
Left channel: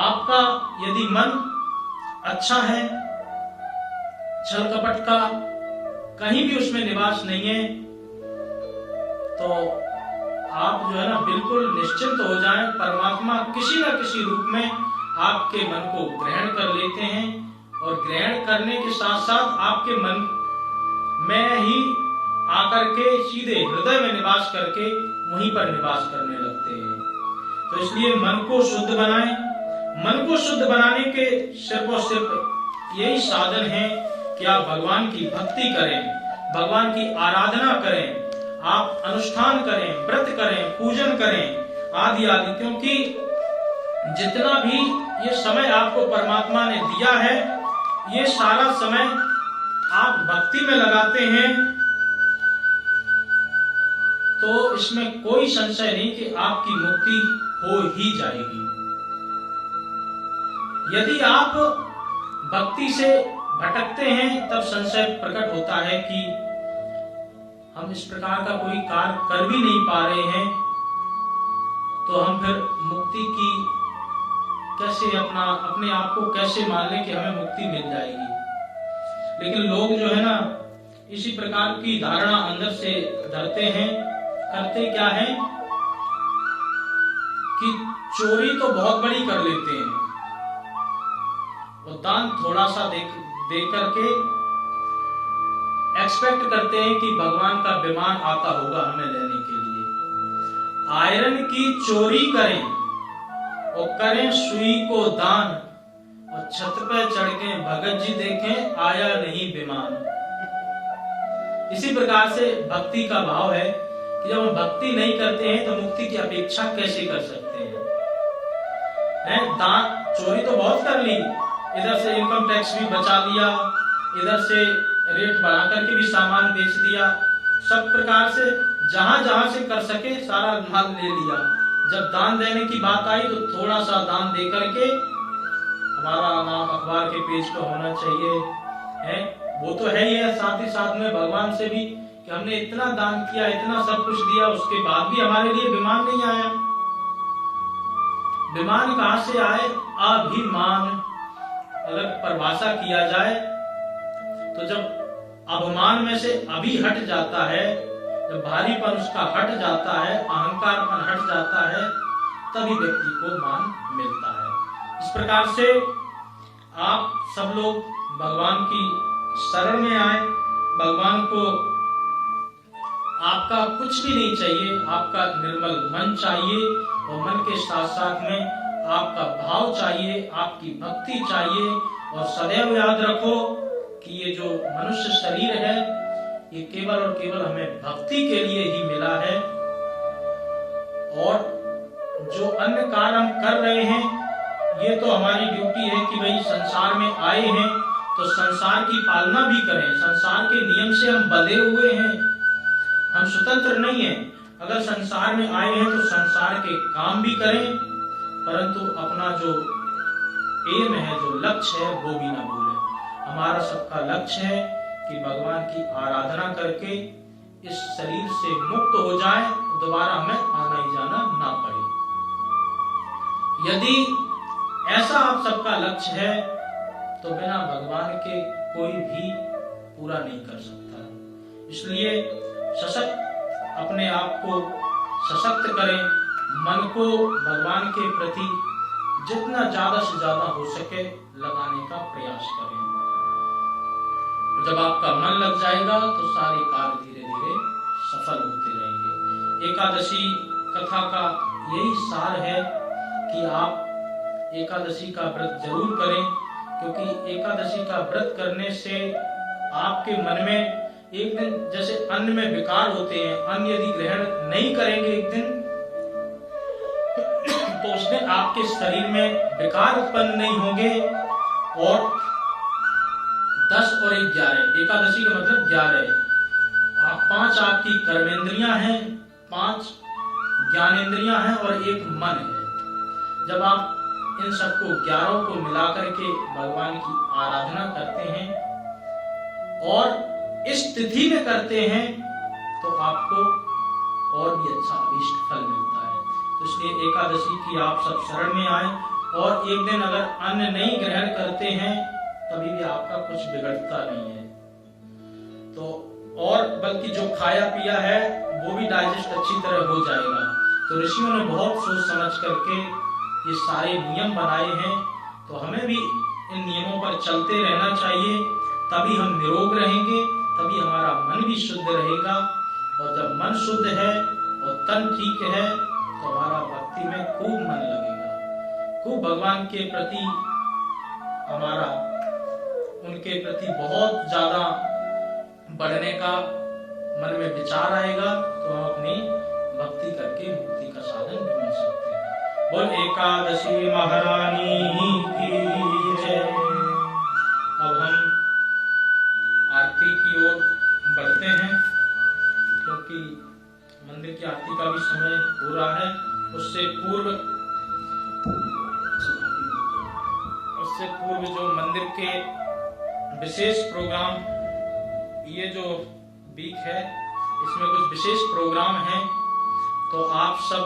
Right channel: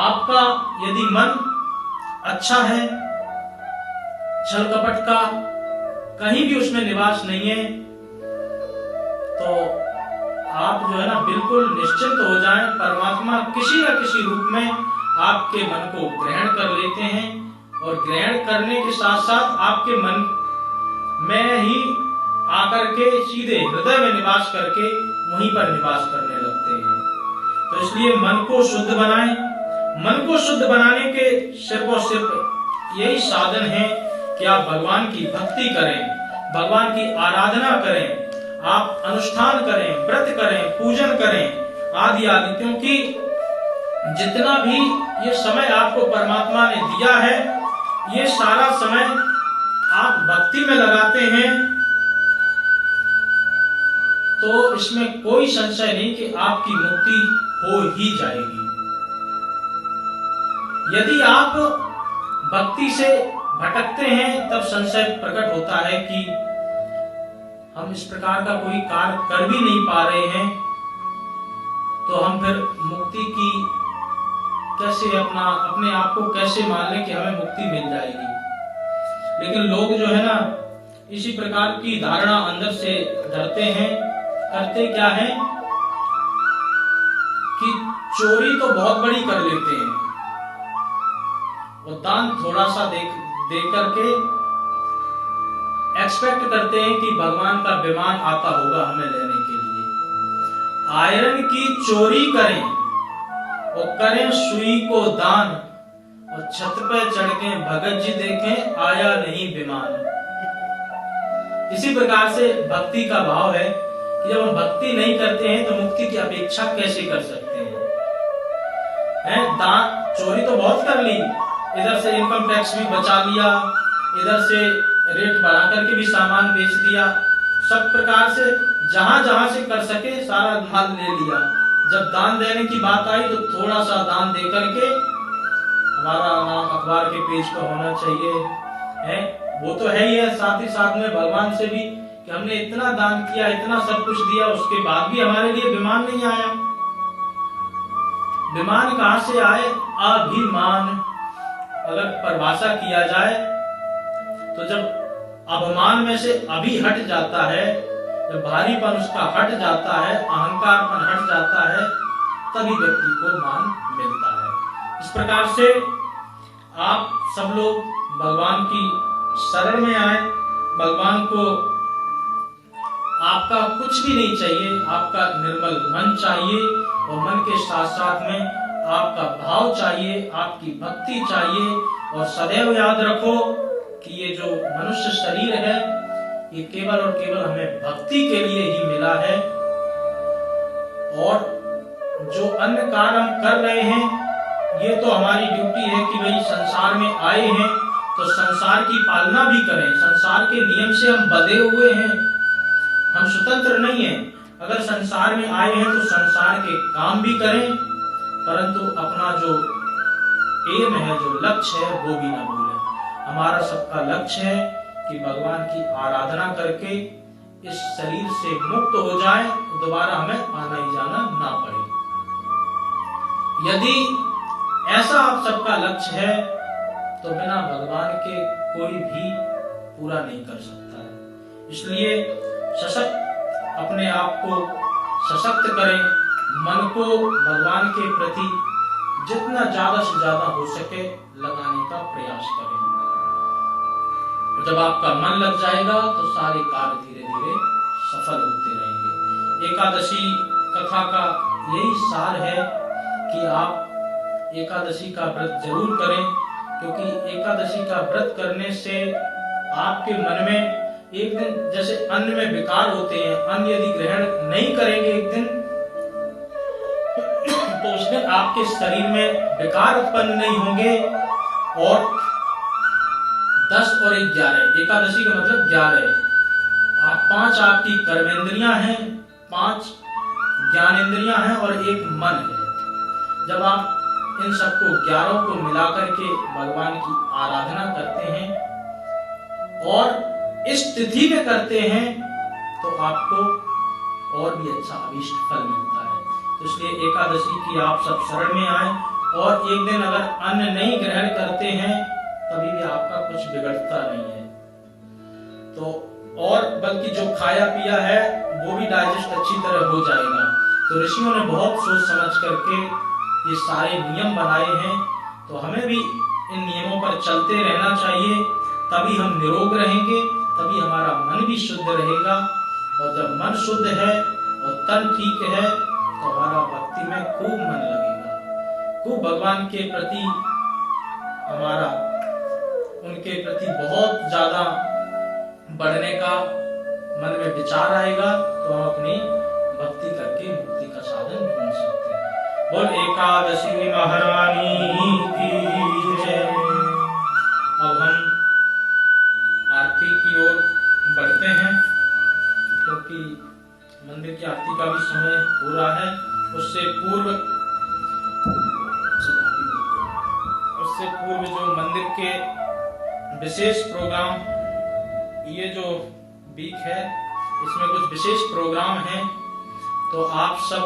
आपका यदि मन अच्छा है, छल कपट का कहीं भी उसमें निवास नहीं है, तो आप जो है ना बिल्कुल निश्चिंत हो जाएं। परमात्मा किसी न किसी रूप में आपके मन को ग्रहण कर लेते हैं, और ग्रहण करने के साथ साथ आपके मन में ही आकर के सीधे हृदय में निवास करके वहीं पर निवास करने लगते हैं। तो इसलिए मन को शुद्ध बनाएं। मन को शुद्ध बनाने के सिर्फ और सिर्फ यही साधन है कि आप भगवान की भक्ति करें, भगवान की आराधना करें, आप अनुष्ठान करें, व्रत करें, पूजन करें आदि आदि। क्योंकि जितना भी ये समय आपको परमात्मा ने दिया है, ये सारा समय आप भक्ति में लगाते हैं, तो इसमें कोई संशय नहीं कि आपकी मुक्ति हो ही जाएगी। यदि आप भक्ति से भटकते हैं, तब संशय प्रकट होता है कि हम इस प्रकार का कोई कार्य कर भी नहीं पा रहे हैं, तो हम फिर मुक्ति की कैसे अपने आप को कैसे मान लें कि हमें मुक्ति मिल जाएगी। लेकिन लोग जो है ना इसी प्रकार की धारणा अंदर से धरते हैं। करते क्या है कि चोरी तो बहुत बड़ी कर लेते हैं, और दान थोड़ा सा दे करके एक्सपेक्ट करते हैं कि भगवान का विमान आता होगा हमें लेने के लिए। आयरन की चोरी करें और करें सुई को दान, और छत पे चढ़ के भगत जी देखें आया नहीं विमान। इसी प्रकार से भक्ति का भाव है कि जब हम भक्ति नहीं करते हैं तो मुक्ति की अपेक्षा कैसे कर सकते हैं? दान चोरी तो बहुत कर ली, इधर से इनकम टैक्स भी बचा लिया, इधर से रेट बढ़ा करके भी सामान बेच दिया, सब प्रकार से जहां जहां से कर सके सारा माल ले लिया। जब दान देने की बात आई तो थोड़ा सा दान दे करके हमारा नाम अखबार के पेज पर होना चाहिए, है वो तो है ही है। साथ ही साथ में भगवान से भी कि हमने इतना दान किया, इतना सब कुछ दिया, उसके बाद भी हमारे लिए विमान नहीं आया। विमान कहां से आए? अभिमान अगर परिभाषा किया जाए तो जब अभिमान में से अभी हट जाता है, जब भारीपन उसका हट जाता है, अहंकारपन हट जाता है, तभी व्यक्ति को मान मिलता है। इस प्रकार से आप सब लोग भगवान की शरण में आए। भगवान को आपका कुछ भी नहीं चाहिए, आपका निर्मल मन चाहिए, और मन के साथ साथ में आपका भाव चाहिए, आपकी भक्ति चाहिए। और सदैव याद रखो कि ये जो मनुष्य शरीर है ये केवल और केवल हमें भक्ति के लिए ही मिला है, और जो अन्य कार्य हम कर रहे हैं ये तो हमारी ड्यूटी है कि भाई संसार में आए हैं तो संसार की पालना भी करें। संसार के नियम से हम बंधे हुए हैं, हम स्वतंत्र नहीं हैं। अगर संसार में आए हैं तो संसार के काम भी करें, परंतु अपना जो एम है, जो लक्ष्य है, वो भी ना भूलें। हमारा सबका लक्ष्य है कि भगवान की आराधना करके इस शरीर से मुक्त हो जाए, दोबारा हमें आना ही जाना ना पड़े। यदि ऐसा आप सबका लक्ष्य है तो बिना भगवान के कोई भी पूरा नहीं कर सकता है। इसलिए सशक्त अपने आप को सशक्त करें, मन को भगवान के प्रति जितना ज्यादा से ज्यादा हो सके लगाने का प्रयास करें। जब आपका मन लग जाएगा तो सारे कार्य धीरे धीरे सफल होते रहेंगे। एकादशी कथा का यही सार है कि आप एकादशी का व्रत जरूर करें, क्योंकि एकादशी का व्रत करने से आपके मन में एक दिन, जैसे अन्न में विकार होते हैं, अन्न यदि ग्रहण नहीं करेंगे एक दिन तो उस दिन आपके शरीर में विकार उत्पन्न नहीं होंगे। और 10 और 1 11, एकादशी का मतलब 11। आप 5 आपकी कर्मेंद्रियां हैं, 5 ज्ञानेंद्रियां हैं और 1 मन है। जब आप इन सबको 11 को मिलाकर के भगवान की आराधना करते हैं और इस तिथि में करते हैं तो आपको और भी अच्छा अभीष्ट फल मिलता है। तो इसलिए एकादशी की आप सब शरण में आए, और एक दिन अगर अन्न नहीं ग्रहण करते हैं तभी भी आपका कुछ बिगड़ता नहीं है। तो और बल्कि जो खाया पिया है वो भी डाइजेस्ट अच्छी तरह हो जाएगा। तो ऋषियों ने बहुत सोच समझ करके ये सारे नियम बनाए हैं, तो हमें भी इन नियमों पर चलते रहना चाहिए, तभी हम निरोग रहेंगे, तभी हमारा मन भी शुद्ध रहेगा। और जब मन शुद्ध है और तन ठीक है तो हमारा भक्ति में खूब मन लगेगा, खूब भगवान के प्रति हमारा उनके प्रति बहुत ज्यादा बढ़ने का मन में विचार आएगा, तो हम अपनी भक्ति करके मुक्ति का साधन ढूंढ सकते हैं। बोल एकादशी महारानी की जय। अब हम आरती की ओर बढ़ते हैं, क्योंकि मंदिर की आरती का भी समय हो रहा है। उससे पूर्व जो मंदिर के विशेष प्रोग्राम, ये जो वीक है इसमें कुछ विशेष प्रोग्राम हैं, तो आप सब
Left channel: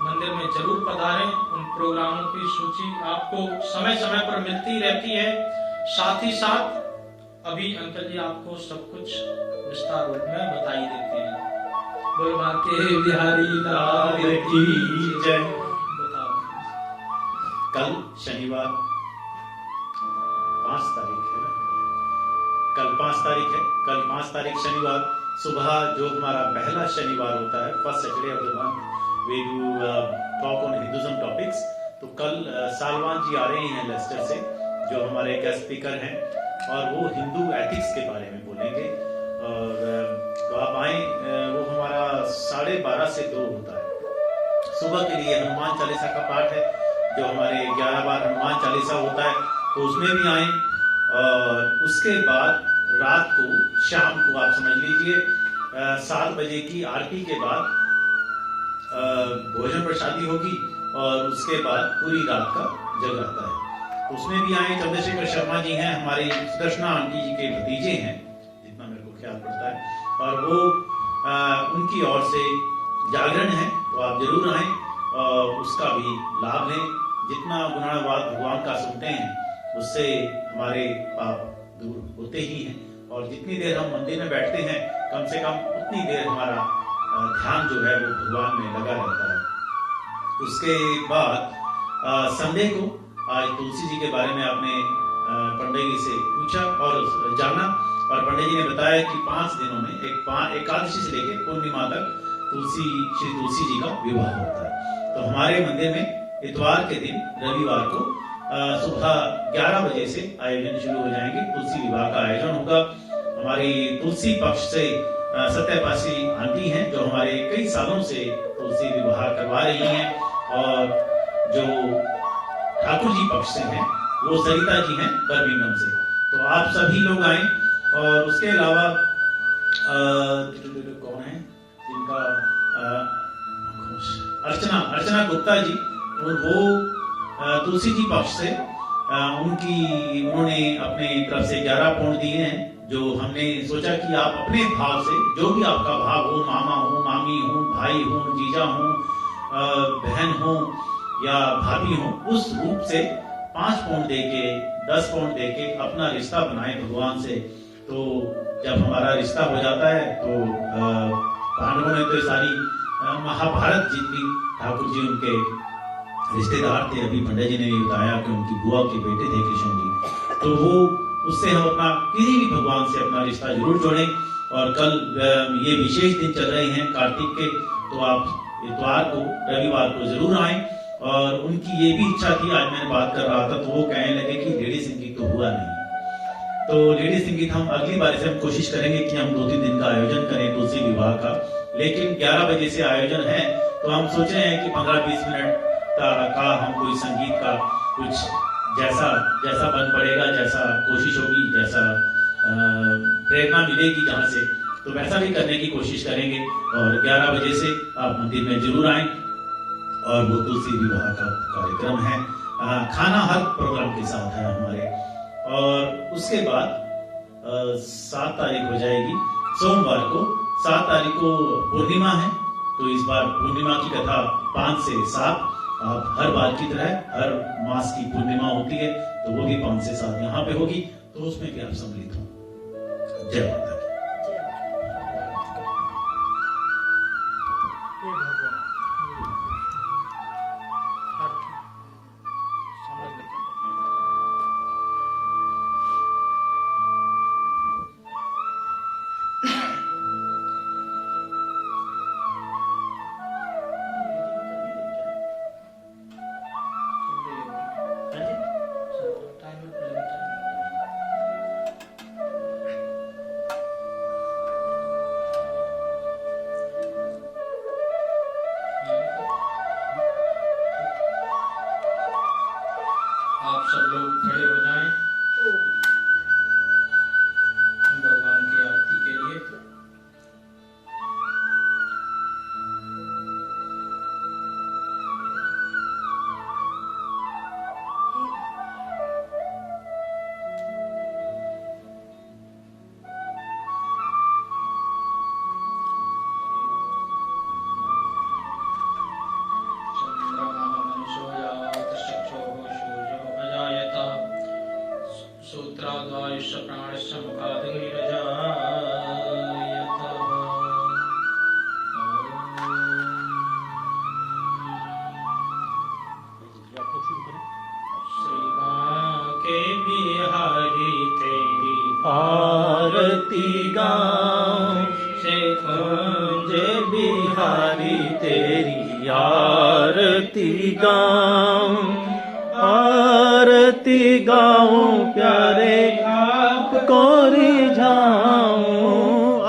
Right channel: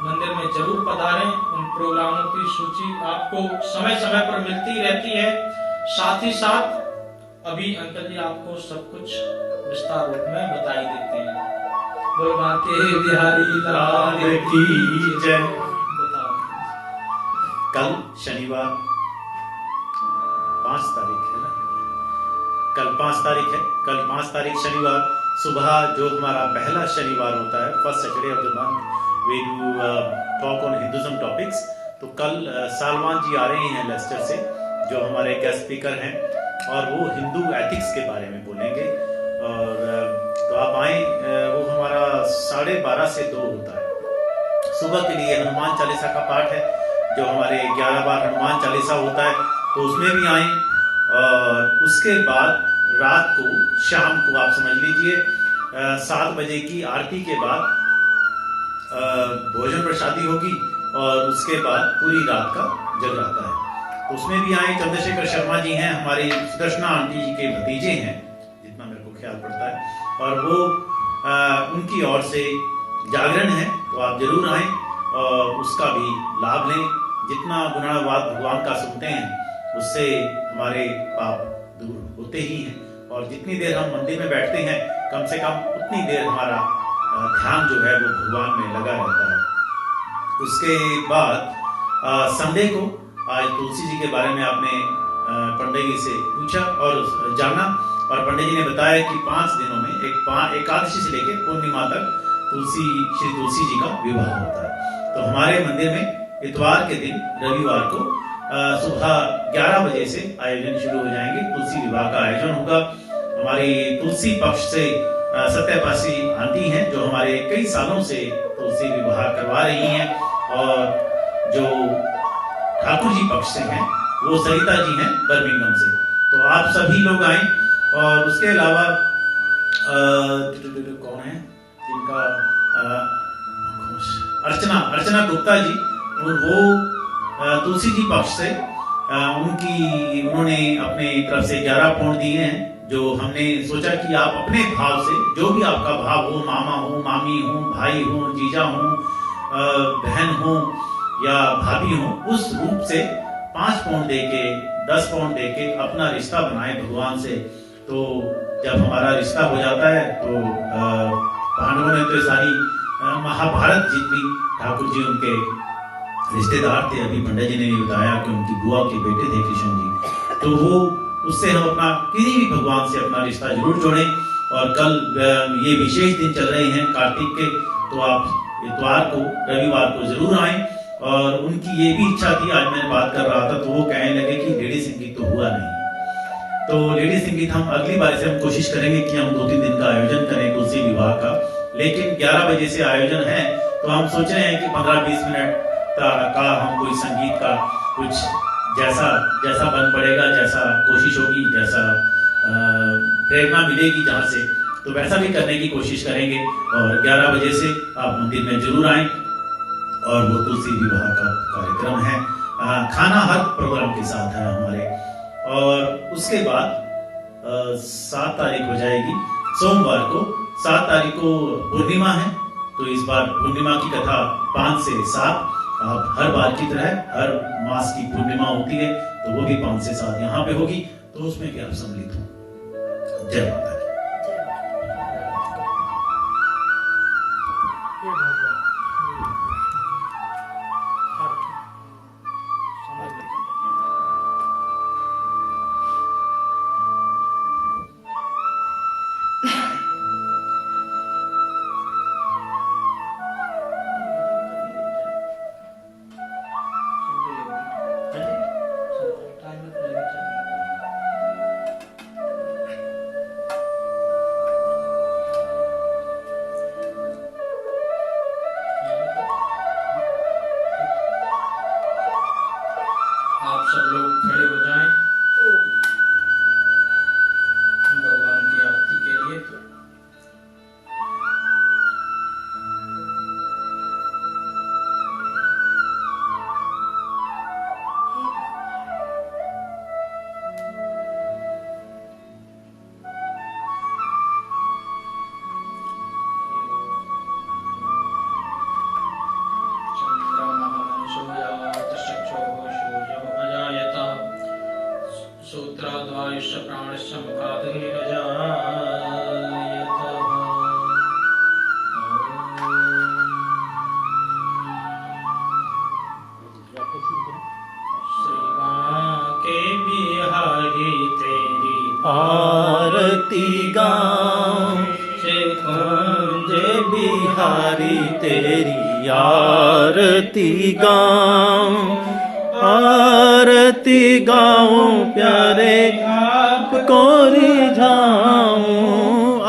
मंदिर में जरूर पधारें। उन प्रोग्रामों की सूची आपको समय समय पर मिलती रहती है। साथ ही साथ अभी अंकल जी आपको सब कुछ विस्तार रूप में बताई देते हैं। बोल बांके बिहारी लाल की जय। बताओ। कल शनिवार 5 तारीख है ना, कल 5 तारीख है। कल 5 तारीख शनिवार सुबह जो हमारा पहला शनिवार होता है, first Saturday of the month, we do talk on Hinduism topics. तो कल सालवान जी आ रहे हैं लेस्टर से, जो हमारे गेस्ट स्पीकर हैं, और वो हिंदू एथिक्स के बारे में बोलेंगे। और तो आप आए। वो हमारा 12:30 से 2 होता है। सुबह के लिए हनुमान चालीसा का पाठ है, जो हमारे 11 बार हनुमान चालीसा होता है, तो उसमें भी आए। और उसके बाद रात को, शाम को आप समझ लीजिए 7 बजे की आरती के बाद भोजन प्रसादी होगी, और उसके बाद पूरी रात का जगराता है। उसमें भी आए। चंद्रशेखर शर्मा जी हैं, हमारी सुदर्शना आंटी जी के भतीजे हैं, जितना मेरे को ख्याल पड़ता है, और वो उनकी ओर से जागरण है, तो आप जरूर आए और उसका भी लाभ लें। जितना गुणानुवाद भगवान का सुनते हैं उससे हमारे पाप दूर होते ही हैं, और जितनी देर हम मंदिर में बैठते हैं कम से कम उतनी देर हमारा ध्यान जो है वो भगवान में लगा रहता है। उसके बाद संडे को आज तुलसी जी के बारे में आपने पंडित जी से पूछा और जाना, और पंडित जी ने बताया कि 5 दिनों में एकादशी से लेकर पूर्णिमा तक श्री तुलसी जी का विवाह होता है। तो हमारे मंदिर में इतवार के दिन, रविवार को सुबह 11 बजे से आयोजन शुरू हो जाएंगे। तुलसी विवाह का आयोजन होगा। हमारी तुलसी पक्ष से सत्यपासी आंटी हैं, जो हमारे कई सालों से तुलसी विवाह करवा रही हैं, और जो ठाकुर जी पक्ष से हैं वो सरिता जी हैं बर्मिंघम से। तो आप सभी लोग आए। और उसके अलावा कौन है जिनका अर्चना गुप्ता जी, वो तुलसी जी पक्ष से उन्होंने अपने तरफ से 11 पौंड दिए हैं, जो हमने सोचा कि आप अपने भाव से, जो भी आपका भाव हो, मामा हो, मामी हो, भाई हो, जीजा हो, बहन हो या भाभी हो, उस रूप से 5 पौंड देके, 10 पौंड देके अपना रिश्ता बनाए भगवान से। तो जब हमारा रिश्ता हो जाता है तो पांडवों ने तो सारी महाभारत जीत ली। ठाकुर जी उनके रिश्तेदार थे। अभी पंडित जी ने भी बताया कि उनकी बुआ के बेटे थे कृष्ण जी। तो वो उससे हम अपना किसी भी भगवान से अपना रिश्ता जरूर जोड़ें। और कल ये विशेष दिन चल रहे हैं कार्तिक के, तो आप इतवार को, रविवार को जरूर आए। और उनकी ये भी इच्छा थी, आज मैं बात कर रहा था तो वो कहने लगे कि लेडी संगीत तो हुआ नहीं, तो लेडी संगीत हम अगली बार से हम कोशिश करेंगे कि हम 2-3 दिन का आयोजन करें तुलसी विवाह का। लेकिन 11 बजे से आयोजन है, तो हम सोच रहे हैं कि 15-20 मिनट का हम कोई संगीत का कुछ जैसा बन पड़ेगा, जैसा कोशिश होगी, जैसा प्रेरणा मिलेगी जहाँ से, तो वैसा भी करने की कोशिश करेंगे। और 11 बजे से आप मंदिर में जरूर आए। और वो तुलसी विवाह का कार्यक्रम है। खाना हर प्रोग्राम के साथ है हमारे। और उसके बाद 7 तारीख हो जाएगी सोमवार को, 7 तारीख को पूर्णिमा है। तो इस बार पूर्णिमा की कथा 5 से 7, आप हर बार की तरह हर मास की पूर्णिमा होती है तो वो भी 5 से 7 यहाँ पे होगी, तो उसमें भी आप सम्मिलित हो। जय माता दी। आप सब लोग खड़े हो जाएं भगवान की आरती के लिए। सूत्राद्वायुष प्राणश्च श्री बांके बिहारी तेरी आरती गाऊं, से कुंज बिहारी तेरी आरती गाऊं, आरती गाऊं प्यारे आपको रिझाऊं,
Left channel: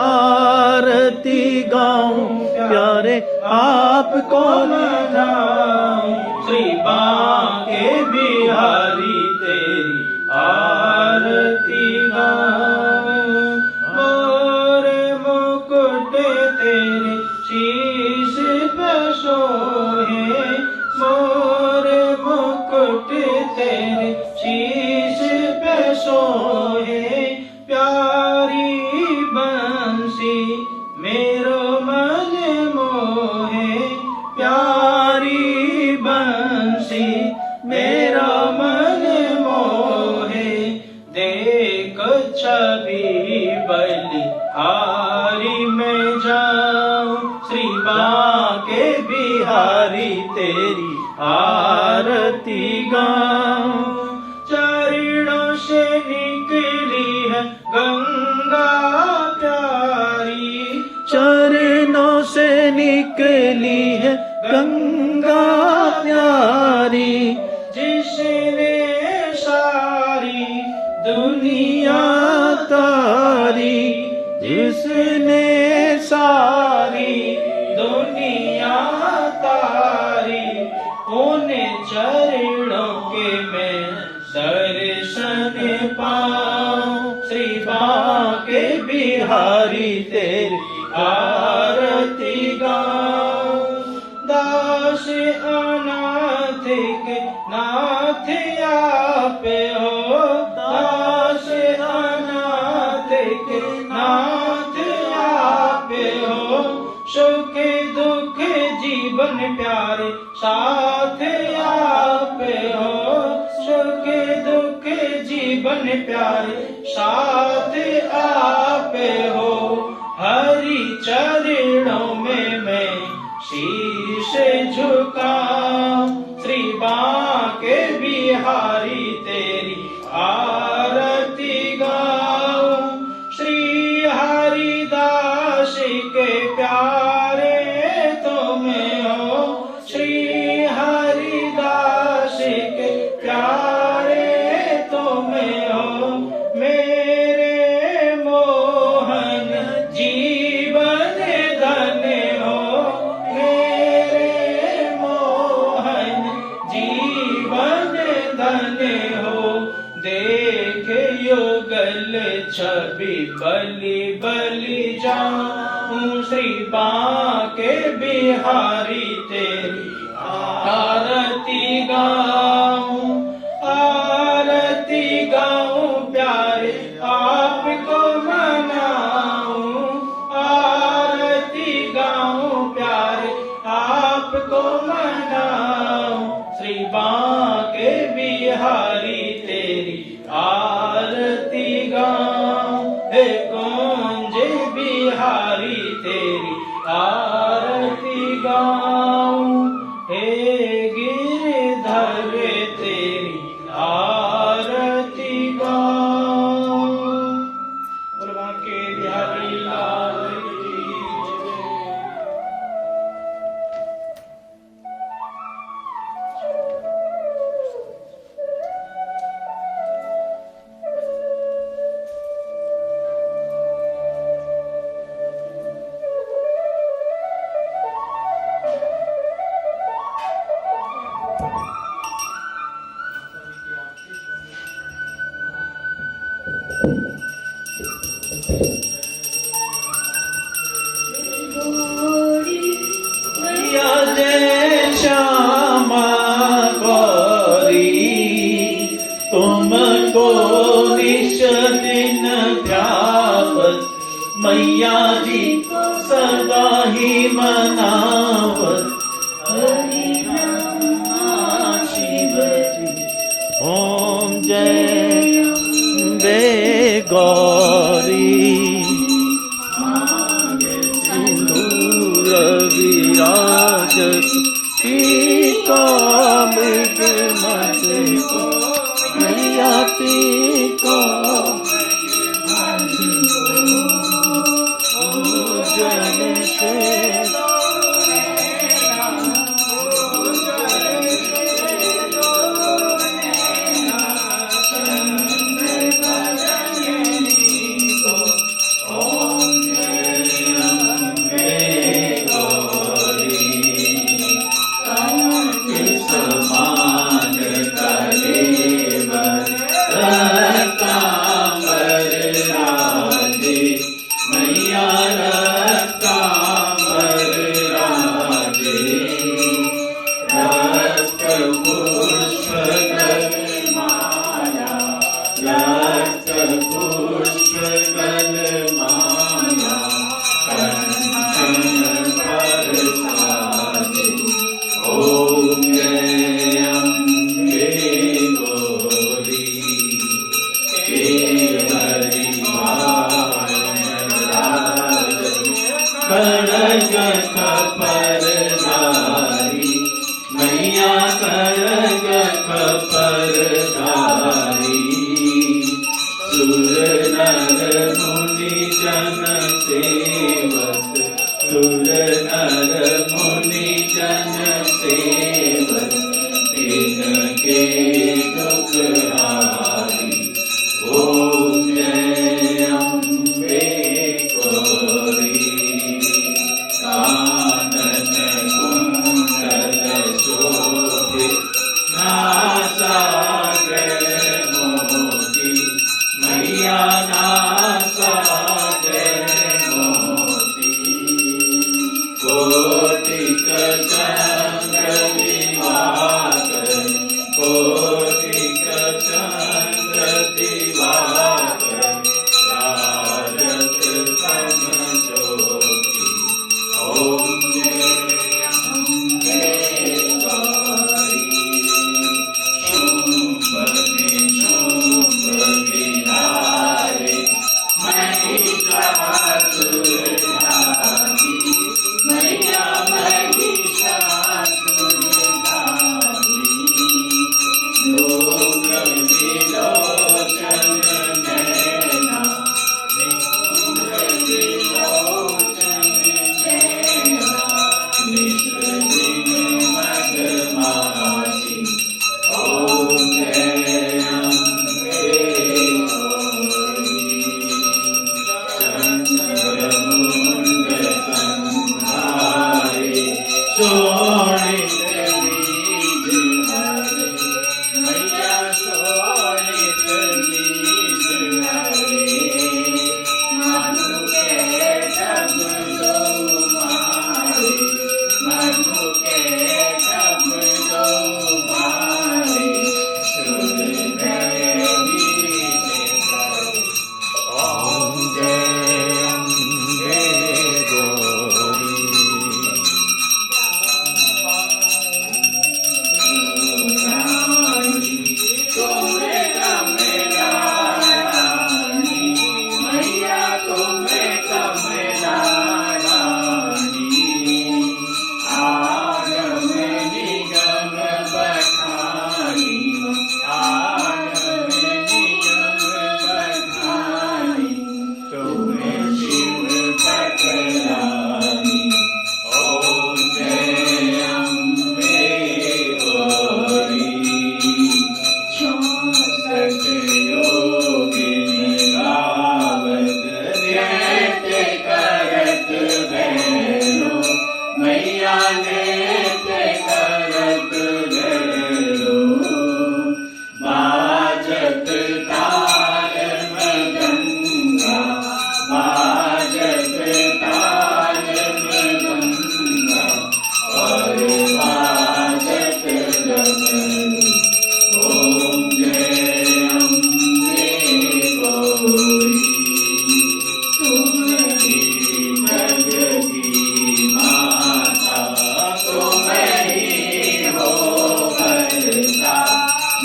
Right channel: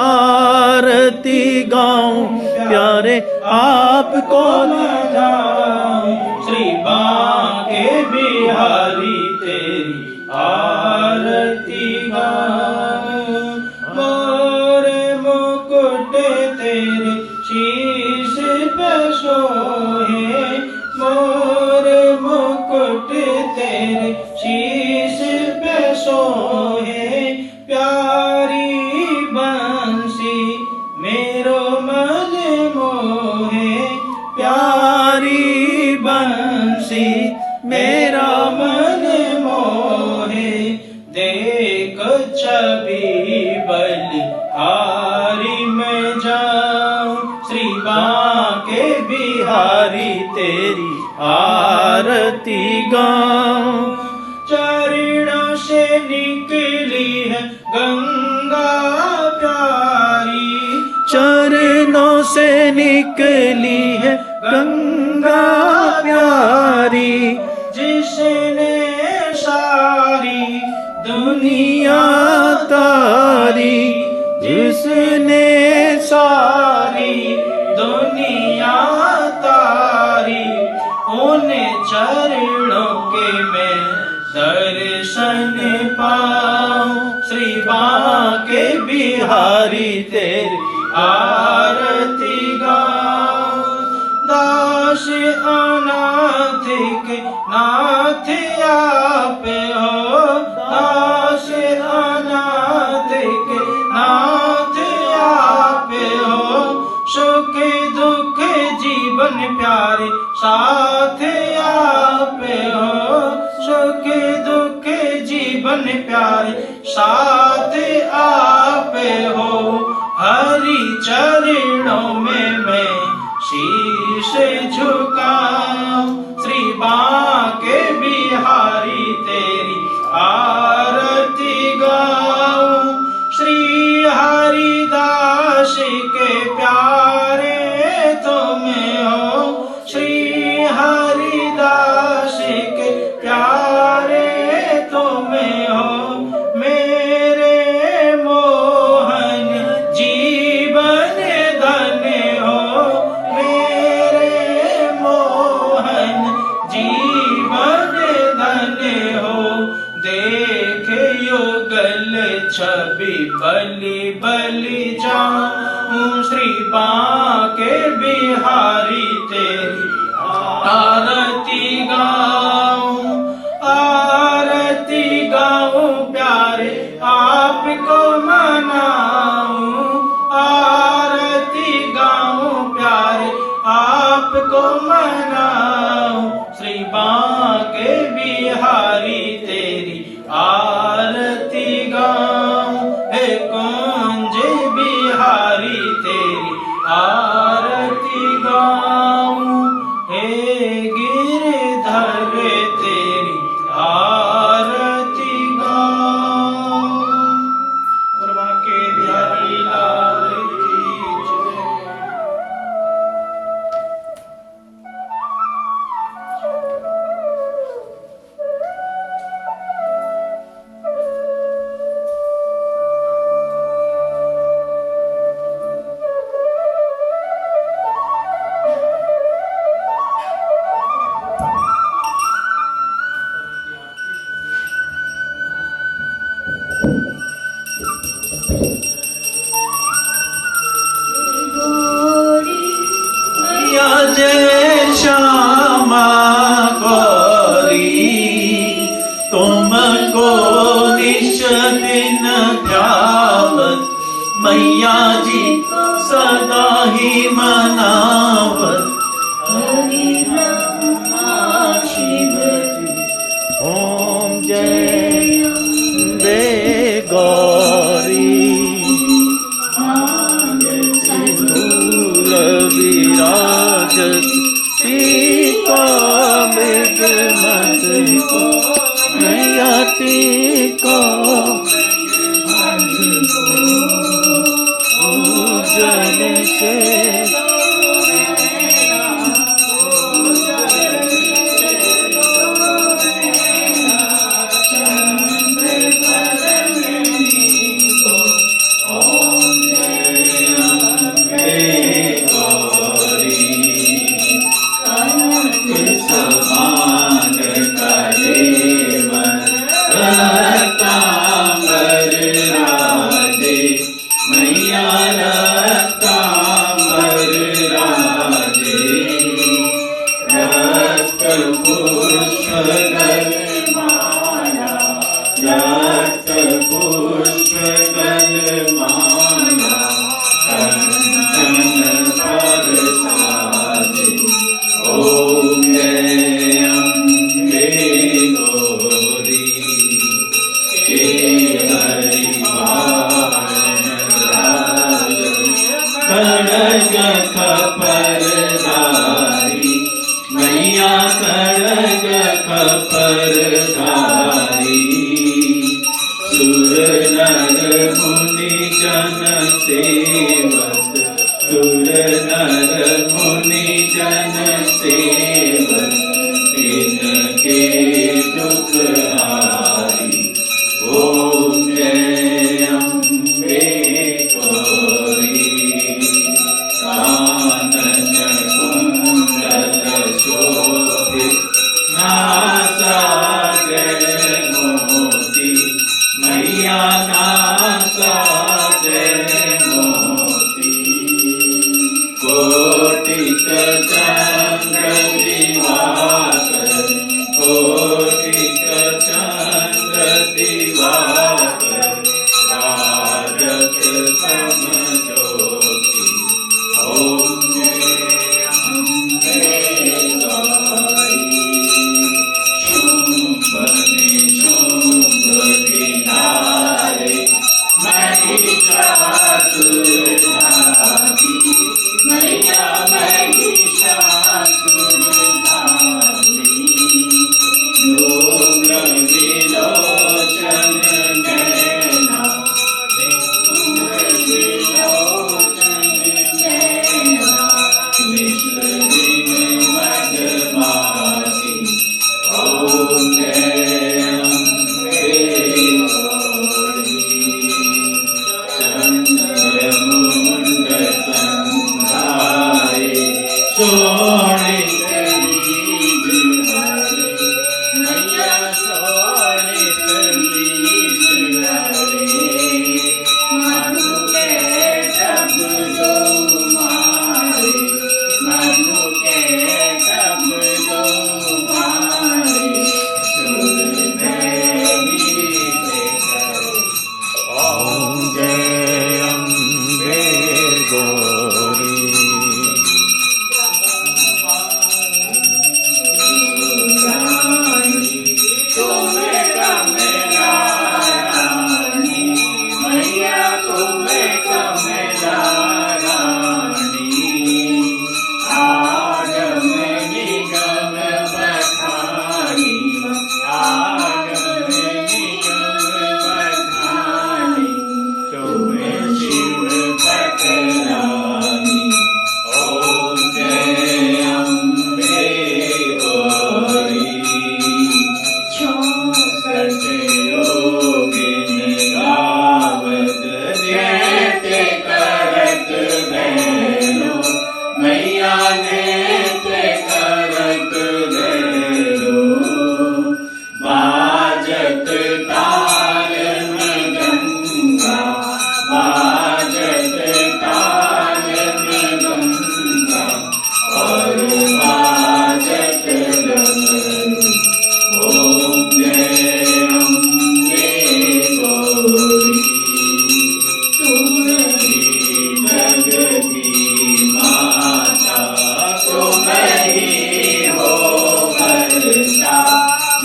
आरती गाऊं प्यारे आपको रिझाऊं। श्री बांके बिहारी तेरी आरती गाऊं, मोरे मुकुट तेरे शीश पे सोहे, मोरे मुकुट तेरे शीश पे सोहे, प्यारी बंसी मेरो मन मोहे, प्यारी बंसी मेरा मन मोहे, देख छवि बलिहारी में जाऊं, श्री बांके बिहारी तेरी आरती गाऊं। चरणों से निकली है गंगा प्यारी, चरणों से निकली है गंगा प्यारी, जिसने सारी दुनिया तारी, जिसने सारी दुनिया तारी, उन चरणों के मैं दर्शन पाऊं, श्री बांके बिहारी तेरी आरती गाऊं। दास अनाथ के नाथ आप हो, दास अनाथ के नाथ आप हो, सुख दुख जीवन प्यारे साथ आप हो, सुख दुख जीवन प्यारे साथ आप हो, हरि चरणों में मैं शीश झुकाऊं, श्री बांके बिहारी तेरी आरती गाऊं। श्री हरिदास के प्यारे तुम हो, श्री हरिदास के प्यारे तुम हो, मेरे मोहन जीवन धन हो, मेरे मोहन जीवन धन हो, देख युगल छवि बलि बलि जाऊं, श्री बांके बिहारी तेरी आरती गाऊं, आरती गाऊं प्यारे आपको मनाऊं, आरती गाऊं प्यारे बांके बिहारी तेरी आरती गाऊं, हे कुंज बिहारी तेरी आरती गाऊं, हे गिरधर तेरी आरती गाऊं। बोल बांके बिहारी लाल की जय। या जय श्यामा गौरी, तुमको निश दिन ध्यावत, मैया जी को सदा ही मनावत, हरि नाम शिव ओम जय अम्बे गौरी। विराजत सीता मृग मत को, मैया को जल से मैया खड़ग खपरधारी, सुर नर मुनि जन सेवक, सुर नर मुनि जन सेवक, इनके दुख हारी। ओम जय अम्बे गौरी। कानन कुंडल शोभित, नासा जय मोती, मैया नासा जय मोती। कोटिक चंद्र दिवाकर, कोटिक चंद्र दिवाकर, राजत सम ज्योति। ओम जय अम्बे गौरी। शुंभ निशुंभ विनारे, महिषासुरधारी, मैया महिषासुरधारी।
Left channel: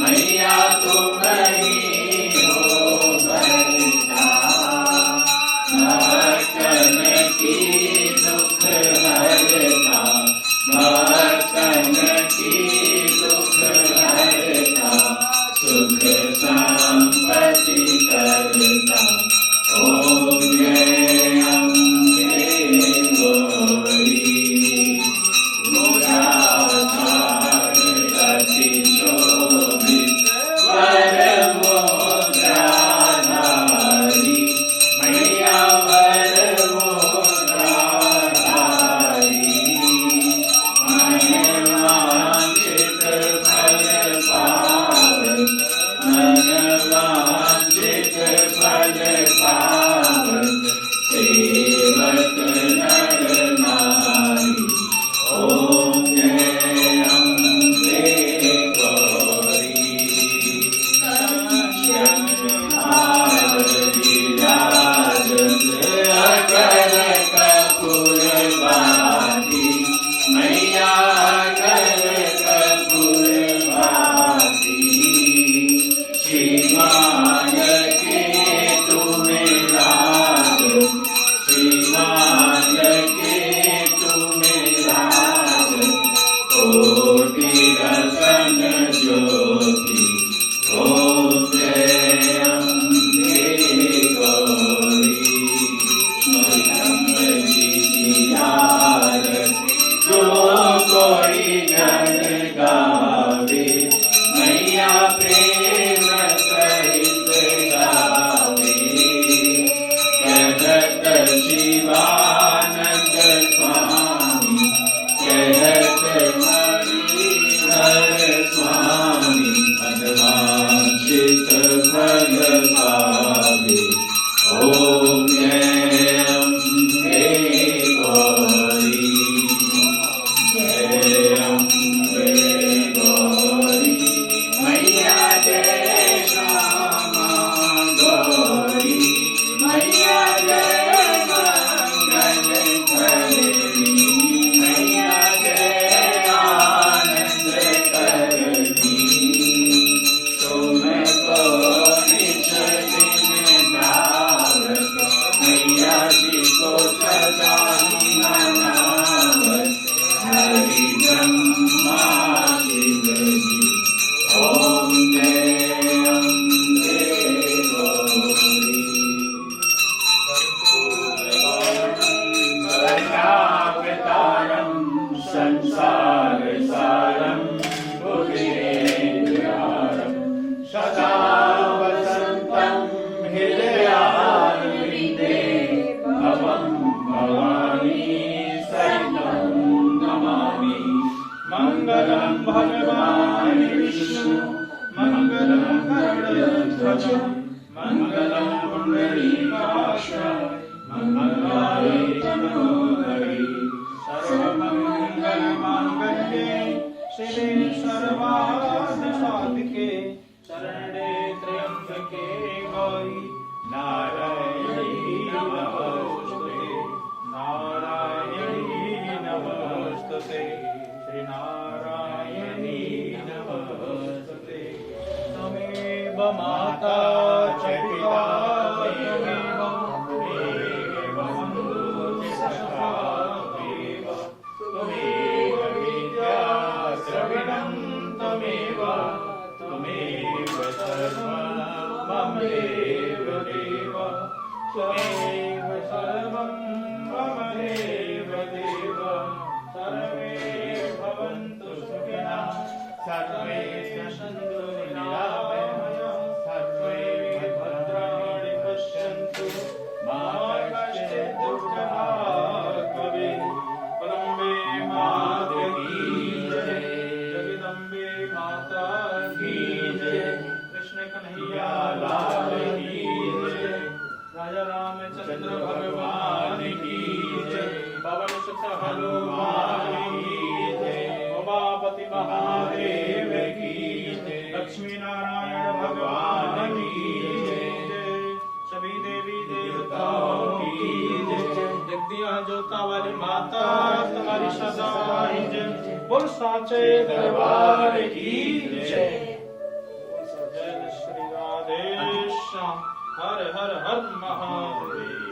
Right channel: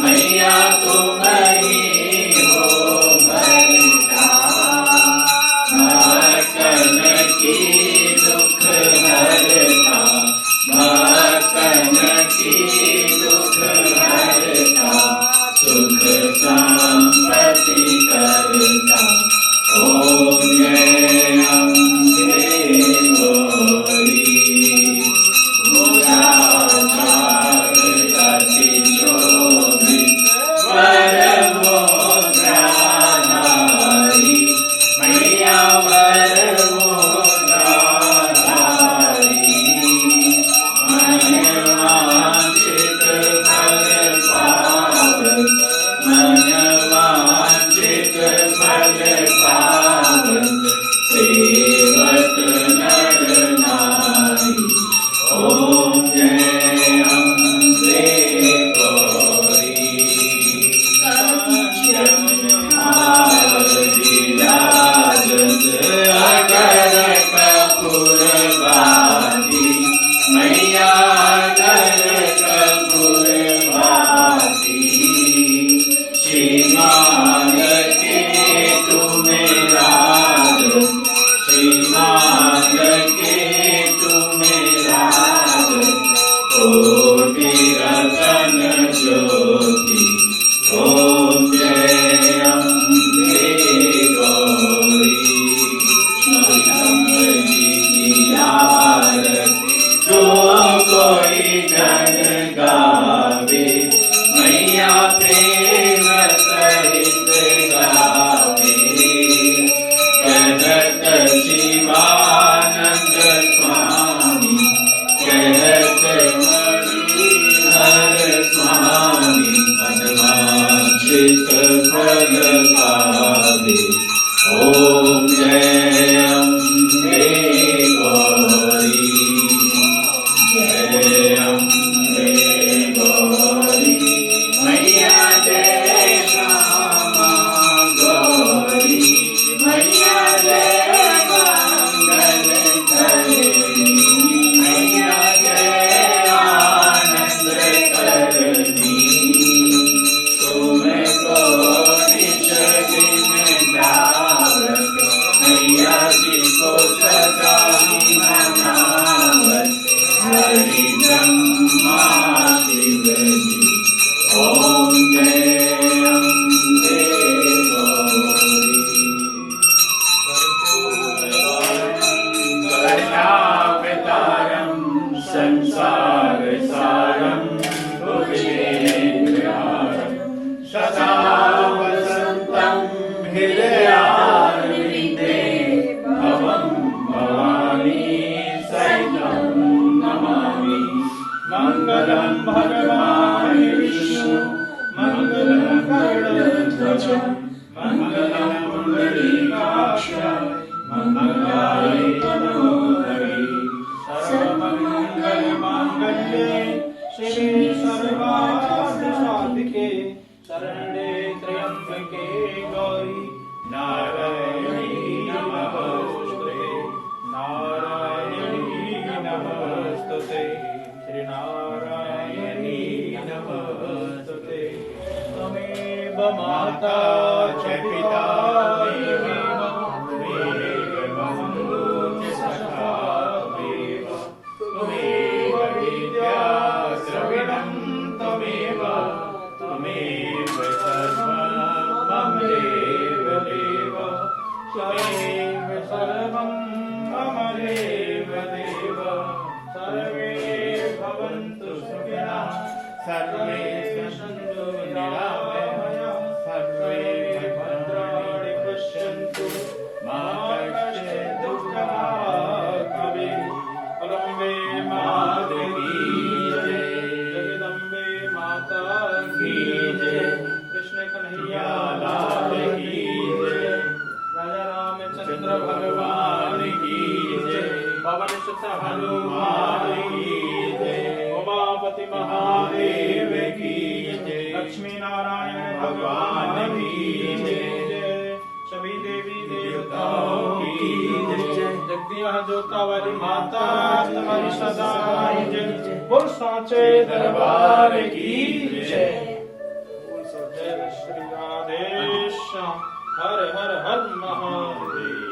मैया तुम ही हो भरता, भक्तन की दुख हरता, भक्तन की दुख हरता, सुख संपत्ति करता। ओम जय अम्बे गौरी, सेवक नर नारी। ओम जय अम्बे गौरी, विराजत अगर कपूर बाती, मैया अगर कपूर बाती, श्रीमान के तुम्हें राज, श्रीमान के तुम्हें राज, कोटि रतन ज्योति। ओम जय अम्बे गौरी, अम्ब जी की आरती जो कोई जन गावे, मैया प्रेम सहित गावे। कहत शिवानंद स्वामी, कहत मणिधर स्वामी, मनवांछित फल पावे। ओम जय अम्बे गौरी, जय अम्बे गौरी, मैया जय श्यामा गौरी, मैया जय मंगल करनी, मैया जय आनंद करनी। तुमको निज दिन जावत, मैया जी को सदा मनावत, हरि ब्रह्मा शिव जी। ओम जय अम्बे गौरी, करुणावतारं संसार सारं, भुजगेन्द्रहारं सदा वसन्तं हृदयारविन्दे, भवं भवानी सहितं नमामि। मंगलं भगवान् विष्णु, मंगलं गरुडध्वज, मंगलं पुंडरीकाक्ष, मंगलाय तनोहरि। सर्वमंगलमांगल्ये शिवे सर्वार्थसाधिके, शरण्ये त्र्यंबके गौरी नारायणी नमोस्तुते, नारायणी नमोस्तुते, श्री नारायणी नमोस्तुते। त्वमेव माता च पिता त्वमेव, त्वमेव बन्धु च सखा त्वमेव, त्वमेव विद्या द्रविणं त्वमेव, त्वमेव सर्वं मम देव देव, त्वमेव सर्वं मम देव देव। सर्वे भवन्तु सुखिनः, सर्वे सन्तु निरामयाः, सर्वे भद्राणि पश्यन्तु, मा कश्चित् दुःखभाग् भवेत्। जगदम्बे माता की जय, जगदम्बे माता की जय, कृष्ण कन्हैया लाल की जय, राजा रामचंद्र भगवान की जय, पवन सुत हनुमान की जय, उमापति महादेव की जय, लक्ष्मी नारायण भगवान की जय, सभी देवी देवताओं की जय। जगदिया जोता वाली माता तुम्हारी सदा जय, बोल साचे दरबार की जय। हर हर हर महादेव।